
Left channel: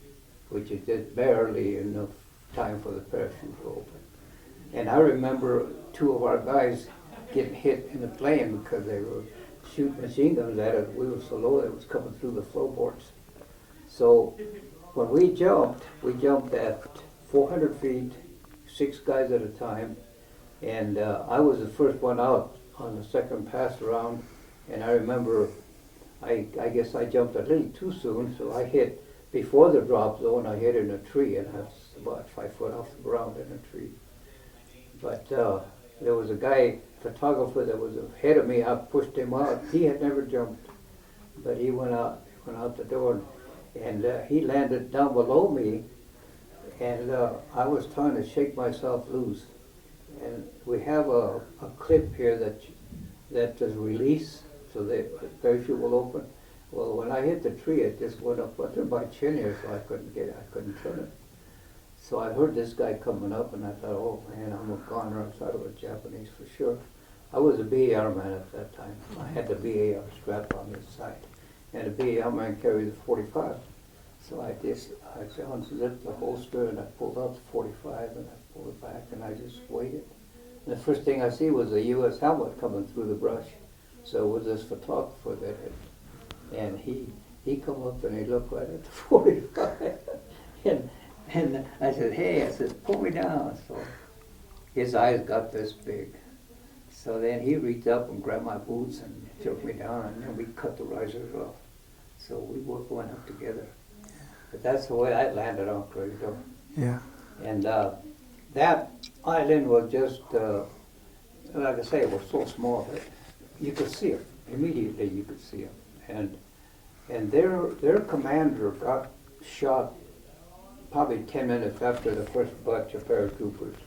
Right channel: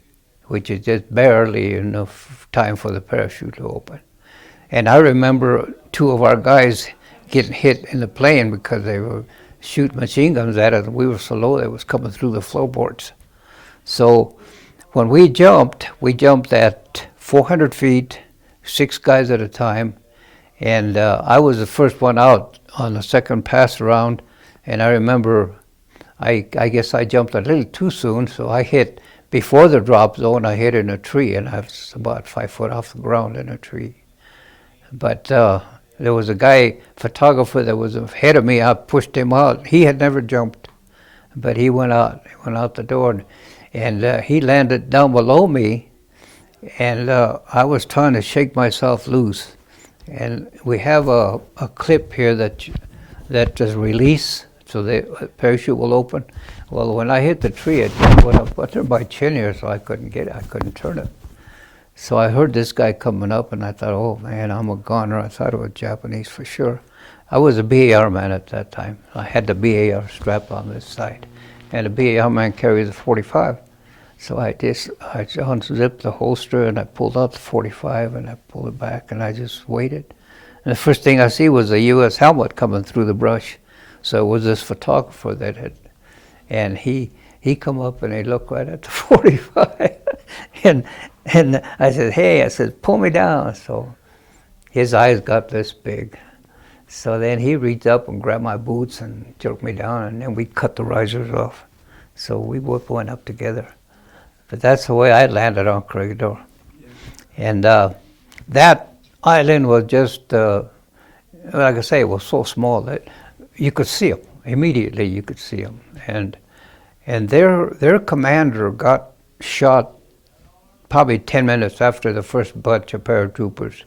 which is just barely enough time for the parachute to open. And I remember 2 of our guys getting hit in the plane because they were shooting machine guns at us. We were so low that it was coming through the floorboards. So when we jumped at 400 feet, 6 guys at a time, and I was the first one out on the 2nd pass around, and I remember I guess I jumped a little too soon, so I hit, before the drop zone, I hit in a tree, and I was about 5 foot off the ground in a tree. But there was a guy, photographer, that was ahead of me. I pushed him out. He had never jumped, but he went out the door, and he landed down below me, and I was trying to shake myself loose. And we have a clip here that is release, so the parachute will open. Well, when I hit the tree, it went up under my chin here, so I couldn't turn it. So I heard this guy coming up, and I thought, oh man, I'm a goner. I thought it was Japanese for sure. I was a BAR man at that time. I had the BAR strap on this side, and the BAR man carries a 45. So I unzipped the holster, and I pulled out the 45, and I pulled it back, and I just waited. And the first thing I see was a U.S. helmet coming through the brush. So it was this photographer that had, and he come up and he looked right at the 45, and I said, hey, I said, pull me down. So his eyes got this big. So then he reached up and grabbed my boots and jerked me down, and then we cut the risers off. So we both went up together. But that's the way I landed on Corregidor. Yeah. And that island was just, like I say, it was so small that you could see them. Immediately you could see them. And their commander got shot probably 10 minutes after the first bunch of paratroopers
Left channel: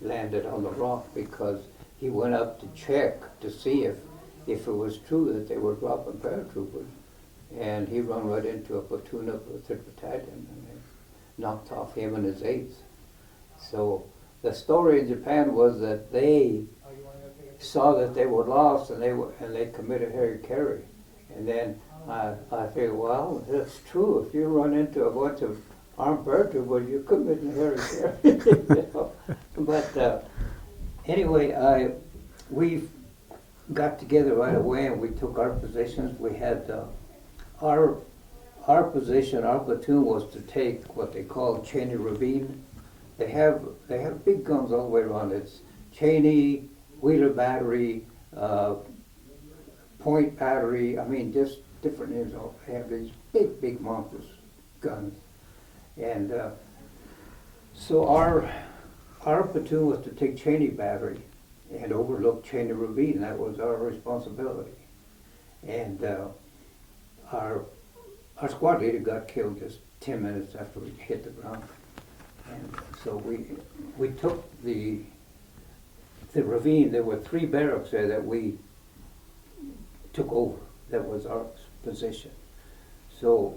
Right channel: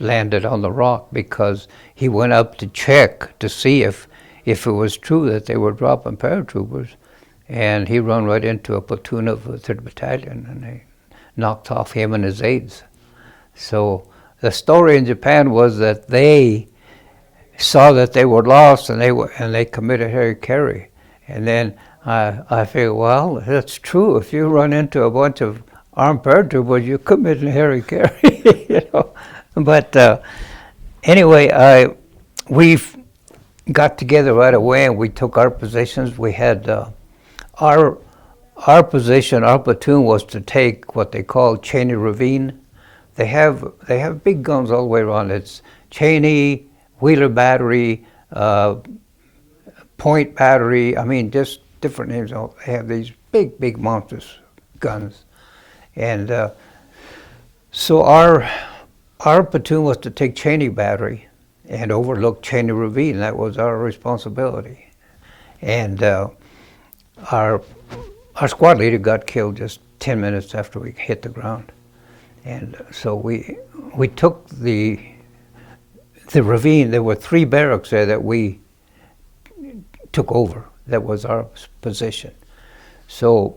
landed on the rock, because he went up to check to see if it was true that they were dropping paratroopers. And he ran right into a platoon of the 3rd Battalion, and they knocked off him and his aides. So the story in Japan was that they saw that they were lost, and they committed hara-kiri. And then I figured, well, that's true. If you run into a bunch of armed paratroopers, you commit hara-kiri, you know. But anyway, we got together right away, and we took our positions. We had our position, our platoon was to take what they call Cheney Ravine. They have big guns all the way around. It's Cheney, Wheeler Battery, Point Battery. I mean, just different names. They have these big monstrous guns, and so our platoon was to take Cheney Battery and overlook Cheney Ravine. That was our responsibility, and our squad leader got killed just 10 minutes after we hit the ground. And so we took the ravine. There were 3 barracks there that we took over. That was our position. So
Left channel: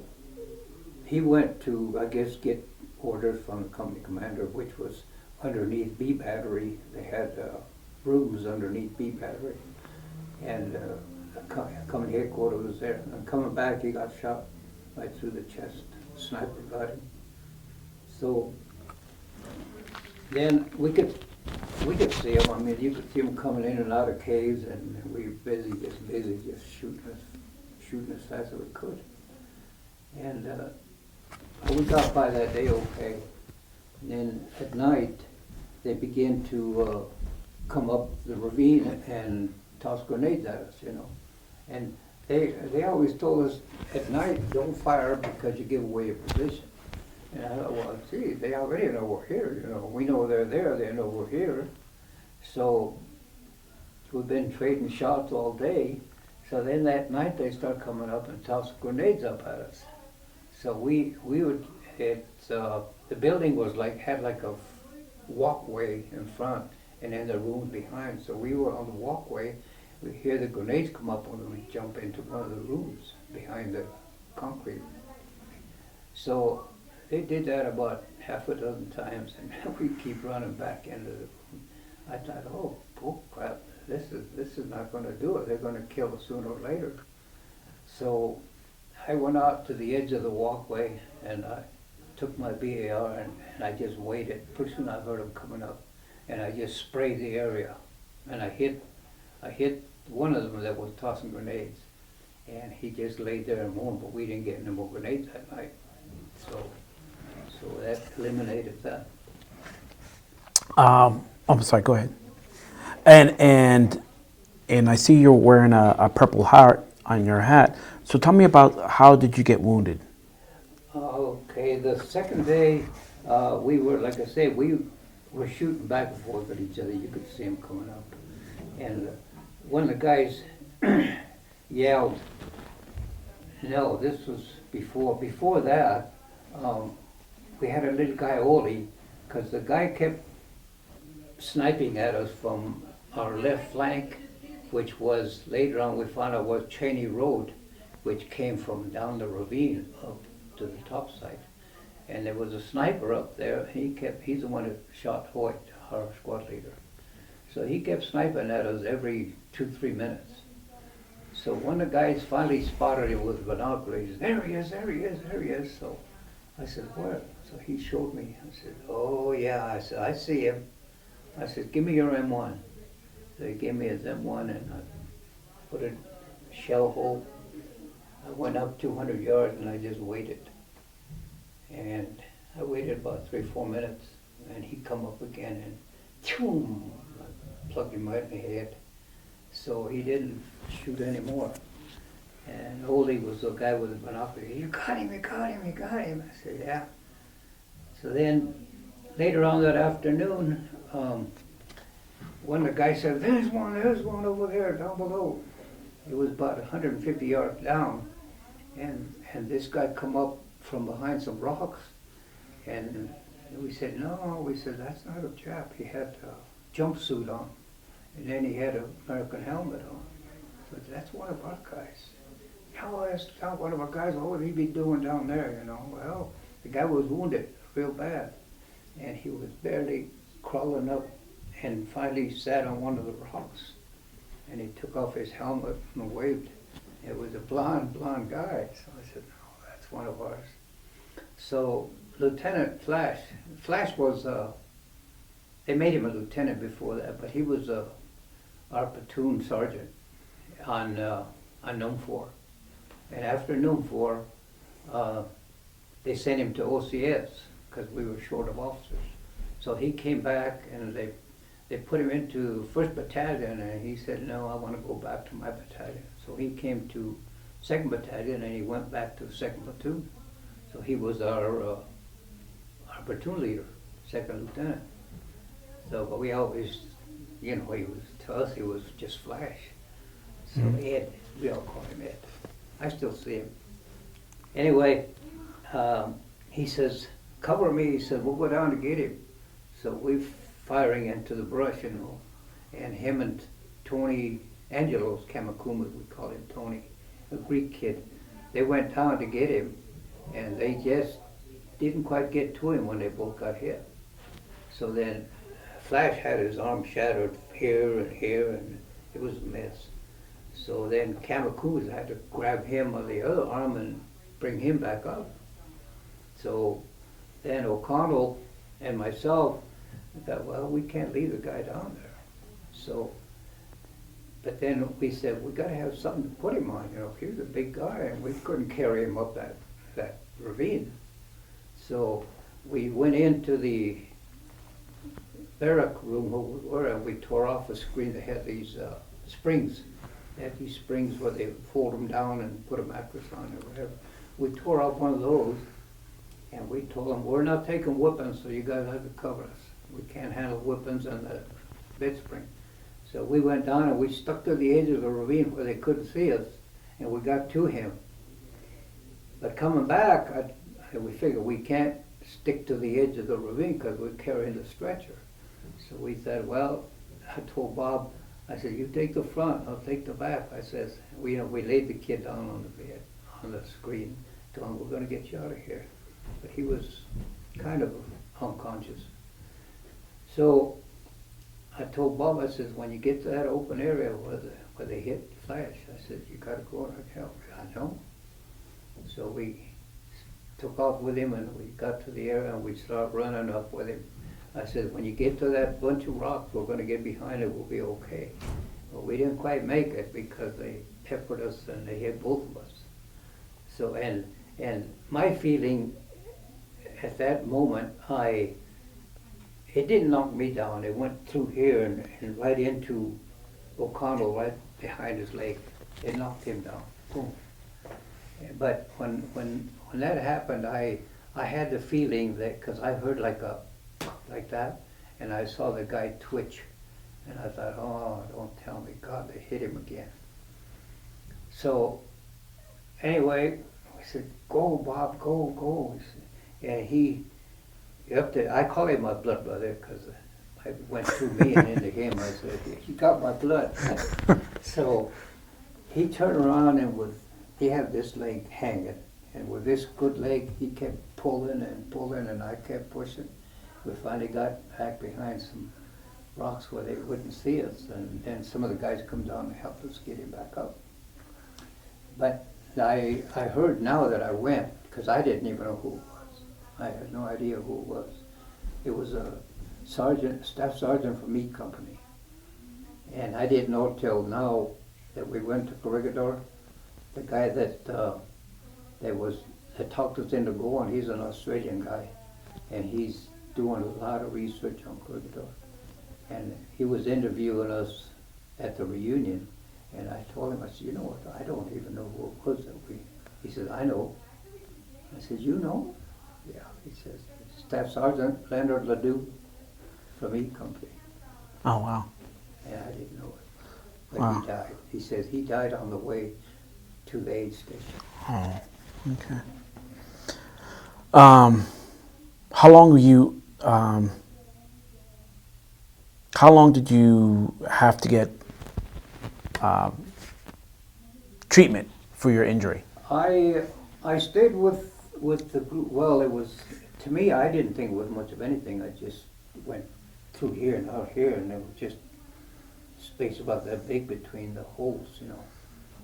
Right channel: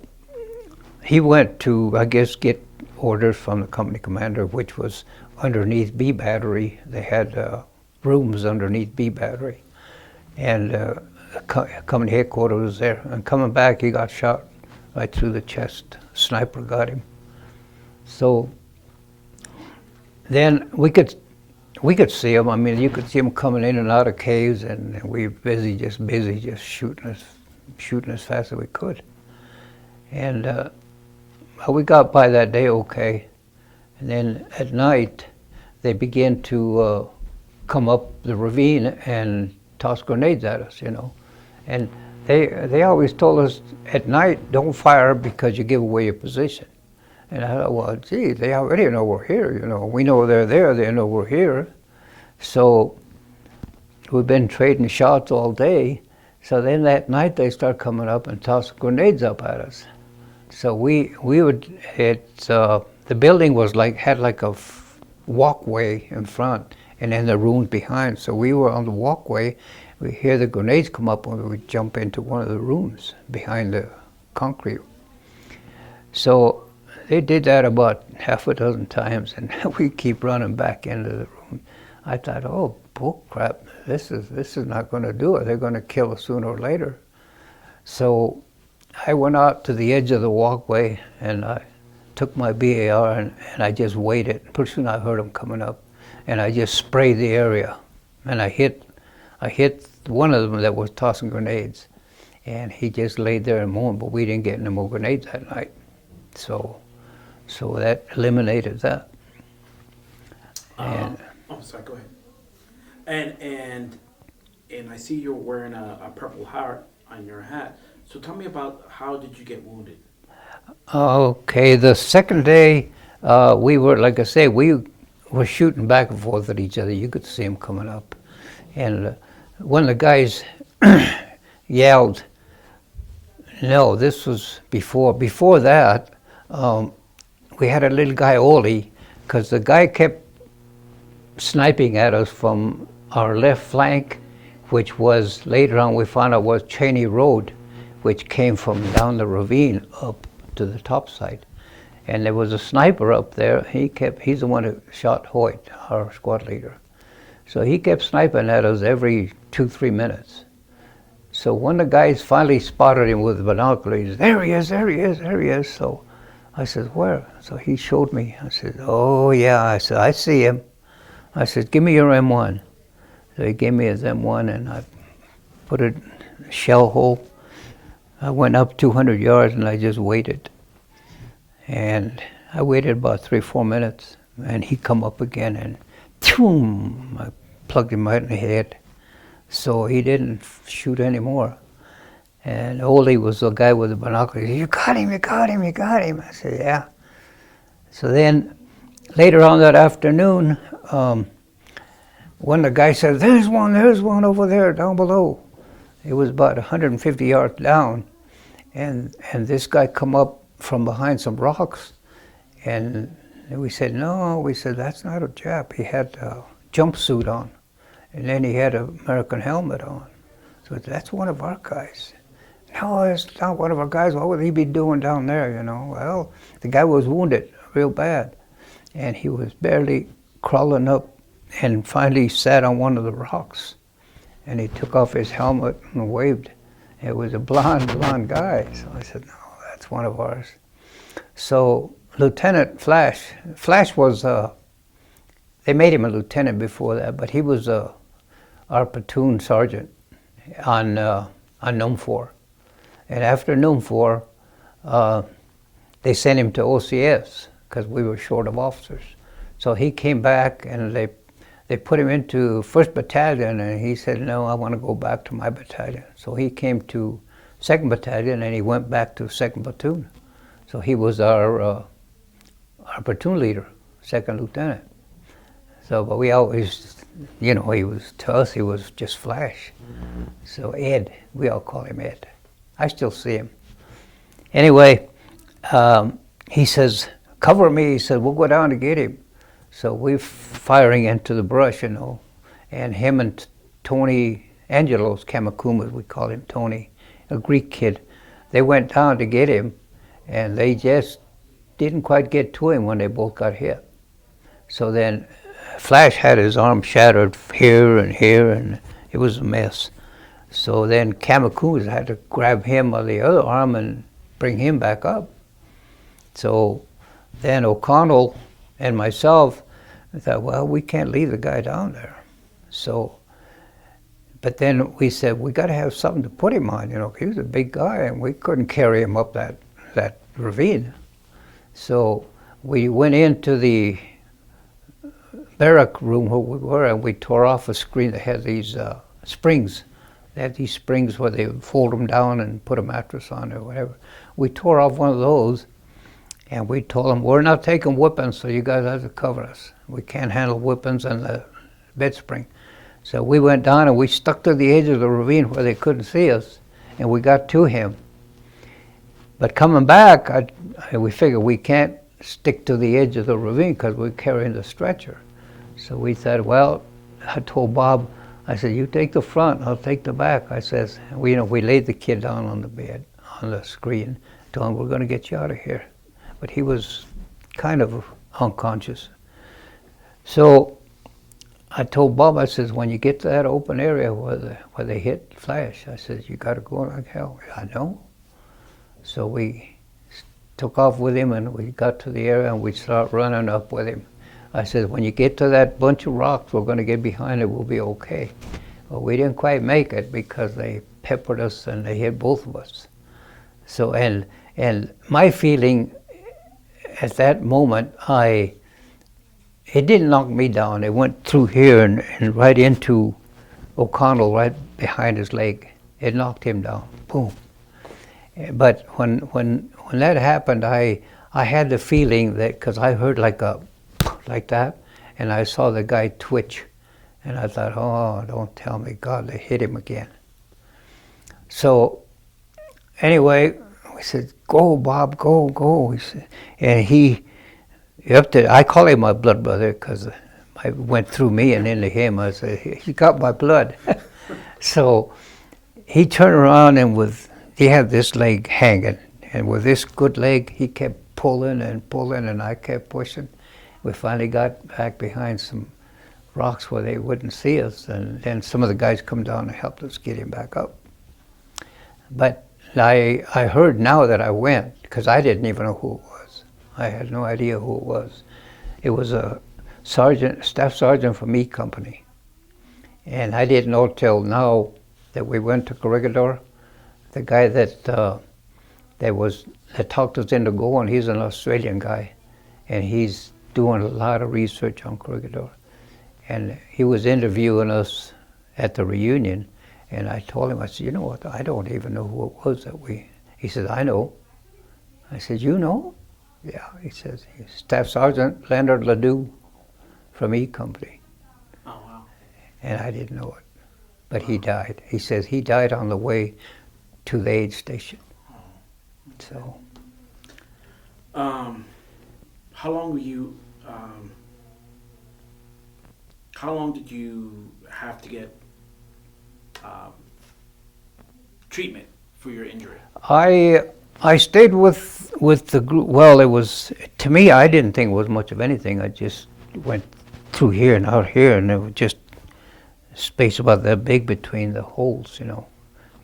he went to, I guess, get orders from the company commander, which was underneath B Battery. They had rooms underneath B Battery. And company headquarters was there. And coming back, he got shot right through the chest. Sniper got him. So then we could see him. I mean, you could see him coming in and out of caves, and we were busy just shooting as fast as we could. And we got by that day okay. And then at night, they began to come up the ravine and toss grenades at us, you know. And they always told us at night, don't fire because you give away your position. And I thought, well, gee, they already know we're here, you know. We know they're there, they know we're here. So we've been trading shots all day. So then that night they start coming up and toss grenades up at us. So we would, the building was had like a walkway in front and then the rooms behind. So we were on the walkway, we hear the grenades come up and we jump into one of the rooms behind the concrete. So they did that about half a dozen times, and we keep running back into the room. I thought, oh, bull crap, this is not going to do it. They're going to kill us sooner or later. So I went out to the edge of the walkway, and I took my BAR, and I just waited. Pretty soon I heard them coming up, and I just sprayed the area. And I hit one of them that was tossing grenades, and he just laid there and moaned, but we didn't get any more grenades that night. So that eliminated that. I'm sorry, go ahead. And I see you're wearing a purple heart on your hat. So tell me about how did you get wounded? Okay, the second day, we were, like I say, we were shooting back and forth at each other. You could see them coming up. And one of the guys yelled, no, this was before. Before that, we had a little guy, Oli, because the guy kept sniping at us from our left flank, which was, later on we found out was Cheney Road, which came from down the ravine up to the top side. And there was a sniper up there. He's the one who shot Hoyt, our squad leader. So he kept sniping at us every 2-3 minutes. So when the guys finally spotted him with binoculars, there he is, there he is, there he is. So I said, where? So he showed me. I said, oh yeah. I said, I see him. I said, give me your M1. So he gave me his M1, and I put it in a shell hole. I went up 200 yards and I just waited. And I waited about 3-4 minutes, and he come up again, and boom, I plugged him right in the head. So he didn't shoot anymore. And Ole was the guy with the binoculars. You got him, you got him, you got him. I said, yeah. So then later on that afternoon, when the guy said, there's one over there down below. It was about 150 yards down. And this guy come up from behind some rocks. And we said, no, we said, that's not a Jap. He had a jumpsuit on. And then he had an American helmet on. So that's one of our guys. No, it's not one of our guys. What would he be doing down there, you know? Well, the guy was wounded real bad. And he was barely crawling up and finally sat on one of the rocks. And he took off his helmet and waved. It was a blonde guy. So I said, no, that's one of ours. So Lieutenant Flash was, they made him a lieutenant before that, but he was our platoon sergeant on NUM 4. And after NUM 4, they sent him to OCS because we were short of officers. So he came back and they put him into 1st Battalion, and he said, no, I want to go back to my battalion. So he came to 2nd Battalion, and he went back to 2nd Platoon. So he was our platoon leader, 2nd Lieutenant. So, but we always, you know, to us, he was just Flash. So Ed, we all call him Ed. I still see him. Anyway, he says, cover me. He said, we'll go down to get him. So we're firing into the brush, you know, and him and Tony Angelos, Kamakumas, we call him Tony, a Greek kid, they went down to get him, and they just didn't quite get to him when they both got hit. So then Flash had his arm shattered here, and it was a mess. So then Kamakumas had to grab him by the other arm and bring him back up. So then O'Connell and myself thought, well, we can't leave the guy down there. So, but then we said, we got to have something to put him on, you know. He was a big guy, and we couldn't carry him up that ravine. So we went into the barrack room where we were, and we tore off a screen that had these springs. They had these springs where they would fold them down and put a mattress on or whatever. We tore off one of those, and we told them, we're not taking weapons, so you guys have to cover us. We can't handle weapons and the bed spring. So we went down and we stuck to the edge of the ravine where they couldn't see us, and we got to him. But coming back, we figured we can't stick to the edge of the ravine because we're carrying the stretcher. So we said, well, I told Bob, I said, you take the front, I'll take the back. I says, we laid the kid down on the bed, on the screen, told him, we're going to get you out of here. But he was kind of unconscious. So I told Bob, I says, when you get to that open area where they hit Flash, I says, you got to go like hell. I know. So we took off with him, and we got to the area, and we started running up with him. I said, when you get to that bunch of rocks, we're going to get behind it, we'll be okay. Well, we didn't quite make it because they peppered us and they hit both of us. So, and my feeling at that moment, it didn't knock me down. It went through here and right into O'Connell, right behind his leg. It knocked him down, boom. But when that happened, I had the feeling that, because I heard like that, and I saw the guy twitch, and I thought, oh, don't tell me, God, they hit him again. So anyway, we said, go, Bob, go, go. He said, and I call him my blood brother because I went through me and into him. I said, he got my blood. So he turned around, and he had this leg hanging, and with this good leg, he kept pulling and pulling, and I kept pushing. We finally got back behind some rocks where they wouldn't see us, and then some of the guys come down and helped us get him back up. But I heard now that I went, because I didn't even know who it was. I had no idea who it was. It was a staff sergeant from E Company. And I didn't know till now that we went to Corregidor. The guy that talked us into going, he's an Australian guy, and he's doing a lot of research on Corregidor. And he was interviewing us at the reunion, and I told him, I said, you know what, I don't even know who it was he said, I know. I said, you know? Yeah, he says, Staff Sergeant Leonard Ledoux from E Company. Oh, wow. And I didn't know it, but Wow. he died. He says he died on the way to the aid station. Oh, okay. So, how long did you have to get treatment for your injury? I stayed with the group. Well, it was, to me, I didn't think it was much of anything. I just went through here and out here, and it was just space about that big between the holes, you know.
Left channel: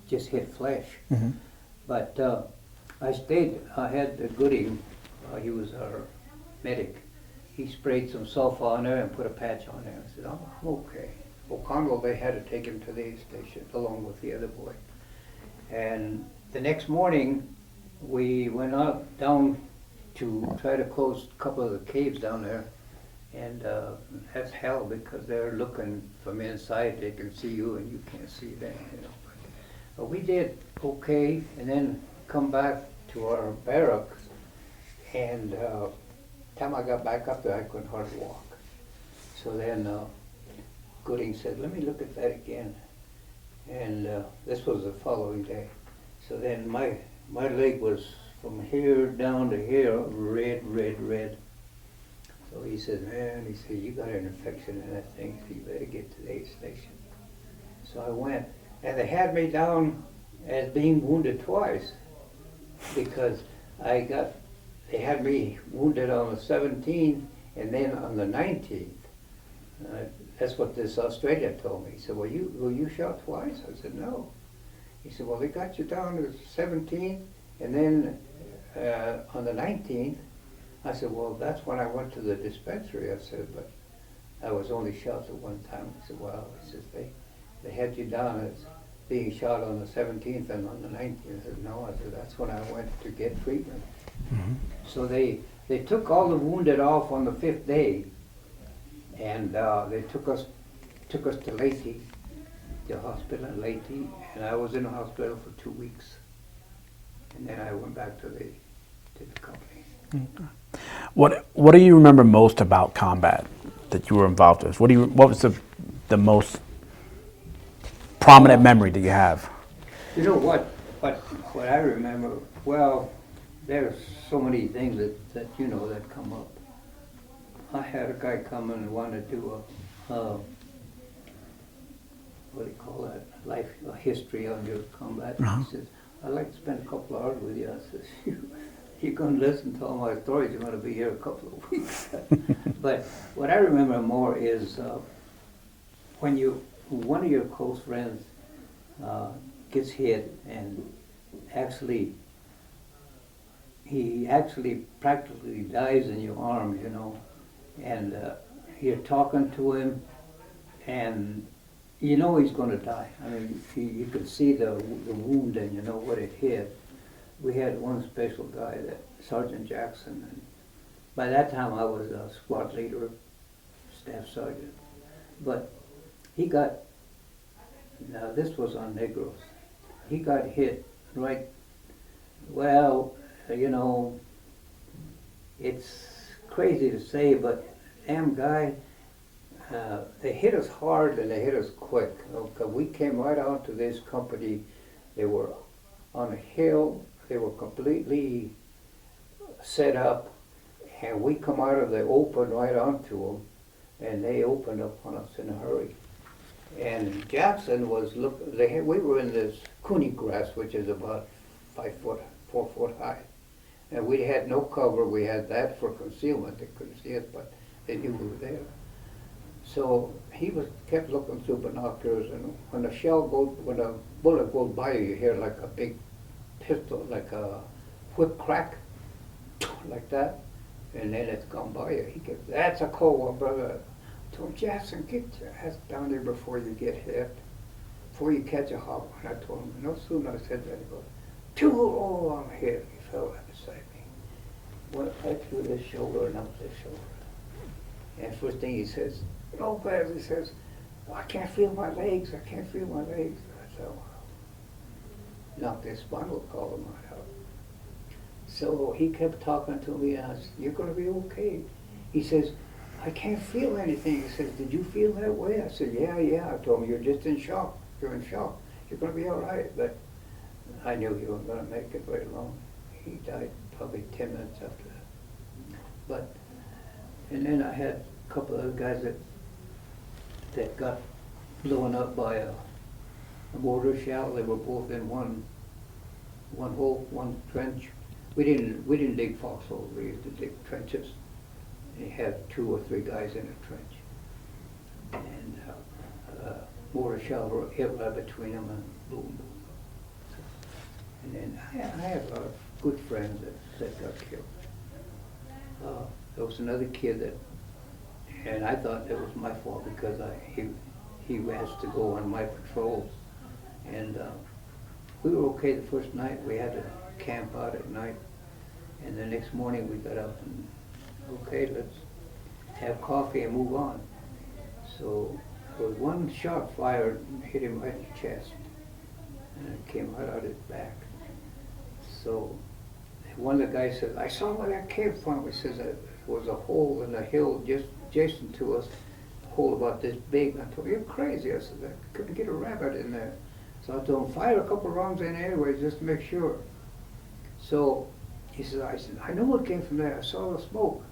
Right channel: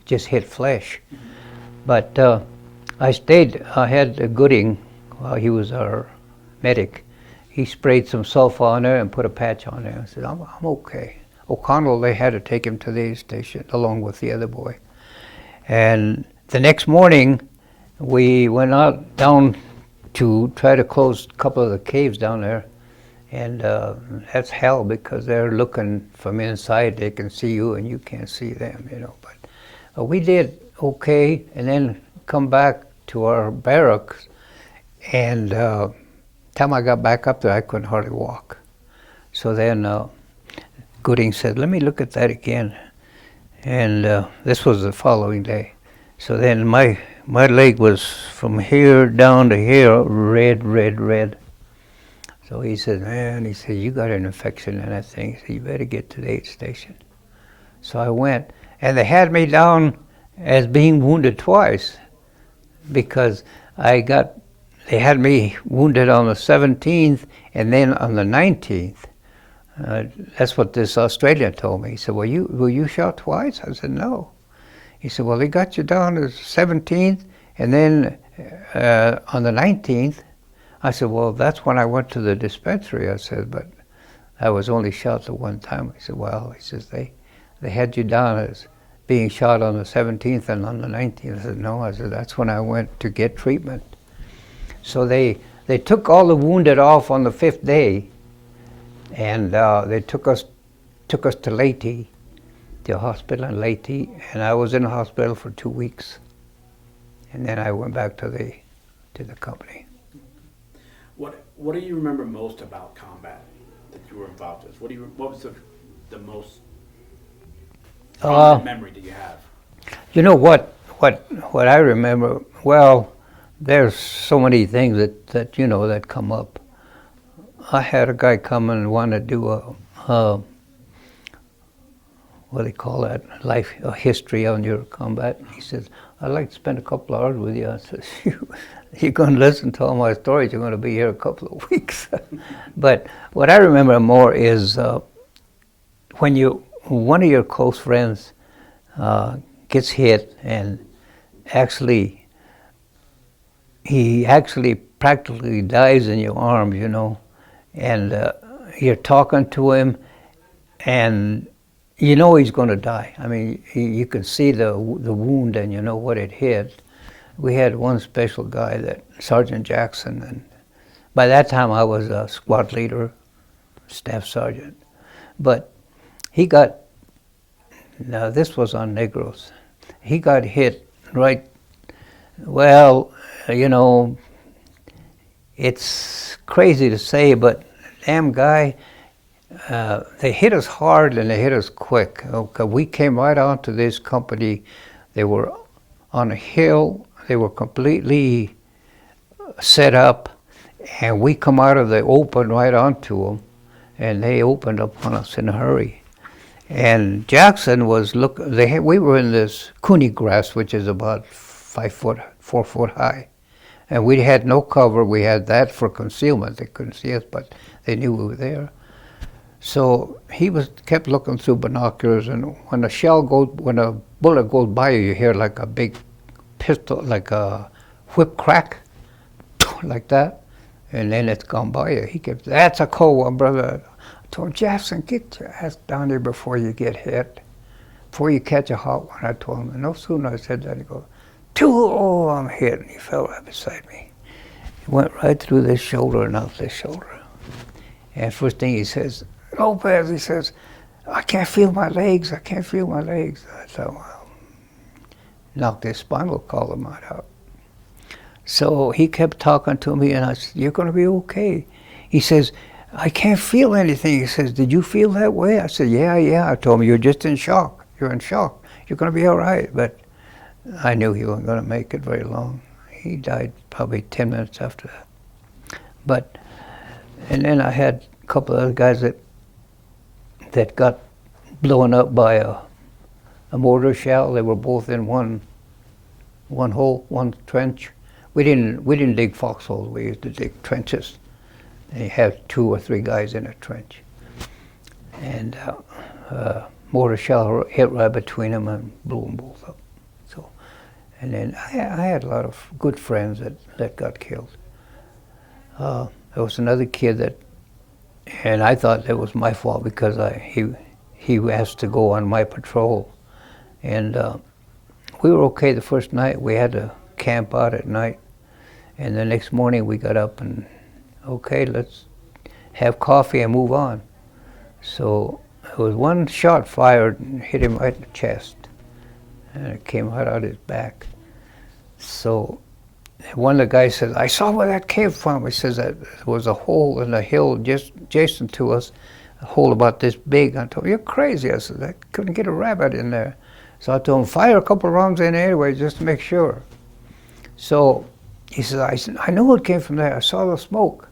Just hit flesh. Mm-hmm. But I stayed. I had Gooding, he was our medic. He sprayed some sulfur on there and put a patch on there. I said, I'm okay. O'Connell, they had to take him to the aid station along with the other boy. And the next morning, we went out down to try to close a couple of the caves down there. And that's hell, because they're looking from inside. They can see you and you can't see them, you know. But we did okay, and then come back to our barracks. And time I got back up there, I couldn't hardly walk. So then Gooding said, let me look at that again. And this was the following day. So then my my leg was from here down to here, red, red, red. So he said, man, he said, you got an infection in that thing. He said, you better get to the aid station. So I went, and they had me down as being wounded twice because they had me wounded on the 17th and then on the 19th. That's what this Australian told me. He said, were you shot twice? I said, no. He said, well, they got you down the 17th and then on the 19th. I said, well, that's when I went to the dispensary. I said, but I was only shot the one time. He said, well, he says, they had you down as being shot on the 17th and on the 19th. I said, no. I said, that's when I went to get treatment. Mm-hmm. So they took all the wounded off on the 5th day, and they took us to Leyte, the hospital in Leyte, and I was in the hospital for 2 weeks, and then I went back to the company. Okay. What do you remember most about combat that you were involved with? What was the most prominent memory that you have? You know what I remember? Well, there's so many things that you know that come up. I had a guy come and want to do a what do they call that? A history on your combat. Uh-huh. He says, I'd like to spend a couple hours with you. I said, you're going to listen to all my stories. You're going to be here a couple of weeks. But what I remember more is when one of your close friends gets hit, and he actually practically dies in your arms, you know, and you're talking to him, and you know he's going to die. I mean, you can see the wound, and you know what it hit. We had one special guy, that Sergeant Jackson, and by that time I was a squad leader, staff sergeant. But he got, now this was on Negros, he got hit right, well, you know, it's crazy to say, but damn guy, they hit us hard and they hit us quick. Okay, we came right onto this company. They were on a hill. They were completely set up, and we come out of the open right onto them, and they opened up on us in a hurry. And Jackson was we were in this cooney grass, which is about 4 foot high, and we had no cover. We had that for concealment. They couldn't see us, but they knew we were there. So he kept looking through binoculars, and when a bullet goes by you, you hear like a big pistol, like a whip crack, like that, and then it's gone by you. He kept, that's a cold one, brother. I told Jackson, get your ass down there before you get hit, before you catch a hot one. I told him, and no sooner I said that, he goes, oh, I'm hit, and he fell right beside me. He went right through this shoulder and out this shoulder. And first thing he says, Lopez, he says, I can't feel my legs, I can't feel my legs. I thought, well, knocked his spinal column out. So he kept talking to me, and I said, you're going to be okay. He says, I can't feel anything. He says, did you feel that way? I said, yeah. I told him, you're just in shock. You're in shock. You're going to be all right. But I knew he wasn't going to make it very long. He died probably 10 minutes after that. And then I had a couple of other guys that got blown up by a mortar shell. They were both in one hole, one trench. We didn't dig foxholes. We used to dig trenches. And you have 2 or 3 guys in a trench. And mortar shell hit right between them and blew them both up. So, and then I had a lot of good friends that got killed. There was another kid and I thought it was my fault because he asked to go on my patrol. And we were okay the first night. We had to camp out at night. And the next morning we got up and, okay, let's have coffee and move on. So there was one shot fired and hit him right in the chest. And it came right out his back. So one of the guys says, I saw where that came from. He says that there was a hole in the hill just adjacent to us, a hole about this big. I told him, you're crazy. I said, I couldn't get a rabbit in there. So I told him, fire a couple of rounds in anyway, just to make sure. So he said, I knew it came from there. I saw the smoke.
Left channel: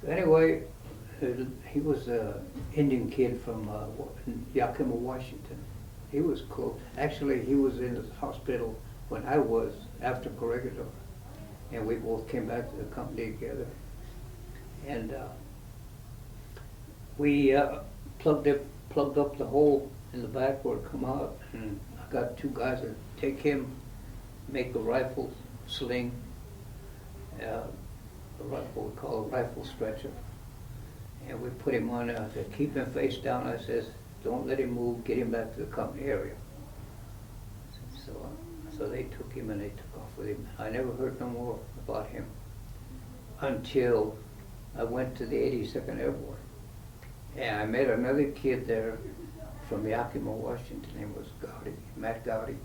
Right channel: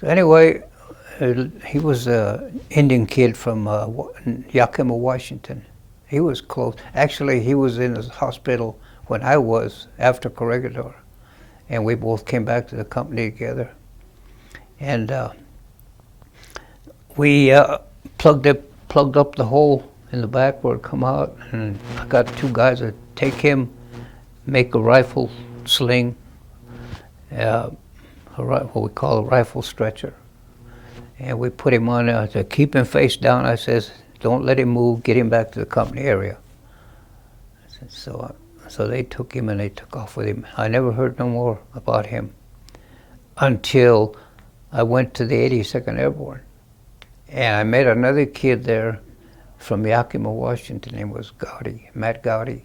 So anyway, he was an Indian kid from Yakima, Washington. He was close. Actually, he was in the hospital when I was after Corregidor. And we both came back to the company together. And we plugged up the hole in the back where it come out, and I got two guys to take him, make a rifle sling, what we call a rifle stretcher. And we put him on to keep him face down. I says, don't let him move, get him back to the company area. So they took him and they took off with him. I never heard no more about him until I went to the 82nd Airborne. And I met another kid there from Yakima, Washington. His name was Gowdy, Matt Gowdy.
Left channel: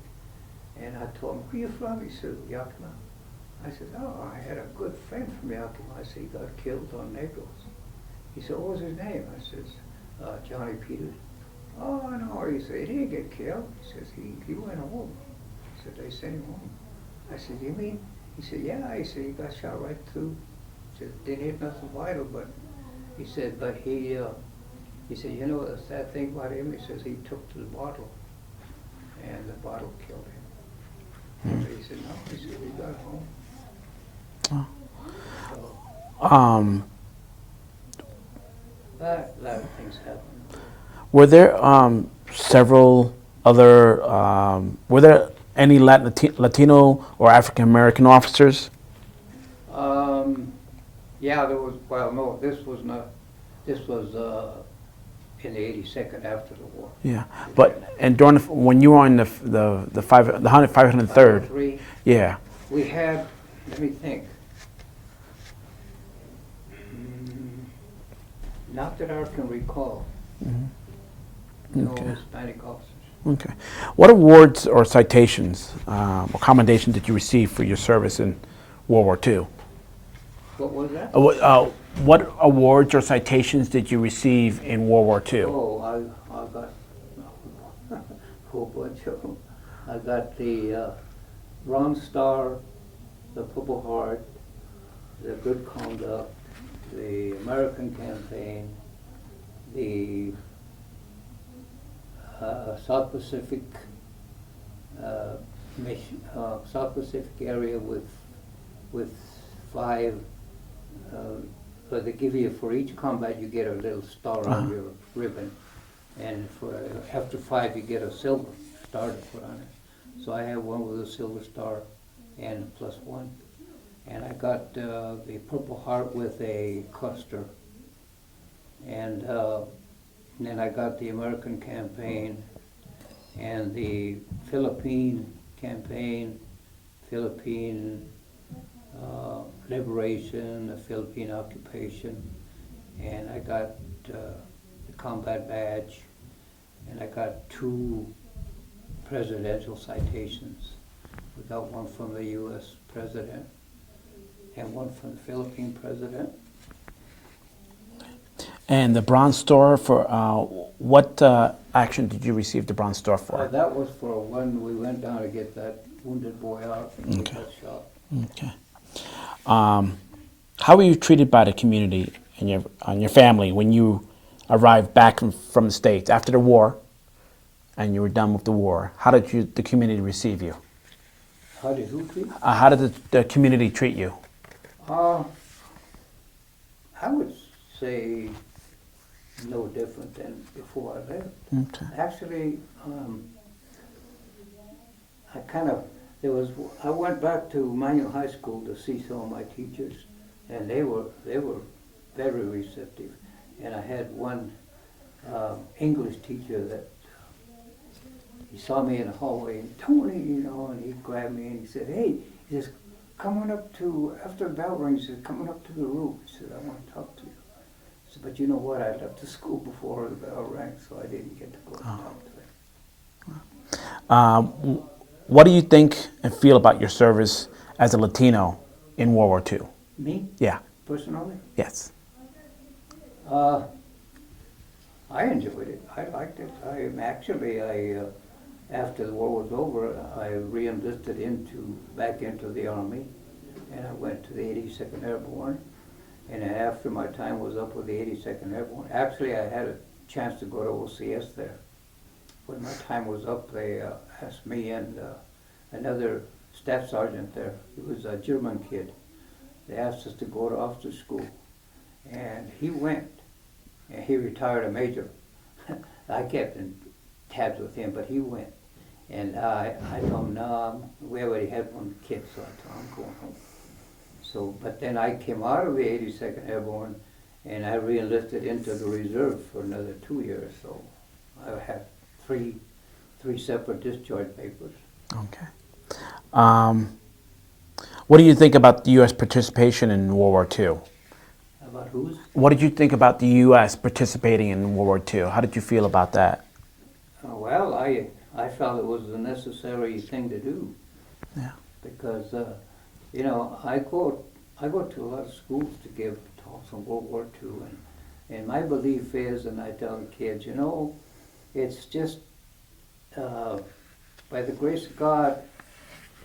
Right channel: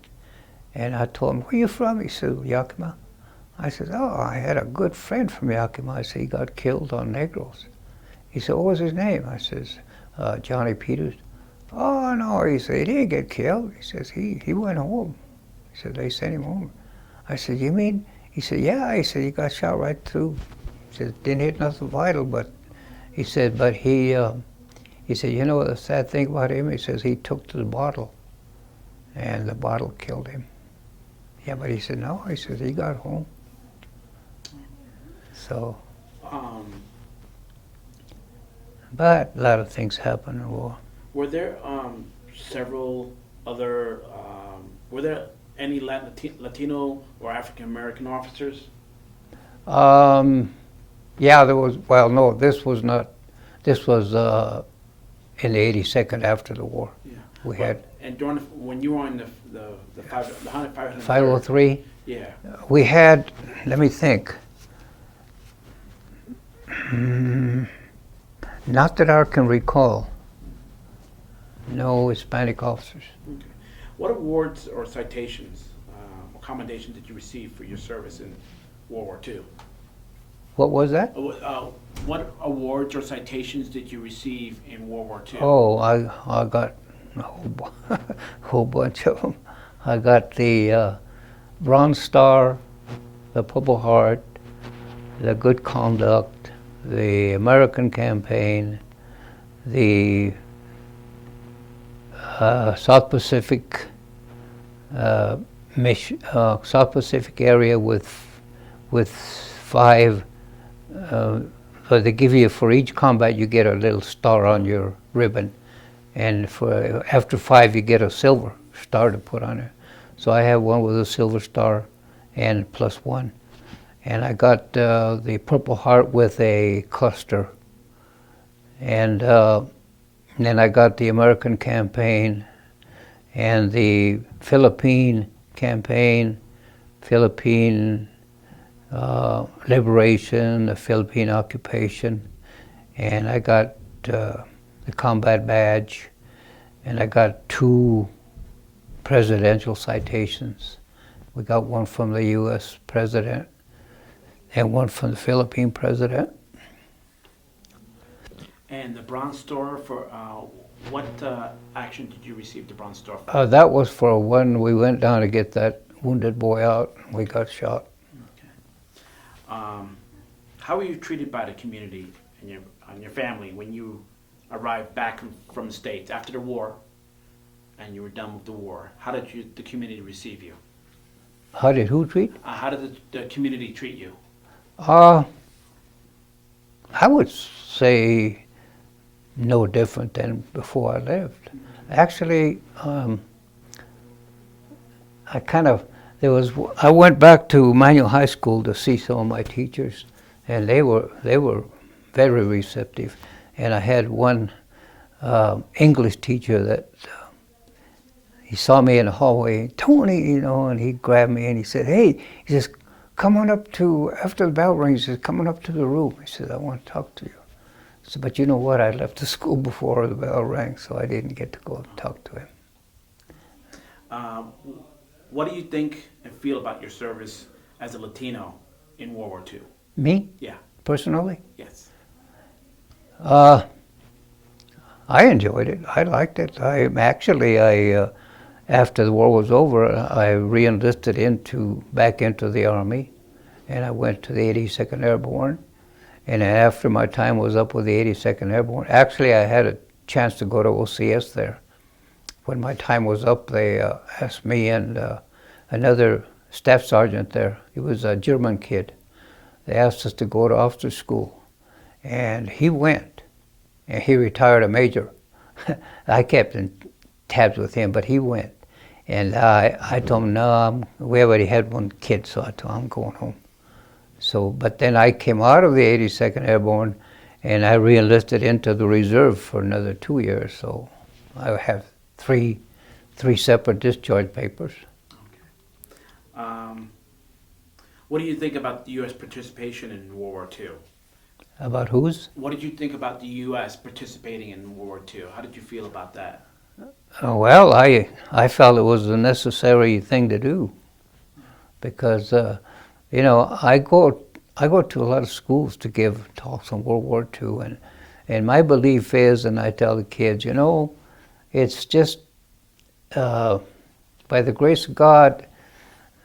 And I told him, where you from? He said, Yakima. I said, oh, I had a good friend from Yakima. I said, he got killed on Negros. He said, what was his name? I says, Johnny Peters. Oh, no, he said, he didn't get killed. He says, he went home. He said, they sent him home. I said, you mean? He said, yeah. He said, he got shot right through. He said, didn't hit nothing vital, but he said, but he said, you know the sad thing about him? He says, he took to the bottle, and the bottle killed him. Yeah, but he said, no. He said, he got home. Oh. So. But a lot of things happen in the war. Were there several other, were there any Latino or African American officers? Yeah, there was, well, no, this was not, this was in the 82nd after the war. Yeah, and during when you were in the 503rd? 503? Yeah. We had, let me think. Not that I can recall. Mm-hmm. No okay. Hispanic officers. Okay. What awards or citations or commendations did you receive for your service in World War II? What was that? What awards or citations did you receive in World War II? Oh, I got a whole bunch of them. I got the Bronze Star, the Purple Heart, the Good Conduct, the American Campaign, the South Pacific South Pacific area with 5. So they give you, for each combat, you get a little star on your ribbon, and for after 5, you get a silver star to put on it. So I have one with a silver star and +1. And I got the Purple Heart with a cluster. And then I got the American Campaign and the Philippine Campaign, Philippine Liberation, the Philippine Occupation. And I got the Combat Badge. And I got 2 presidential citations. We got one from the U.S. President and one from the Philippine President. And the Bronze Star, for what action did you receive the Bronze Star for? That was for when we went down to get that wounded boy out and we got shot. Okay. How were you treated by the community and your family when you arrived back from the States after the war and you were done with the war? How did the community receive you? How did who treat? How did the community treat you? I would say no different than before I left. Okay. Actually, I went back to Manual High School to see some of my teachers, and they were very receptive. And I had one English teacher that he saw me in the hallway, Tony, and he grabbed me and he said, hey, he says, come on up to, after the bell rings, he says, come on up to the room. He said, I want to talk to you. I said, but you know what, I left the school before the bell rang, so I didn't get to go and talk to him. What do you think and feel about your service as a Latino in World War II? Me? Yeah. Personally? Yes. I enjoyed it. I liked it. after the war was over, I re-enlisted back into the Army, and I went to the 82nd Airborne. And then after my time was up with the 82nd Airborne, actually I had a chance to go to OCS there. When my time was up, they asked me and another staff sergeant there, he was a German kid, they asked us to go to officer school. And he went, and he retired a major. I kept in tabs with him, but he went. And I told him, no, we already had one kid, so I told him I'm going home. So, but then I came out of the 82nd Airborne, and I re-enlisted into the reserve for another 2 years. So I have three separate discharge papers. Okay. What do you think about the U.S. participation in World War II? About whose? What did you think about the U.S. participating in World War II? How did you feel about that? Well, I felt it was a necessary thing to do. Yeah. Because, you know, I go to a lot of schools to give talks on World War II, and my belief is, and I tell the kids, you know, it's just by the grace of God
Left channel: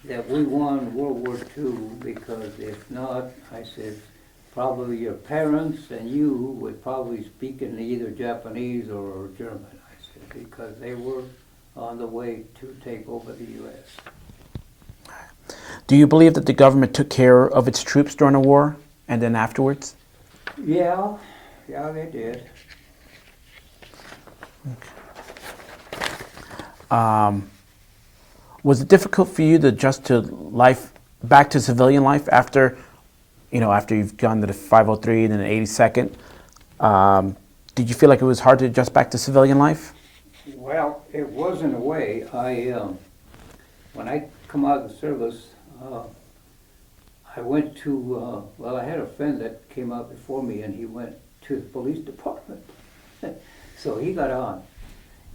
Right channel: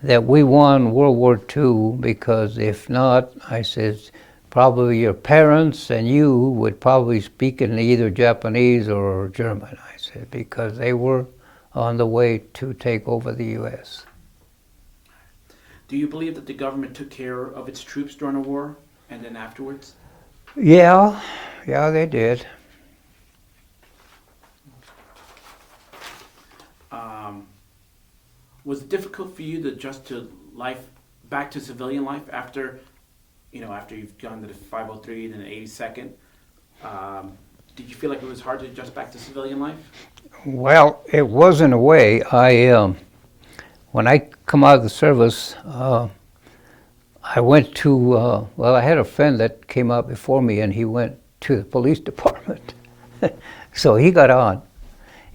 that we won World War II, because if not, I says, probably your parents and you would probably speak in either Japanese or German, I said, because they were on the way to take over the U.S. Do you believe that the government took care of its troops during the war and then afterwards? Yeah, they did. Was it difficult for you to adjust to life, back to civilian life after you've gone to the 503 and then the 82nd? Did you feel like it was hard to adjust back to civilian life? Well, it was in a way. When I come out of the service, I went to, well, I had a friend that came out before me, and he went to the police department. So he got on.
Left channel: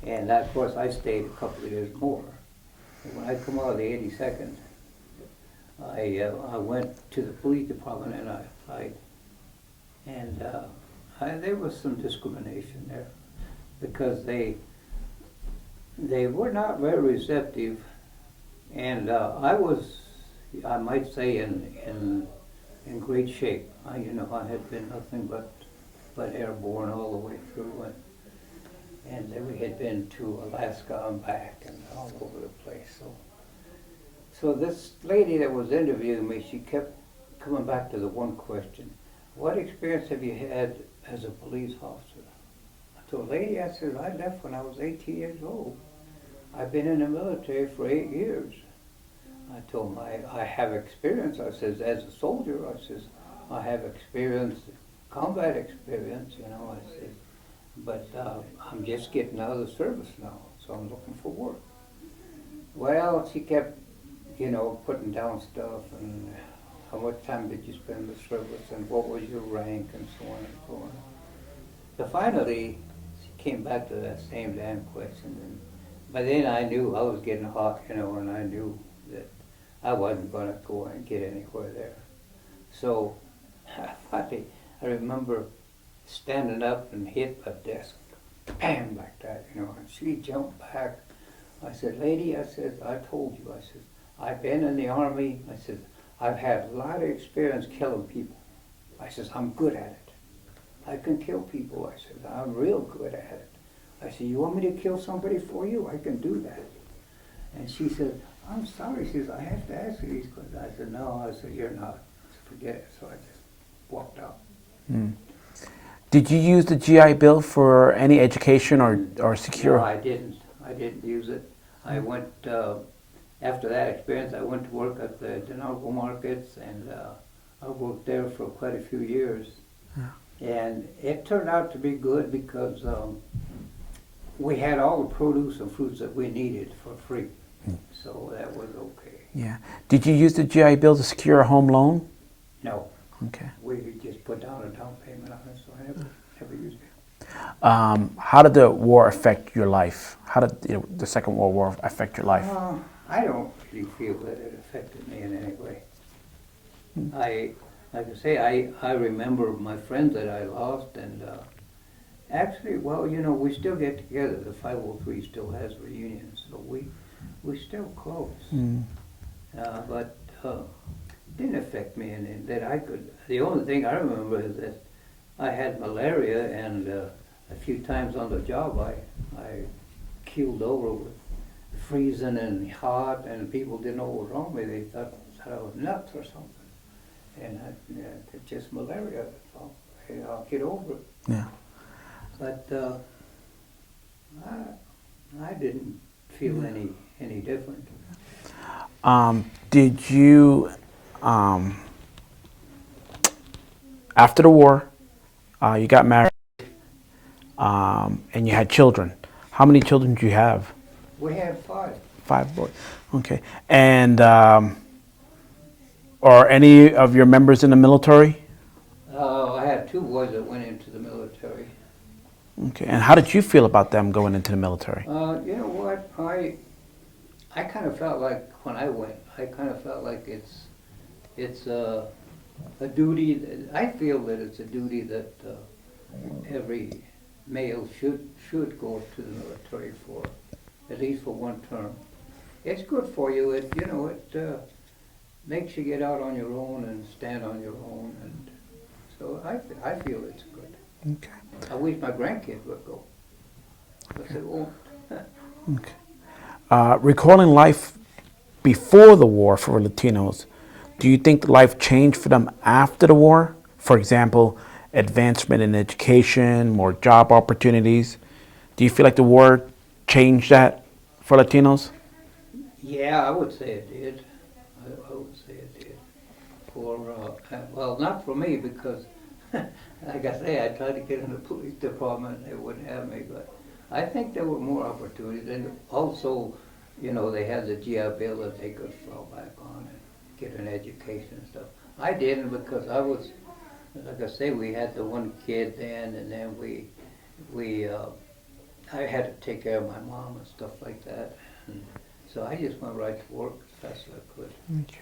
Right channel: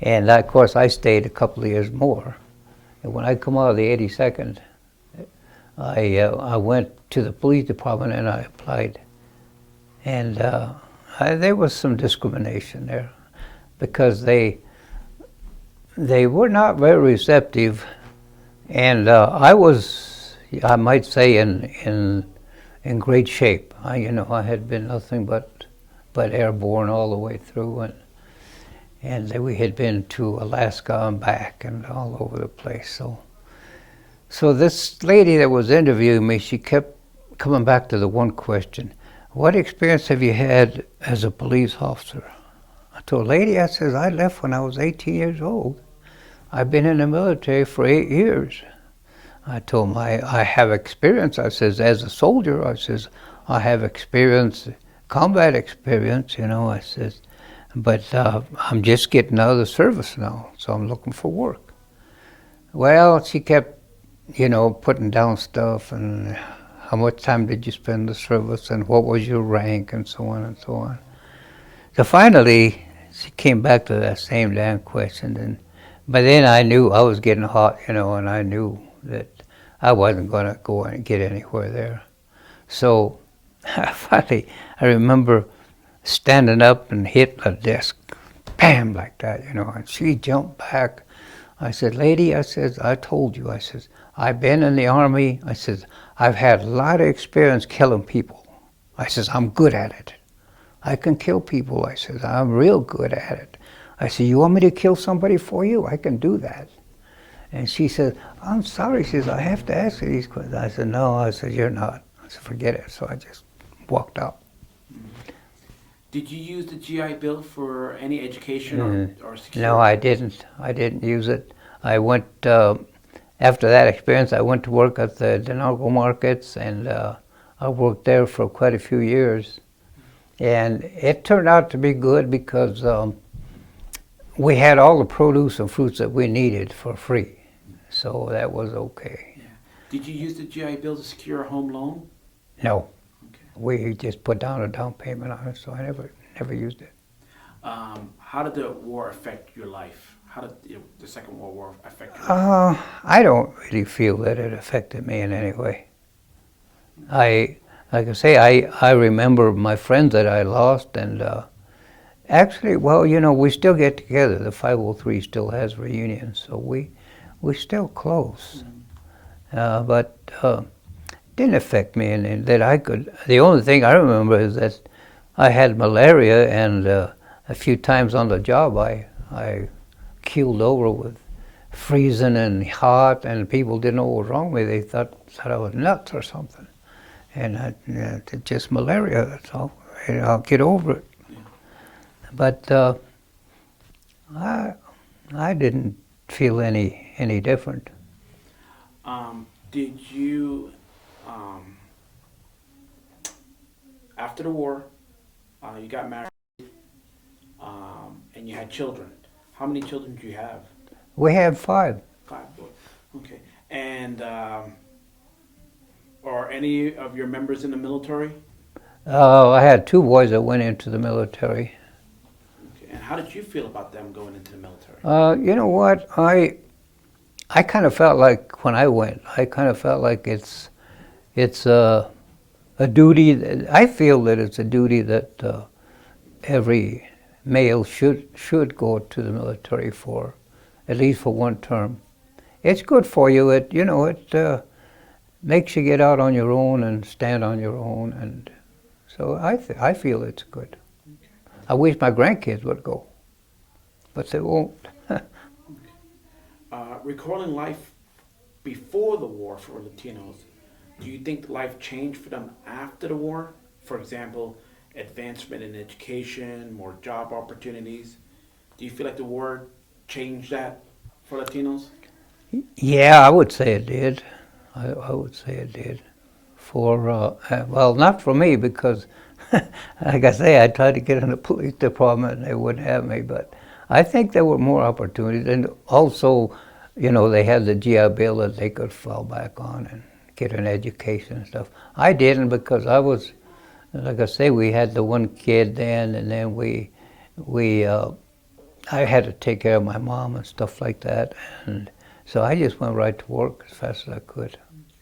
And of course, I stayed a couple of years more. And when I come out of the 82nd, I went to the police department and I applied. And there was some discrimination there, because they were not very receptive. And I was, I might say, in great shape. I had been nothing but airborne all the way through, and we had been to Alaska and back and all over the place. So this lady that was interviewing me, she kept coming back to the one question: what experience have you had as a police officer? I told the lady, I says, I left when I was 18 years old. I've been in the military for 8 years. I told him I have experience. I says, as a soldier, I says, I have experience, combat experience, I says, but I'm just getting out of the service now, so I'm looking for work. Well, she kept, putting down stuff, and how much time did you spend in the service, and what was your rank, and so on and so on. So finally, she came back to that same damn question, but then I knew I was getting hot, and I knew that I wasn't going to go and get anywhere there. So finally, I remember standing up and hitting a desk, bam, like that, and she jumped back. I said, lady, I says, I told you, I says, I've been in the Army. I says, I've had a lot of experience killing people. I says, I'm good at it. I can kill people. I says, I'm real good at it. I said, you want me to kill somebody for you? I can do that. And she said, I'm sorry. She says, I have to ask you these questions. I said, no. I said, you're not. I said, forget it. So I just walked out. Mm. Did you use the GI Bill for any education or security? No, I didn't. I didn't use it. I went, after that experience, I went to work at the Denarco markets, and I worked there for quite a few years. Yeah. And it turned out to be good, because we had all the produce and fruits that we needed for free. So that was okay. Yeah. Did you use the GI Bill to secure a home loan? No. Okay. We just put down a down payment on it, so I never used it. How did the war affect your life? How did the Second World War affect your life? I don't really feel that it affected me in any way. Like I say, I remember my friends that I lost, and Actually, well, you know, we still get together. The 503 still has reunions, so we're still close. But didn't affect me in that I could. The only thing I remember is that I had malaria, and a few times on the job I keeled over with freezing and hot, and people didn't know what was wrong with me. They thought I was nuts or something. And it's just malaria, that's all. And I'll get over it. Yeah. But I didn't feel any different. Did you, after the war, you got married, and you had children? How many children did you have? We had 5. 5 boys. Okay. And are any of your members in the military? I had 2 boys that went into the military. Okay. And how did you feel about them going into the military? You know what? I kind of felt like when I went, I kind of felt like it's a duty. I feel that it's a duty that every male should go to the military for, at least for one term. It's good for you. It makes you get out on your own and stand on your own, and so I feel it's good. Okay. I wish my grandkids would go, but they won't. Okay. Recalling life before the war for Latinos, do you think life changed for them after the war? For example, advancement in education, more job opportunities. Do you feel like the war changed that for Latinos? Yeah, I would say it did. I would say it did. Well, not for me, because, like I say, I tried to get in the police department and they wouldn't have me, but I think there were more opportunities. And also, you know, they had the GI Bill that they could fall back on and get an education and stuff. I didn't, because I was, like I say, we had the one kid then, and then I had to take care of my mom and stuff like that. And so I just went right to work as fast as I could. Okay.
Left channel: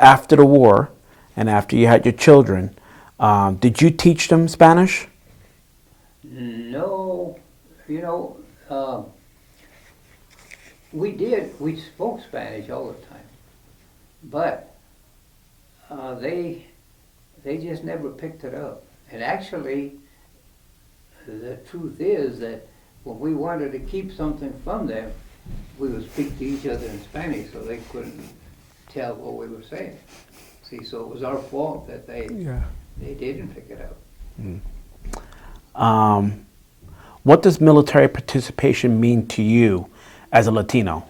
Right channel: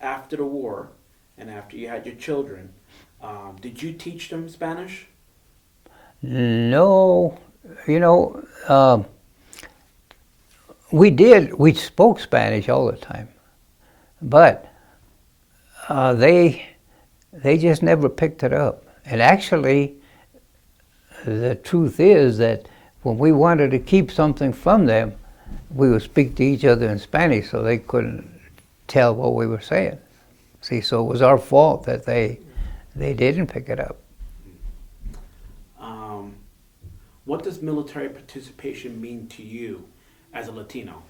After the war, and after you had your children, did you teach them Spanish? No, you know, we did. We spoke Spanish all the time, but they just never picked it up. And actually, the truth is that when we wanted to keep something from them, we would speak to each other in Spanish, so they couldn't tell what we were saying. See, so it was our fault that they didn't pick it up. What does military participation mean to you as a Latino?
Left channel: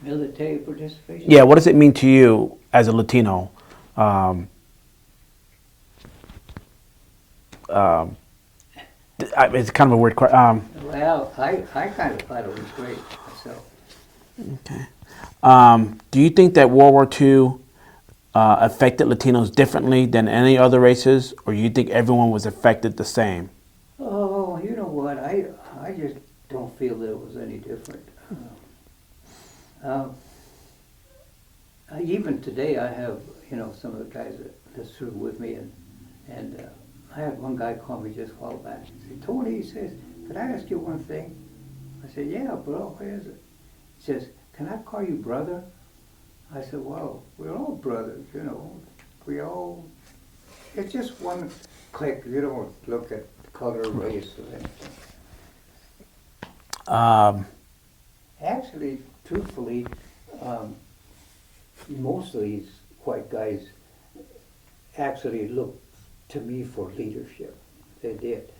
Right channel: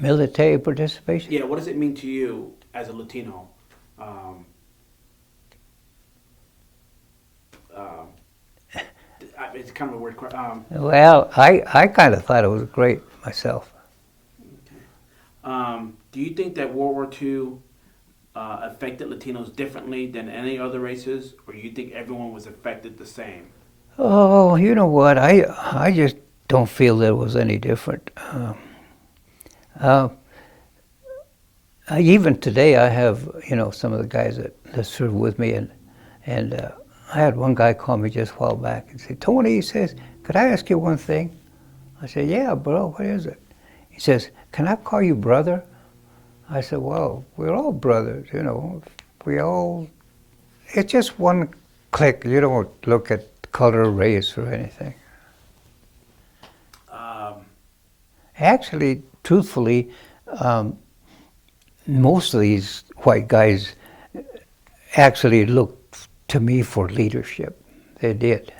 Military participation? Yeah, what does it mean to you as a Latino? It's kind of a weird question. Well, I kind of thought it was great myself. Okay. Do you think that World War II affected Latinos differently than any other races, or you think everyone was affected the same? Oh, you know what? I just don't feel that it was any different. Even today, I have, you know, some of the guys that serve with me, and I had one guy call me just a while back and say, "Tony," he says, "could I ask you one thing?" I said, "Yeah, bro, what is it?" He says, "Can I call you brother?" I said, "Well, we're all brothers, you know. It's just one clique. You don't look at color, race, or anything." Actually, truthfully, most of these white guys actually looked to me for leadership. They did,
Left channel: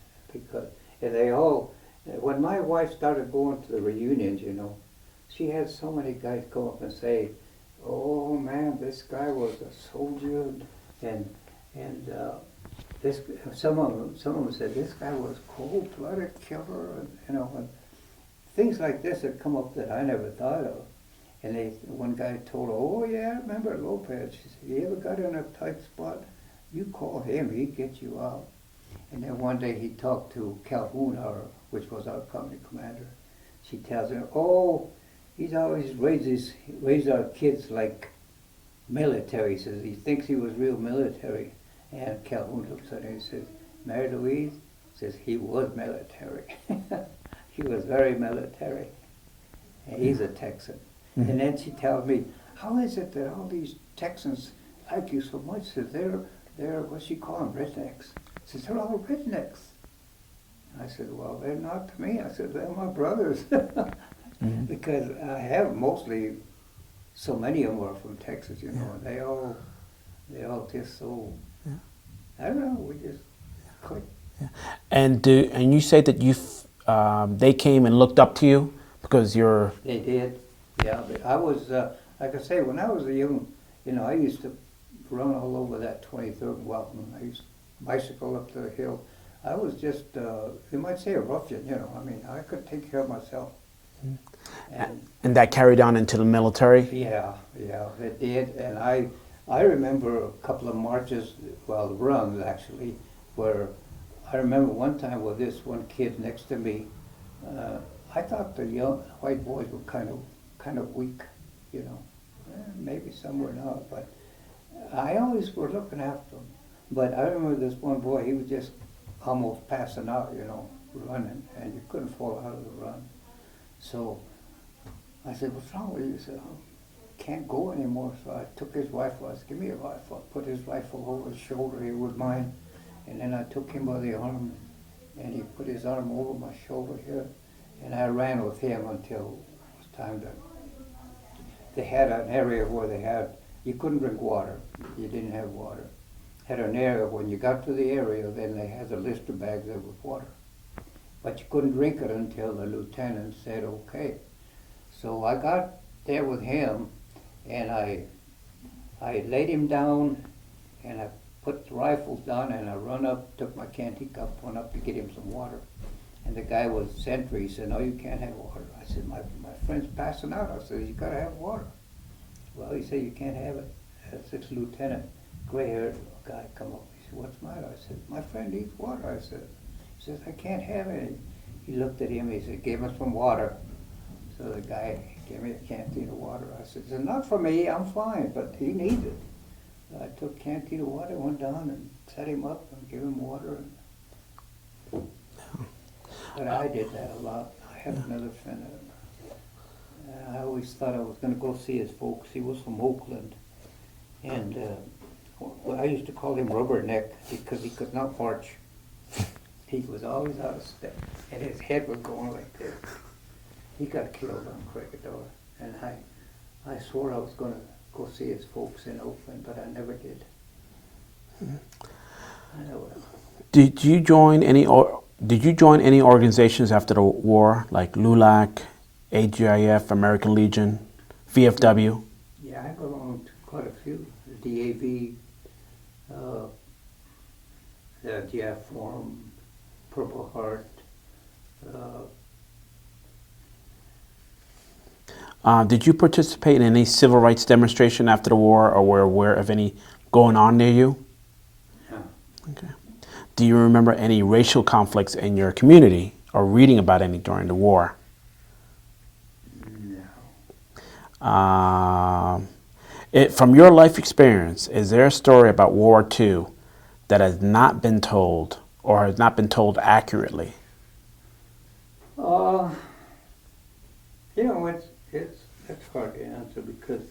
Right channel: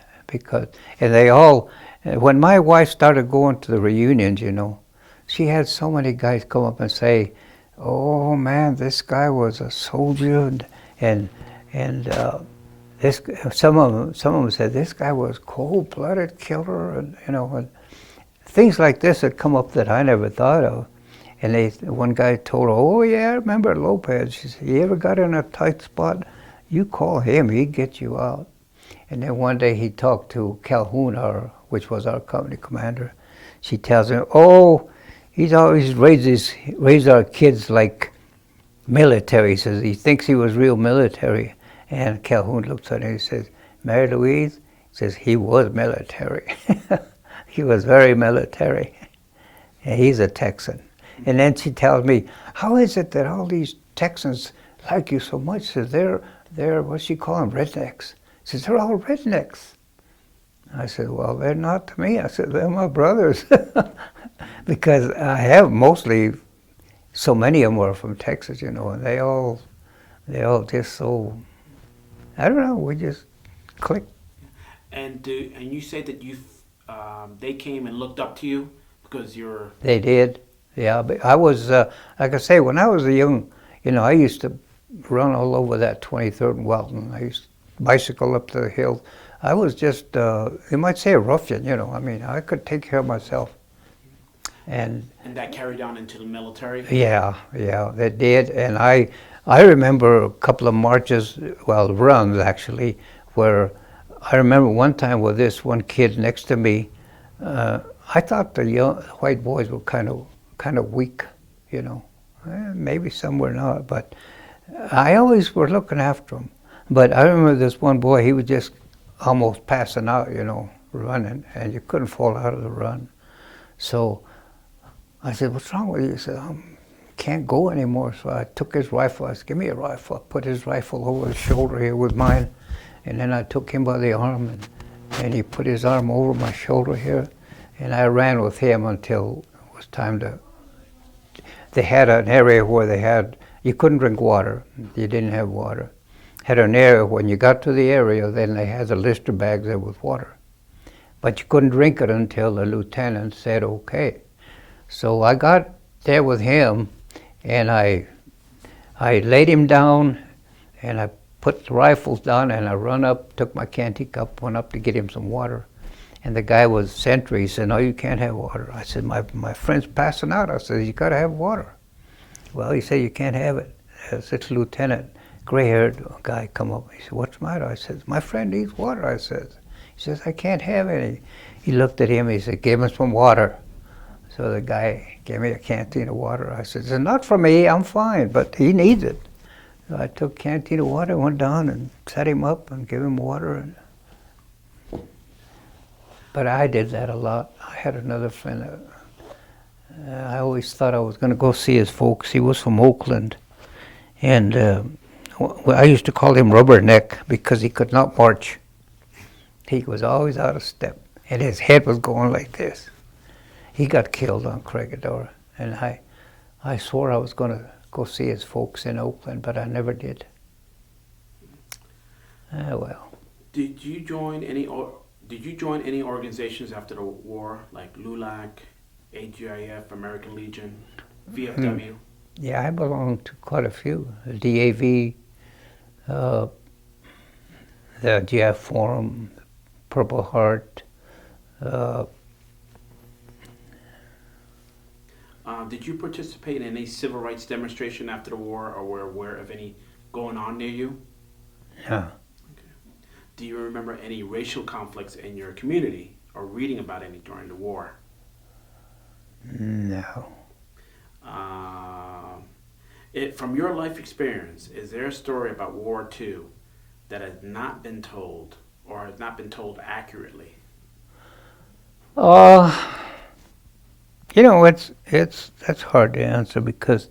and they all, when my wife started going to the reunions, you know, she had so many guys come up and say, "Oh man, this guy was a soldier," and this, some of them said this guy was cold-blooded killer, and you know, and things like this had come up that I never thought of. And one guy told her, "Oh yeah, I remember Lopez." She said, "You ever got in a tight spot, you call him, he'd get you out." And then one day he talked to Calhoun, which was our company commander. She tells him, "Oh, he's always raised our kids like military." He says he thinks he was real military. And Calhoun looks at her and he says, Mary Louise, says he was military. He was very military. And he's a Texan. Mm-hmm. And then she tells me, how is it that all these Texans like you so much? Says they're what she call them, rednecks. Says they're all rednecks. I said, well, they're not to me. I said, they're my brothers. Mm-hmm. Because I have mostly, so many of them are from Texas, you know, and they all just so, I don't know, we just click. Yeah. And you say that they came and looked up to you because you're... They did, yeah. But I was, like I say, when I was a young, you know, I used to run all over that 23rd and Welton. I used to bicycle up the hill. I was just, you might say a ruffian, you know. I mean, I could take care of myself. And that carried on into the military? Yeah, that did. And I remember a couple of marches, well, runs actually, where I remember one time with this one kid next to me. I thought the young white boys were kind of weak, you know. Maybe some were not, but I always were looking after them. But I remember this one boy, he was just almost passing out, you know, running, and you couldn't fall out of the run. So I said, what's wrong with you? He said, I can't go anymore. So I took his rifle. I said, give me a rifle. I put his rifle over his shoulder here with mine. And then I took him by the arm, and he put his arm over my shoulder here. And I ran with him until it was time to... They had an area where you couldn't drink water. You didn't have water. Had an area, when you got to the area, then they had the Lister bags there with water. But you couldn't drink it until the lieutenant said, okay. So I got there with him, and I laid him down, and I put the rifles down, and I run up, took my canteen cup, went up to get him some water. And the guy was sentry. He said, no, you can't have water. I said, my friend's passing out. I said, you got to have water. Well, he said, you can't have it. This lieutenant, gray-haired guy, come up. He said, what's the matter? I said, my friend needs water, I said. He says, I can't have any. He looked at him, he said, give him some water. So the guy gave me a canteen of water. I said, it's not for me, I'm fine, but he needs it. So I took a canteen of water, went down and set him up and gave him water. But I did that a lot. I had another friend. I always thought I was going to go see his folks. He was from Oakland. And I used to call him Rubberneck because he could not march. He was always out of step. And his head was going like this. He got killed on Corregidor. And I swore I was going to go see his folks in Oakland, but I never did. Well. Did you join any organizations after the war, like LULAC, AGIF, American Legion, VFW? Yeah, I belonged to quite a few. The DAV, the GF Forum, Purple Heart. Did you participate in any civil rights demonstration after the war, or were aware of any going on near you? Yeah. Okay. Do you remember any racial conflicts in your community, or reading about any during the war? No. From your life experience, is there a story about World War II that has not been told, or has not been told accurately? You know, that's hard to answer because,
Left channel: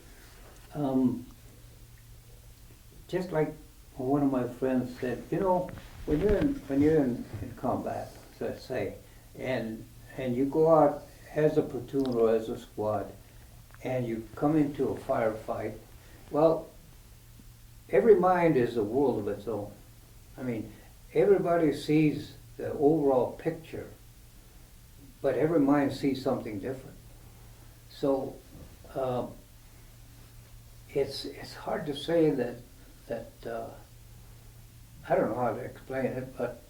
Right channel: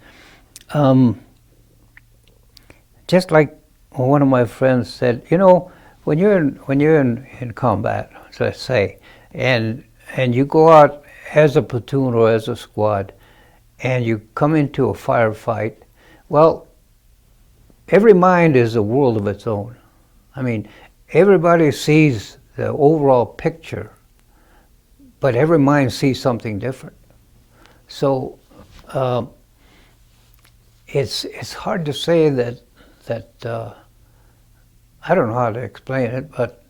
just like one of my friends said, you know, when you're in combat, let's say, and you go out as a platoon or as a squad, and you come into a firefight, well, every mind is a world of its own. I mean, everybody sees the overall picture, but every mind sees something different. So it's hard to say that I don't know how to explain it, but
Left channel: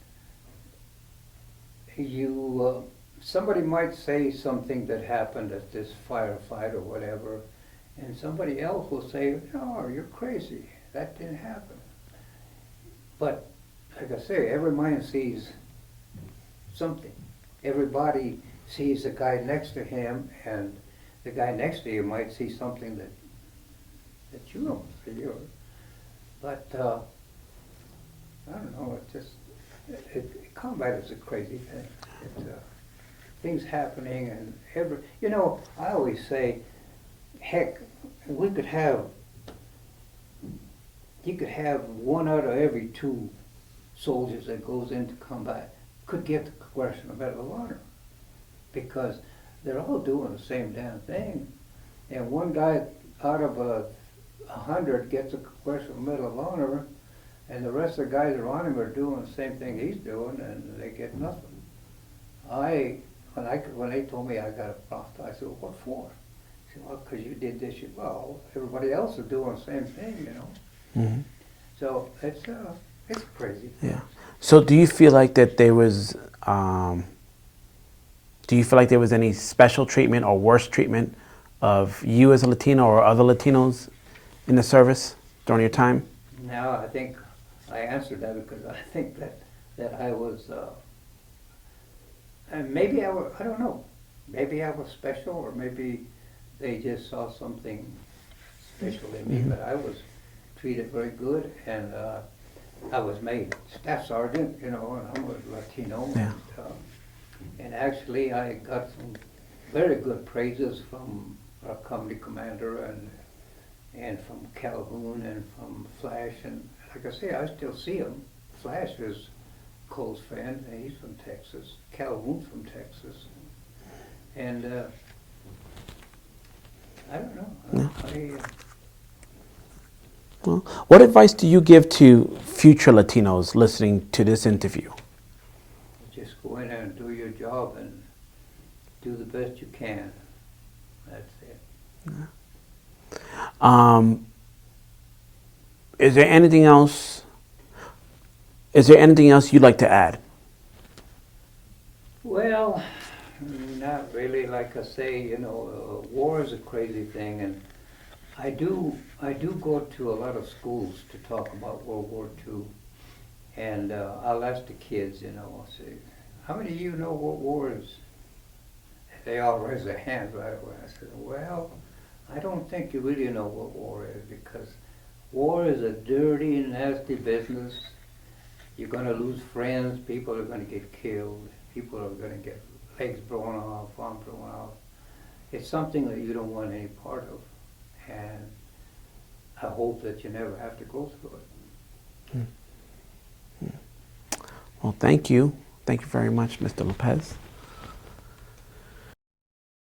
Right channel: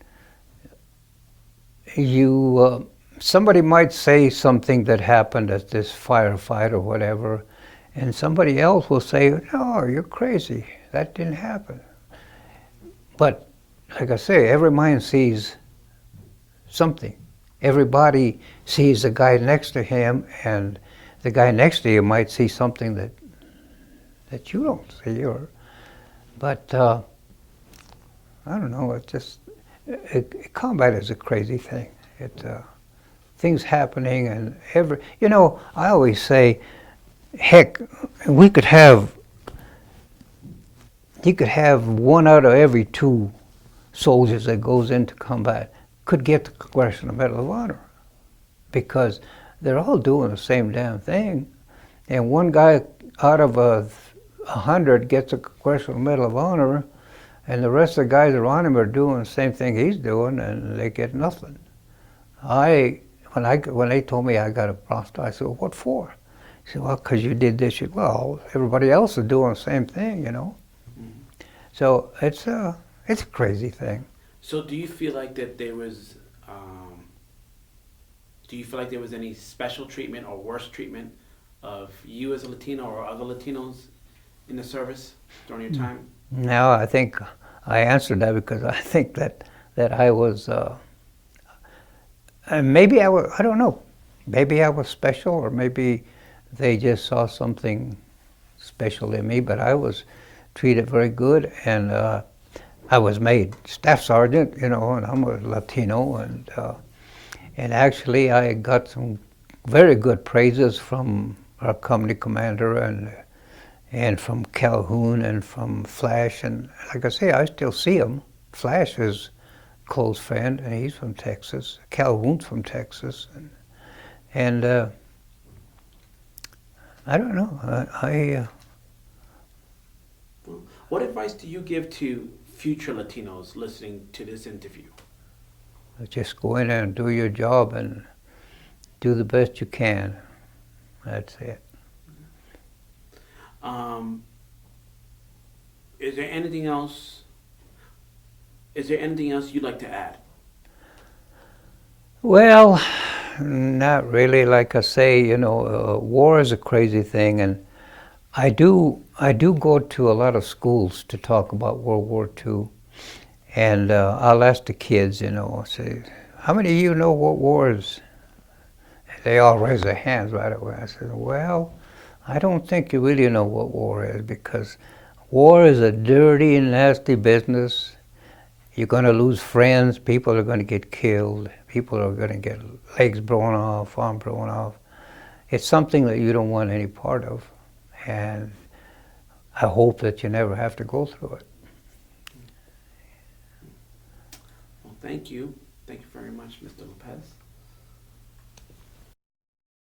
somebody might say something that happened at this firefight or whatever, and somebody else will say, no, you're crazy, that didn't happen. But like I say, every mind sees something. Everybody sees the guy next to him, and the guy next to you might see something that you don't see. But I don't know. It's just combat is a crazy thing. Things happening and I always say, heck, we could have you could have one out of every two soldiers that goes into combat could get the Congressional Medal of Honor because they're all doing the same damn thing, and one guy out of 100 gets a Congressional Medal of Honor, and the rest of the guys around him are doing the same thing he's doing, and they get nothing. When they told me I got a Bronze Star, I said, well, what for? He said, well, because you did this. Well, everybody else is doing the same thing, Mm-hmm. So it's a crazy thing. Yeah. So do you feel like that there was any special treatment or worse treatment of you as a Latino or other Latinos in the service during your time? No, I think I answered that because I think that I was, maybe I don't know, maybe I was special, or maybe they just saw something special in me, Mm-hmm. but I was treated very good, and I was made staff sergeant, and I'm a Latino, Yeah. and actually I got some very good praises from our company commander and from Calhoun and from Flash, and like I say, I still see him. Flash is a close friend, and he's from Texas. Calhoun's from Texas, and I don't know. Well, what advice do you give to future Latinos listening to this interview? Just go in there and do your job and do the best you can. That's it. Is there anything else? Is there anything else you'd like to add? Well, not really. Like I say, war is a crazy thing, and I do go to a lot of schools to talk about World War II, and I'll ask the kids, I'll say, how many of you know what war is? They all raise their hands right away. I said, well, I don't think you really know what war is, because war is a dirty, nasty business. You're going to lose friends. People are going to get killed. People are going to get legs blown off, arms blown off. It's something that you don't want any part of. And I hope that you never have to go through it. Well, thank you. Thank you very much, Mr. Lopez.